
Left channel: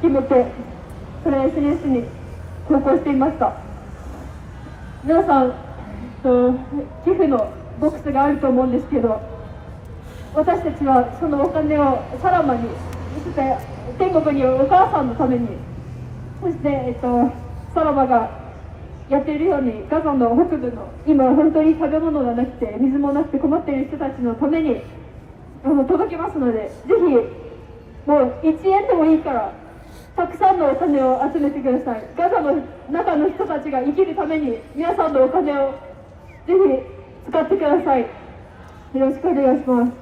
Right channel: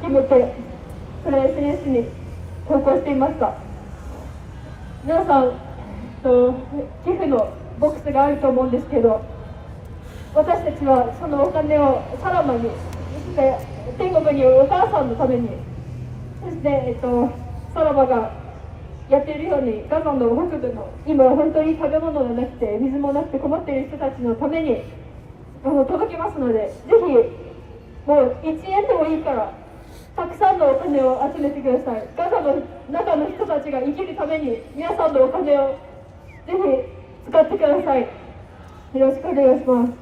決めて、それを SNS に投稿していました。皆さん寄付のボックスがあると思うんですけど、私たちはそのお金をサラマに、そして天国にいるお母さんのために、そして、サラマがやっているようにガザの北部の今本当に食べ物がなくて水もなくて困っている人たちのために届けますので、ぜひもう1円でもいいからたくさんのお金を集めてください。ガザの中の人たちが生きるために皆さんのお金をぜひ使ってください。よろしくお願いします。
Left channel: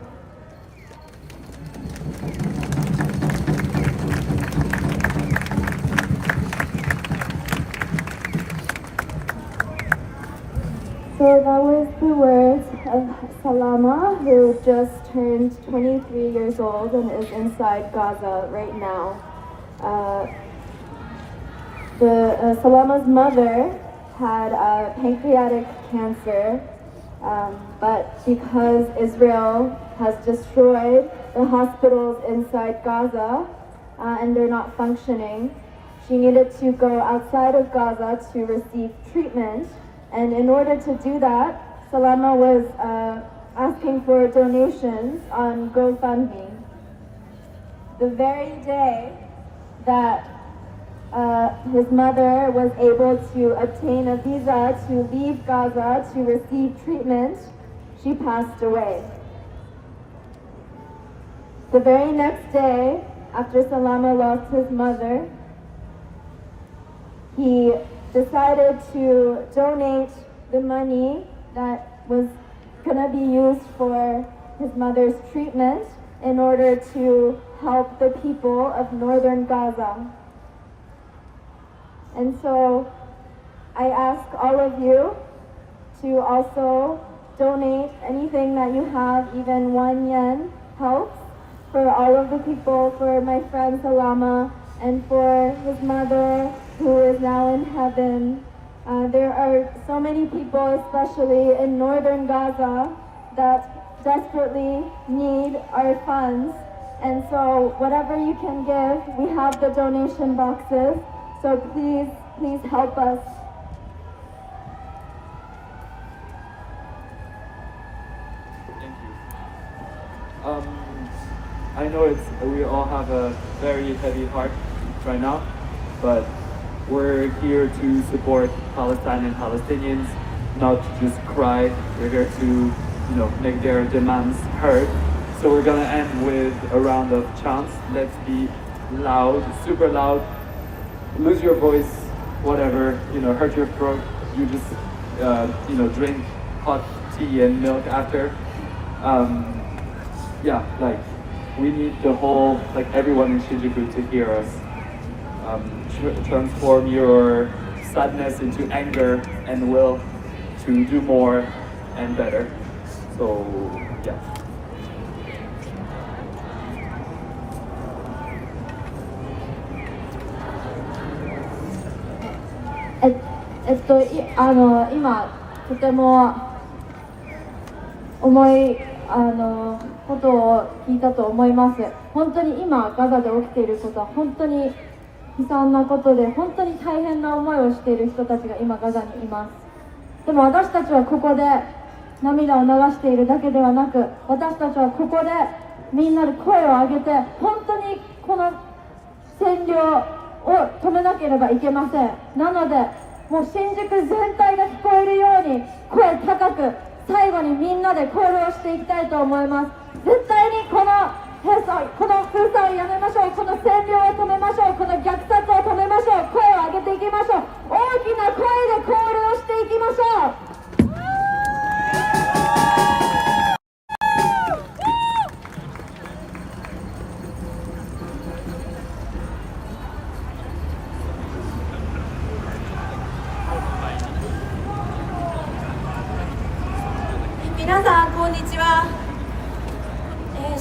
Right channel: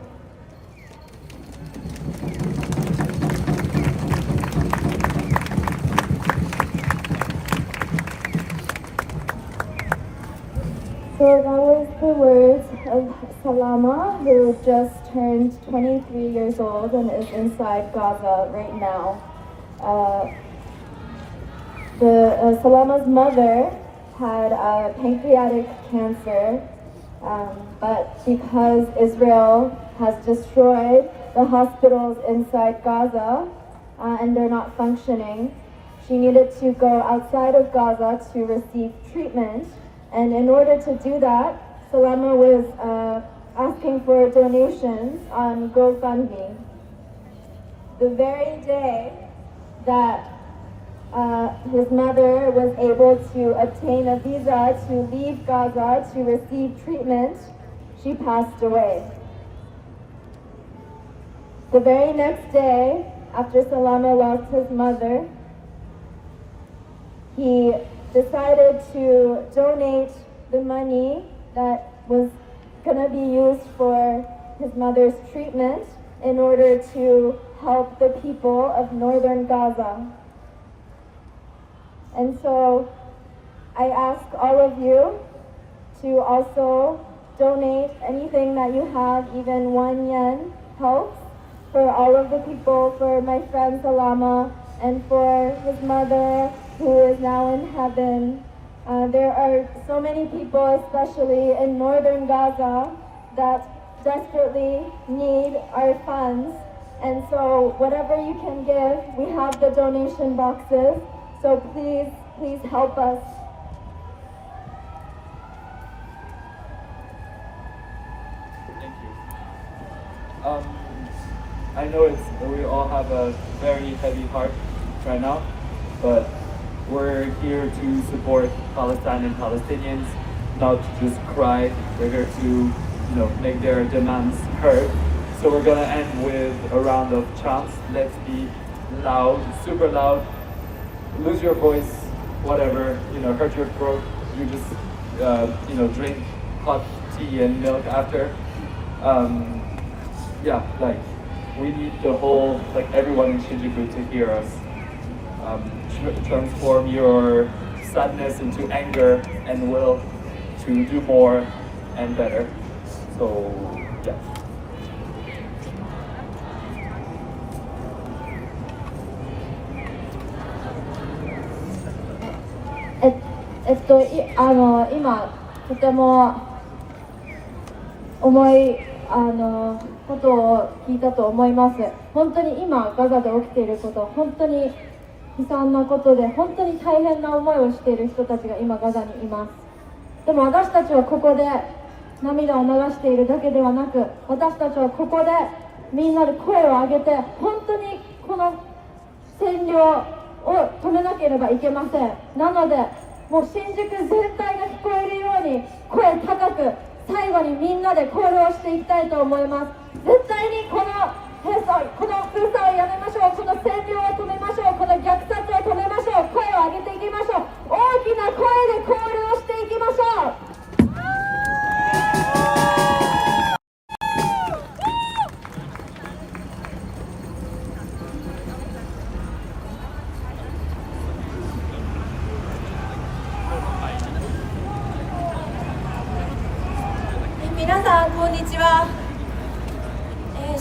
So that was the words of Salama, who just turned 23 years old and is inside Gaza right now. Salama's mother had pancreatic cancer, but because Israel has destroyed the hospitals inside Gaza and they're not functioning, she needed to go outside of Gaza to receive treatment. And in order to do that, Salama was asking for donations on GoFundMe. The very day that his mother was able to obtain a visa to leave Gaza to receive treatment, she passed away. The very next day, after Salama lost his mother, he decided to donate the money that was going to be used for his mother's treatment in order to help the people of northern Gaza. And so I ask all of you to also donate anything that you have, even 1 yen helps, for all of the people, for my friend Salama and for his mother who is now in heaven. There are so many people, especially in northern Gaza, that desperately need our funds. And so whatever you can give, we have the donation boxes. So please, please help us. Thank you. I know we all have a very heavy heart right now, but we're here to support Palestine and Palestinians, not to just cry. We're here to, make their demands heard. So we're gonna end with a round of chants. Let's be loud, super loud. Lose your voice, whatever, hurt your throat. You just, drink hot tea and milk after. We need the whole, everyone in Shinjuku to hear us. Transform your sadness into anger and will to do more and better. So, yeah.今とても重いことを聞いたと思います。本当に今ガザで起きていることは本当に悲惨なことで、本当に大変な思いをしている人たちが今ガザにいます。でも私たちはここで涙を流しているだけではなく、私たちはここでみんなで声を上げて、本当にこの占領を止めなければいけません。なのでもう新宿全体が聞こえるように声高く最後にみんなでコールをしていきたいと思います。絶対にこの封鎖をやめましょう。この占領を止めましょう。この虐殺を止めましょう。声を上げていきましょう。大きな声でコールをしていきま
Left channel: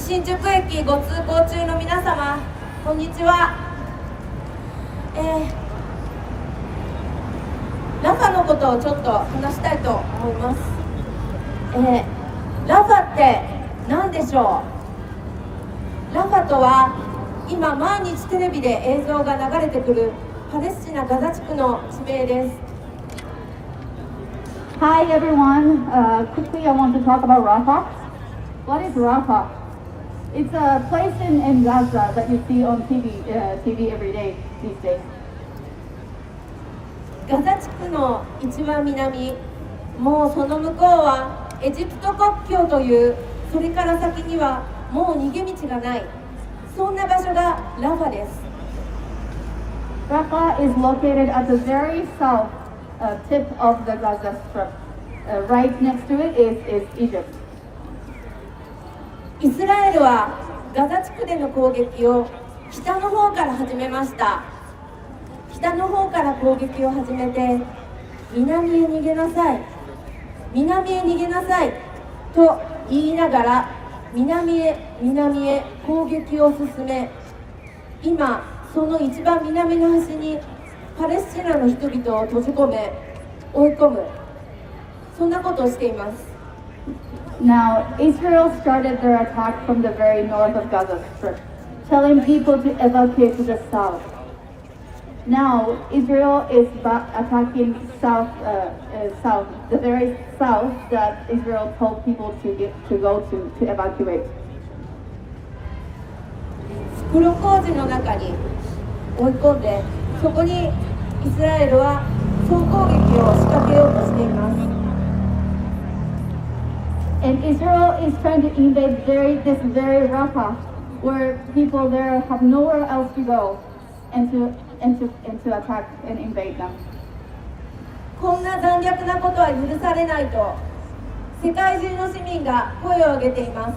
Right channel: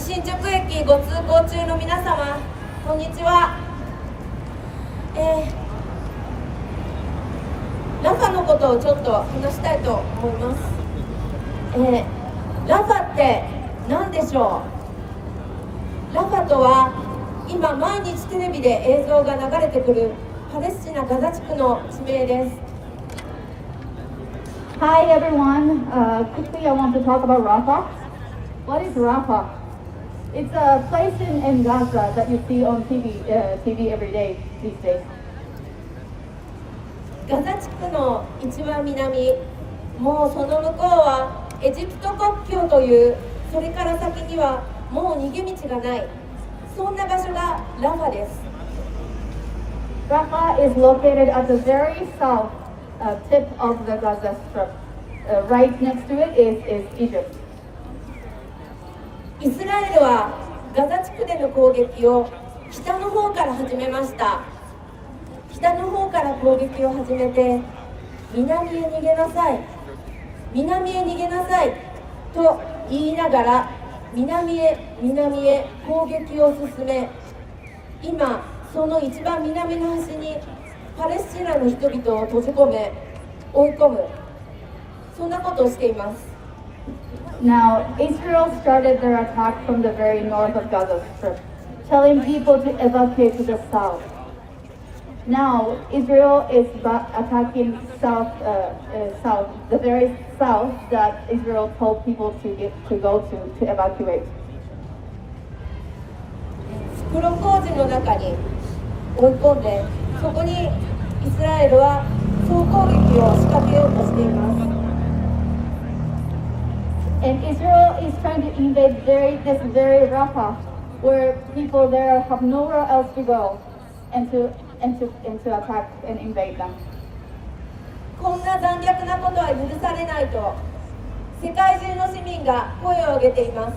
新宿駅ご通行中の皆様、こんにちは。ラファのことをちょっと話したいと思います。ラファって何でしょう。ラファとは今毎日テレビで映像が流れてくるパレスチナガザ地区の地名です。Hi everyone. Quickly, I want to talk about Rafah. What is Rafah? It's a place in Gaza that you see on TV every day these days. ガザ地区の一番南、もうその向こうはエジプト国境という、それから先にはもう逃げ道がない、そんな場所がラファです。Rafah is located at the very south tip of the Gaza Strip. Right next to it is Egypt. イスラエルはガザ地区での攻撃を北の方から始めました。北の方から攻撃を始めて、南へ逃げなさい、南へ逃げなさいと言いながら南へ攻撃を進め、今その一番南の端にパレスチナの人々を閉じ込め追い込む、そんなことをしています。Now, Israel started their attack from the very north of Gaza Strip, telling people to evacuate to the south. Now, Israel is attacking south, the very south that Israel told people to go to evacuate. 袋小路の中に追い込んで、そこにイスラエルは総攻撃を仕掛けようとしています。And Israel is trying to invade this very Rafah, where people there have nowhere else to go, and to attack and invade them. こんな残虐なことは許されないと世界中の市民が声を上げています。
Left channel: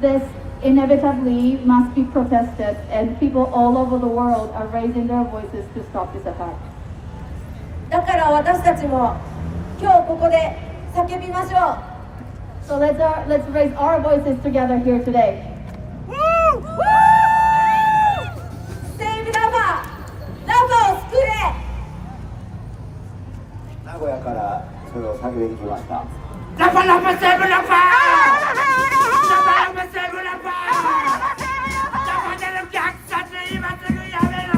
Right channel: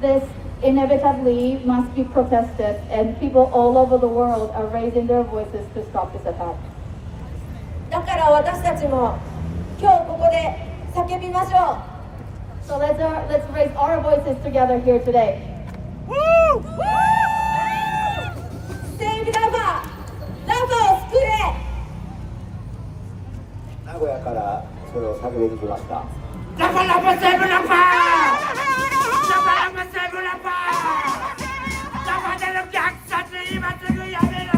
This inevitably must be protested, and people all over the world are raising their voices to stop this attack. だから私たちも今日ここで叫びましょう。So let's raise our voices together here today. Save Rafah! ラファを救え！名古屋からそれを叫びに来ました。ラファラファセーブラファ！ラファラファセーブラファ！ラファでの虐殺今すぐやめろ！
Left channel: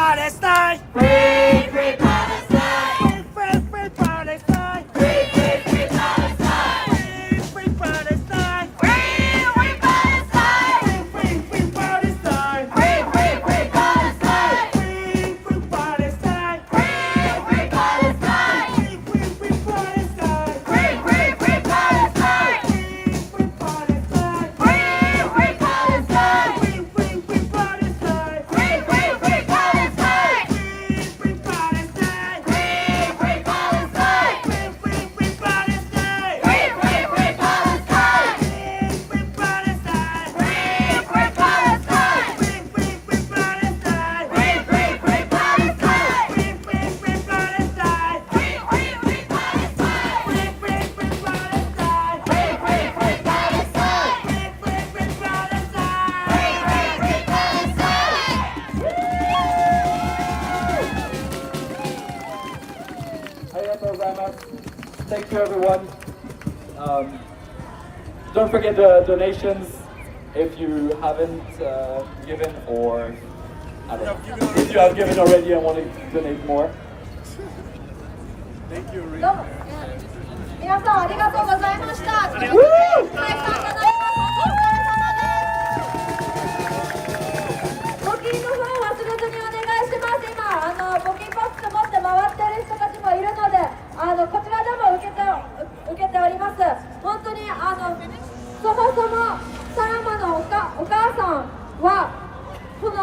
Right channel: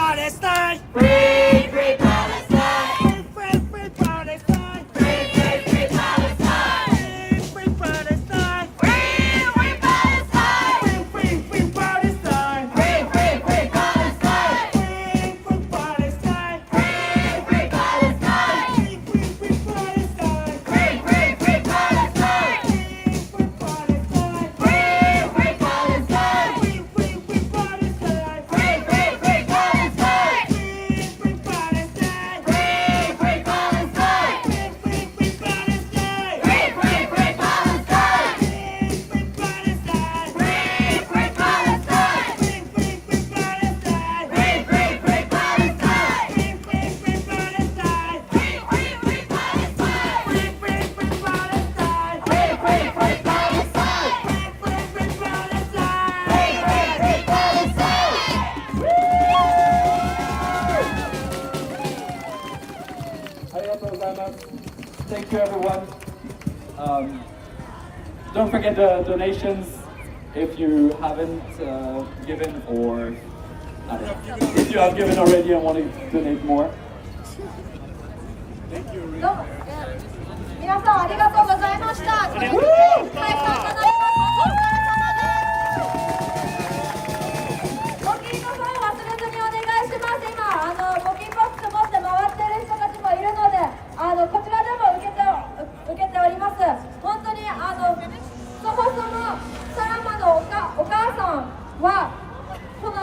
Palestine! Free, free Palestine! Free, free, free Palestine! Free, free, free Palestine! Free, free Palestine! Free, free Palestine! Free, free Palestine! Free, free, free Palestine! Free, free Palestine! Free, free Palestine! Free, free, free Palestine! Free, free, free Palestine! Free, free Palestine! Free, free Palestine! Free, free, free Palestine! Free, free, free Palestine! Free, free Palestine! Free, free Palestine! Free, free, free Palestine! Free, free, free Palestine! Free, free Palestine! Free, free Palestine! Free, free, free Palestine! Free, free, free Palestine! Free, free, free Palestine! Free, free, free Palestine! Free, free, free Palestine! Free, free, free Palestine! Free, free, free Palestine! Free, free, free Palestine! ありがとうございます。Thank you everyone. Don't forget the donations if you haven't given or if you have given already and want to donate more. どうも皆さんありがとうございました。たくさんいただきましてお疲れ様です。募金の方忘れずにお願いします。今募金ボックス持って回ってる人たちもいるので、こちらでも受けております。本当にそもそもサラマのお母さんはこの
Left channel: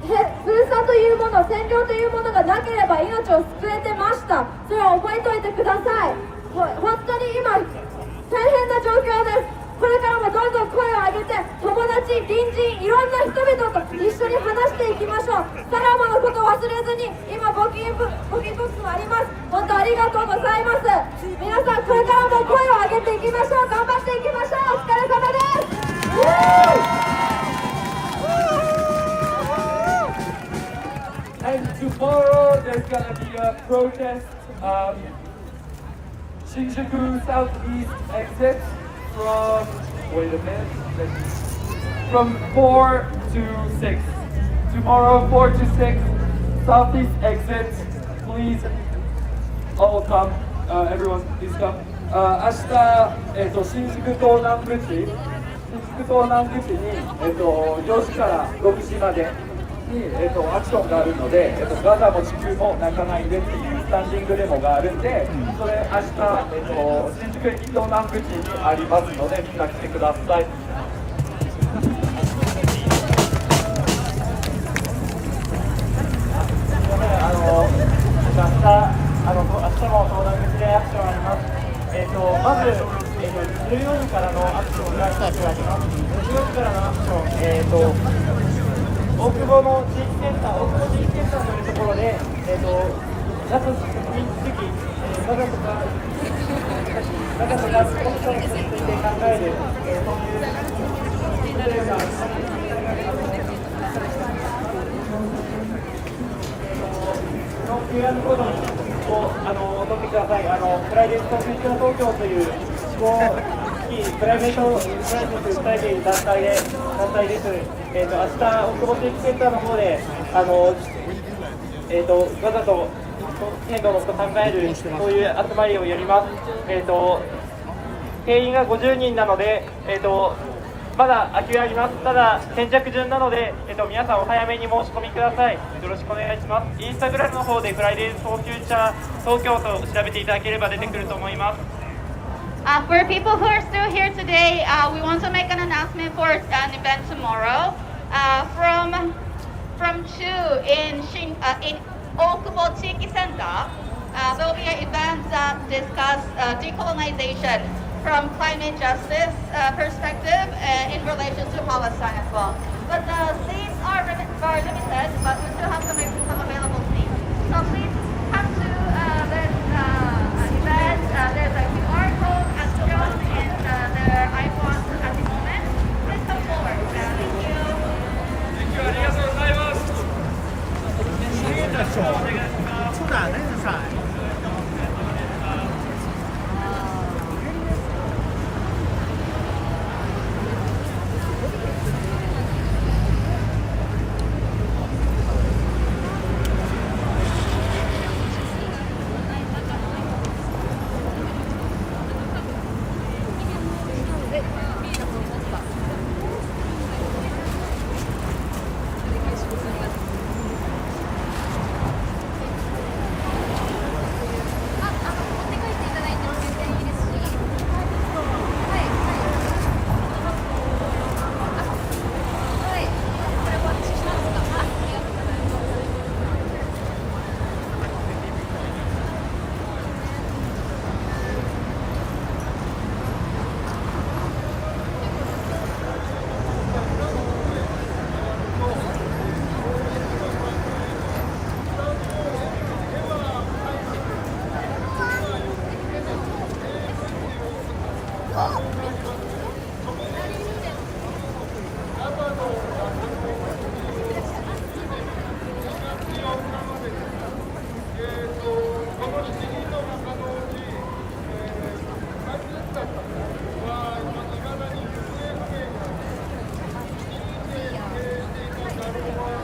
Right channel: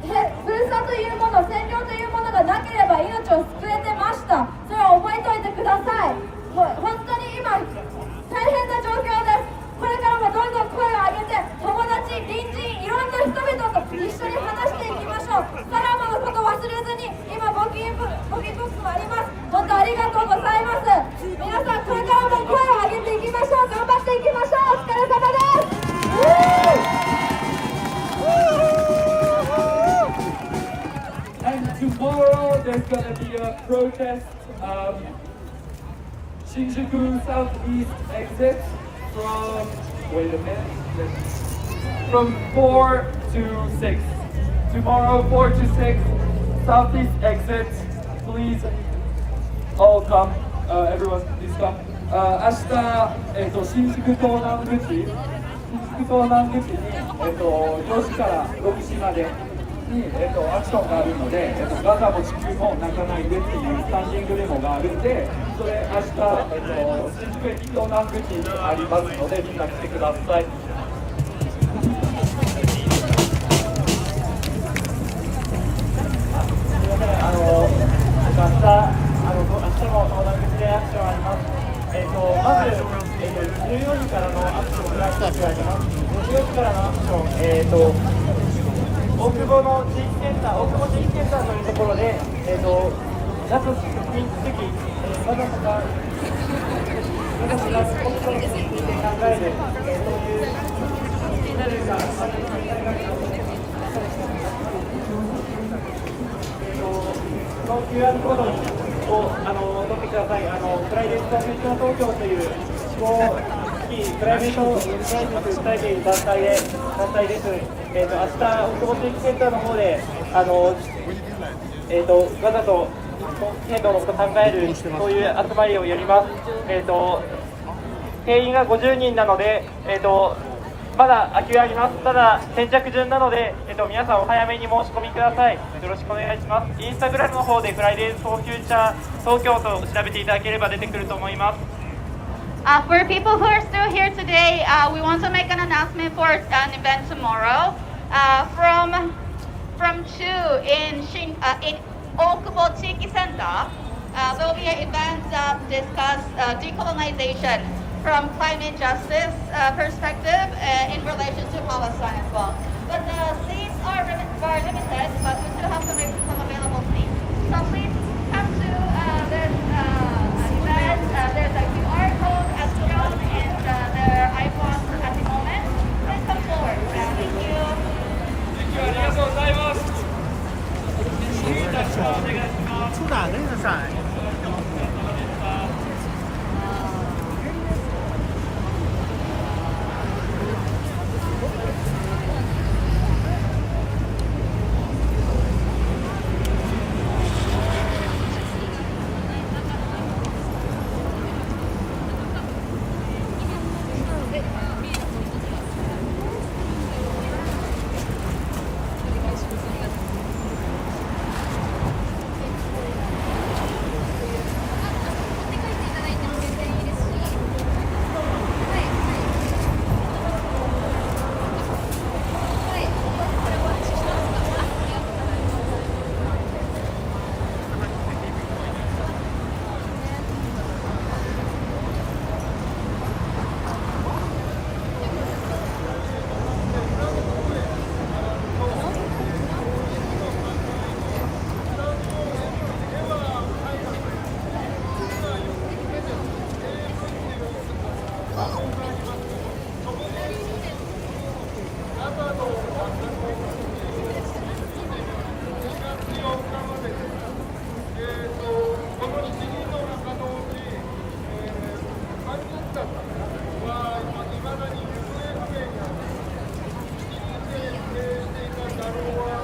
ふるさというもの、占領というものがなければ命を救えてました。それは覚えておいてください。本当に今大変な状況です。これからもどんどん声を上げて友達、隣人、いろんな人々と一緒に話していきましょう。サラマのことを忘れずに今募金ボックスもあります。本当ありがとうございます。皆さんこれからも声を上げていきましょう。頑張っていきましょう。お疲れ様です。And tomorrow there's gonna be a protest. Shinjuku Southeast exit from, wait a minute, from 4 to 6. Tomorrow 4 to 6, Southeast exit. Please all come. Everyone, please come. 明日、新宿東南口に、4時から5時まで。に、アクションがあるので、ガザも地球も泣かないでっていうスタンディングデモがあるんで、それ明日、新宿駅東南口にありますので、みんな来てください。すみません、明日も東南口でアクションあります。まず、14時からのアクションが1つあります。14時からのアクション、大久保の地域センター、大久保地域センターというところで、脱出禁止主義、長瀬がスポットについて考える、そういうみんなでが、この QR コードを取ってください。プライベートフューチャー東京という思考プライベート訴えている団体です。明日、大久保地域センターの方で、ガザと変動のことを考える、そういう集まりをやります。定員が50人なので、まだ空きがあります。ただ、先着順なので、皆さんお早めに申し込みください。よろしくお願いします。インスタグラムの方でフライデーフォーフューチャー東京と調べていただければ出てくると思います。For people who are still here today, we want to make an announcement for an event tomorrow. From 2 in Okubo Chiki Center, there will be an event that discuss decolonization from climate justice perspective in relation to Palestine as well. But the seats are limited, but we still have some available seats. So please come to this event. There's a QR code as shown in their icons at the moment. Please come forward. Thank you. ああと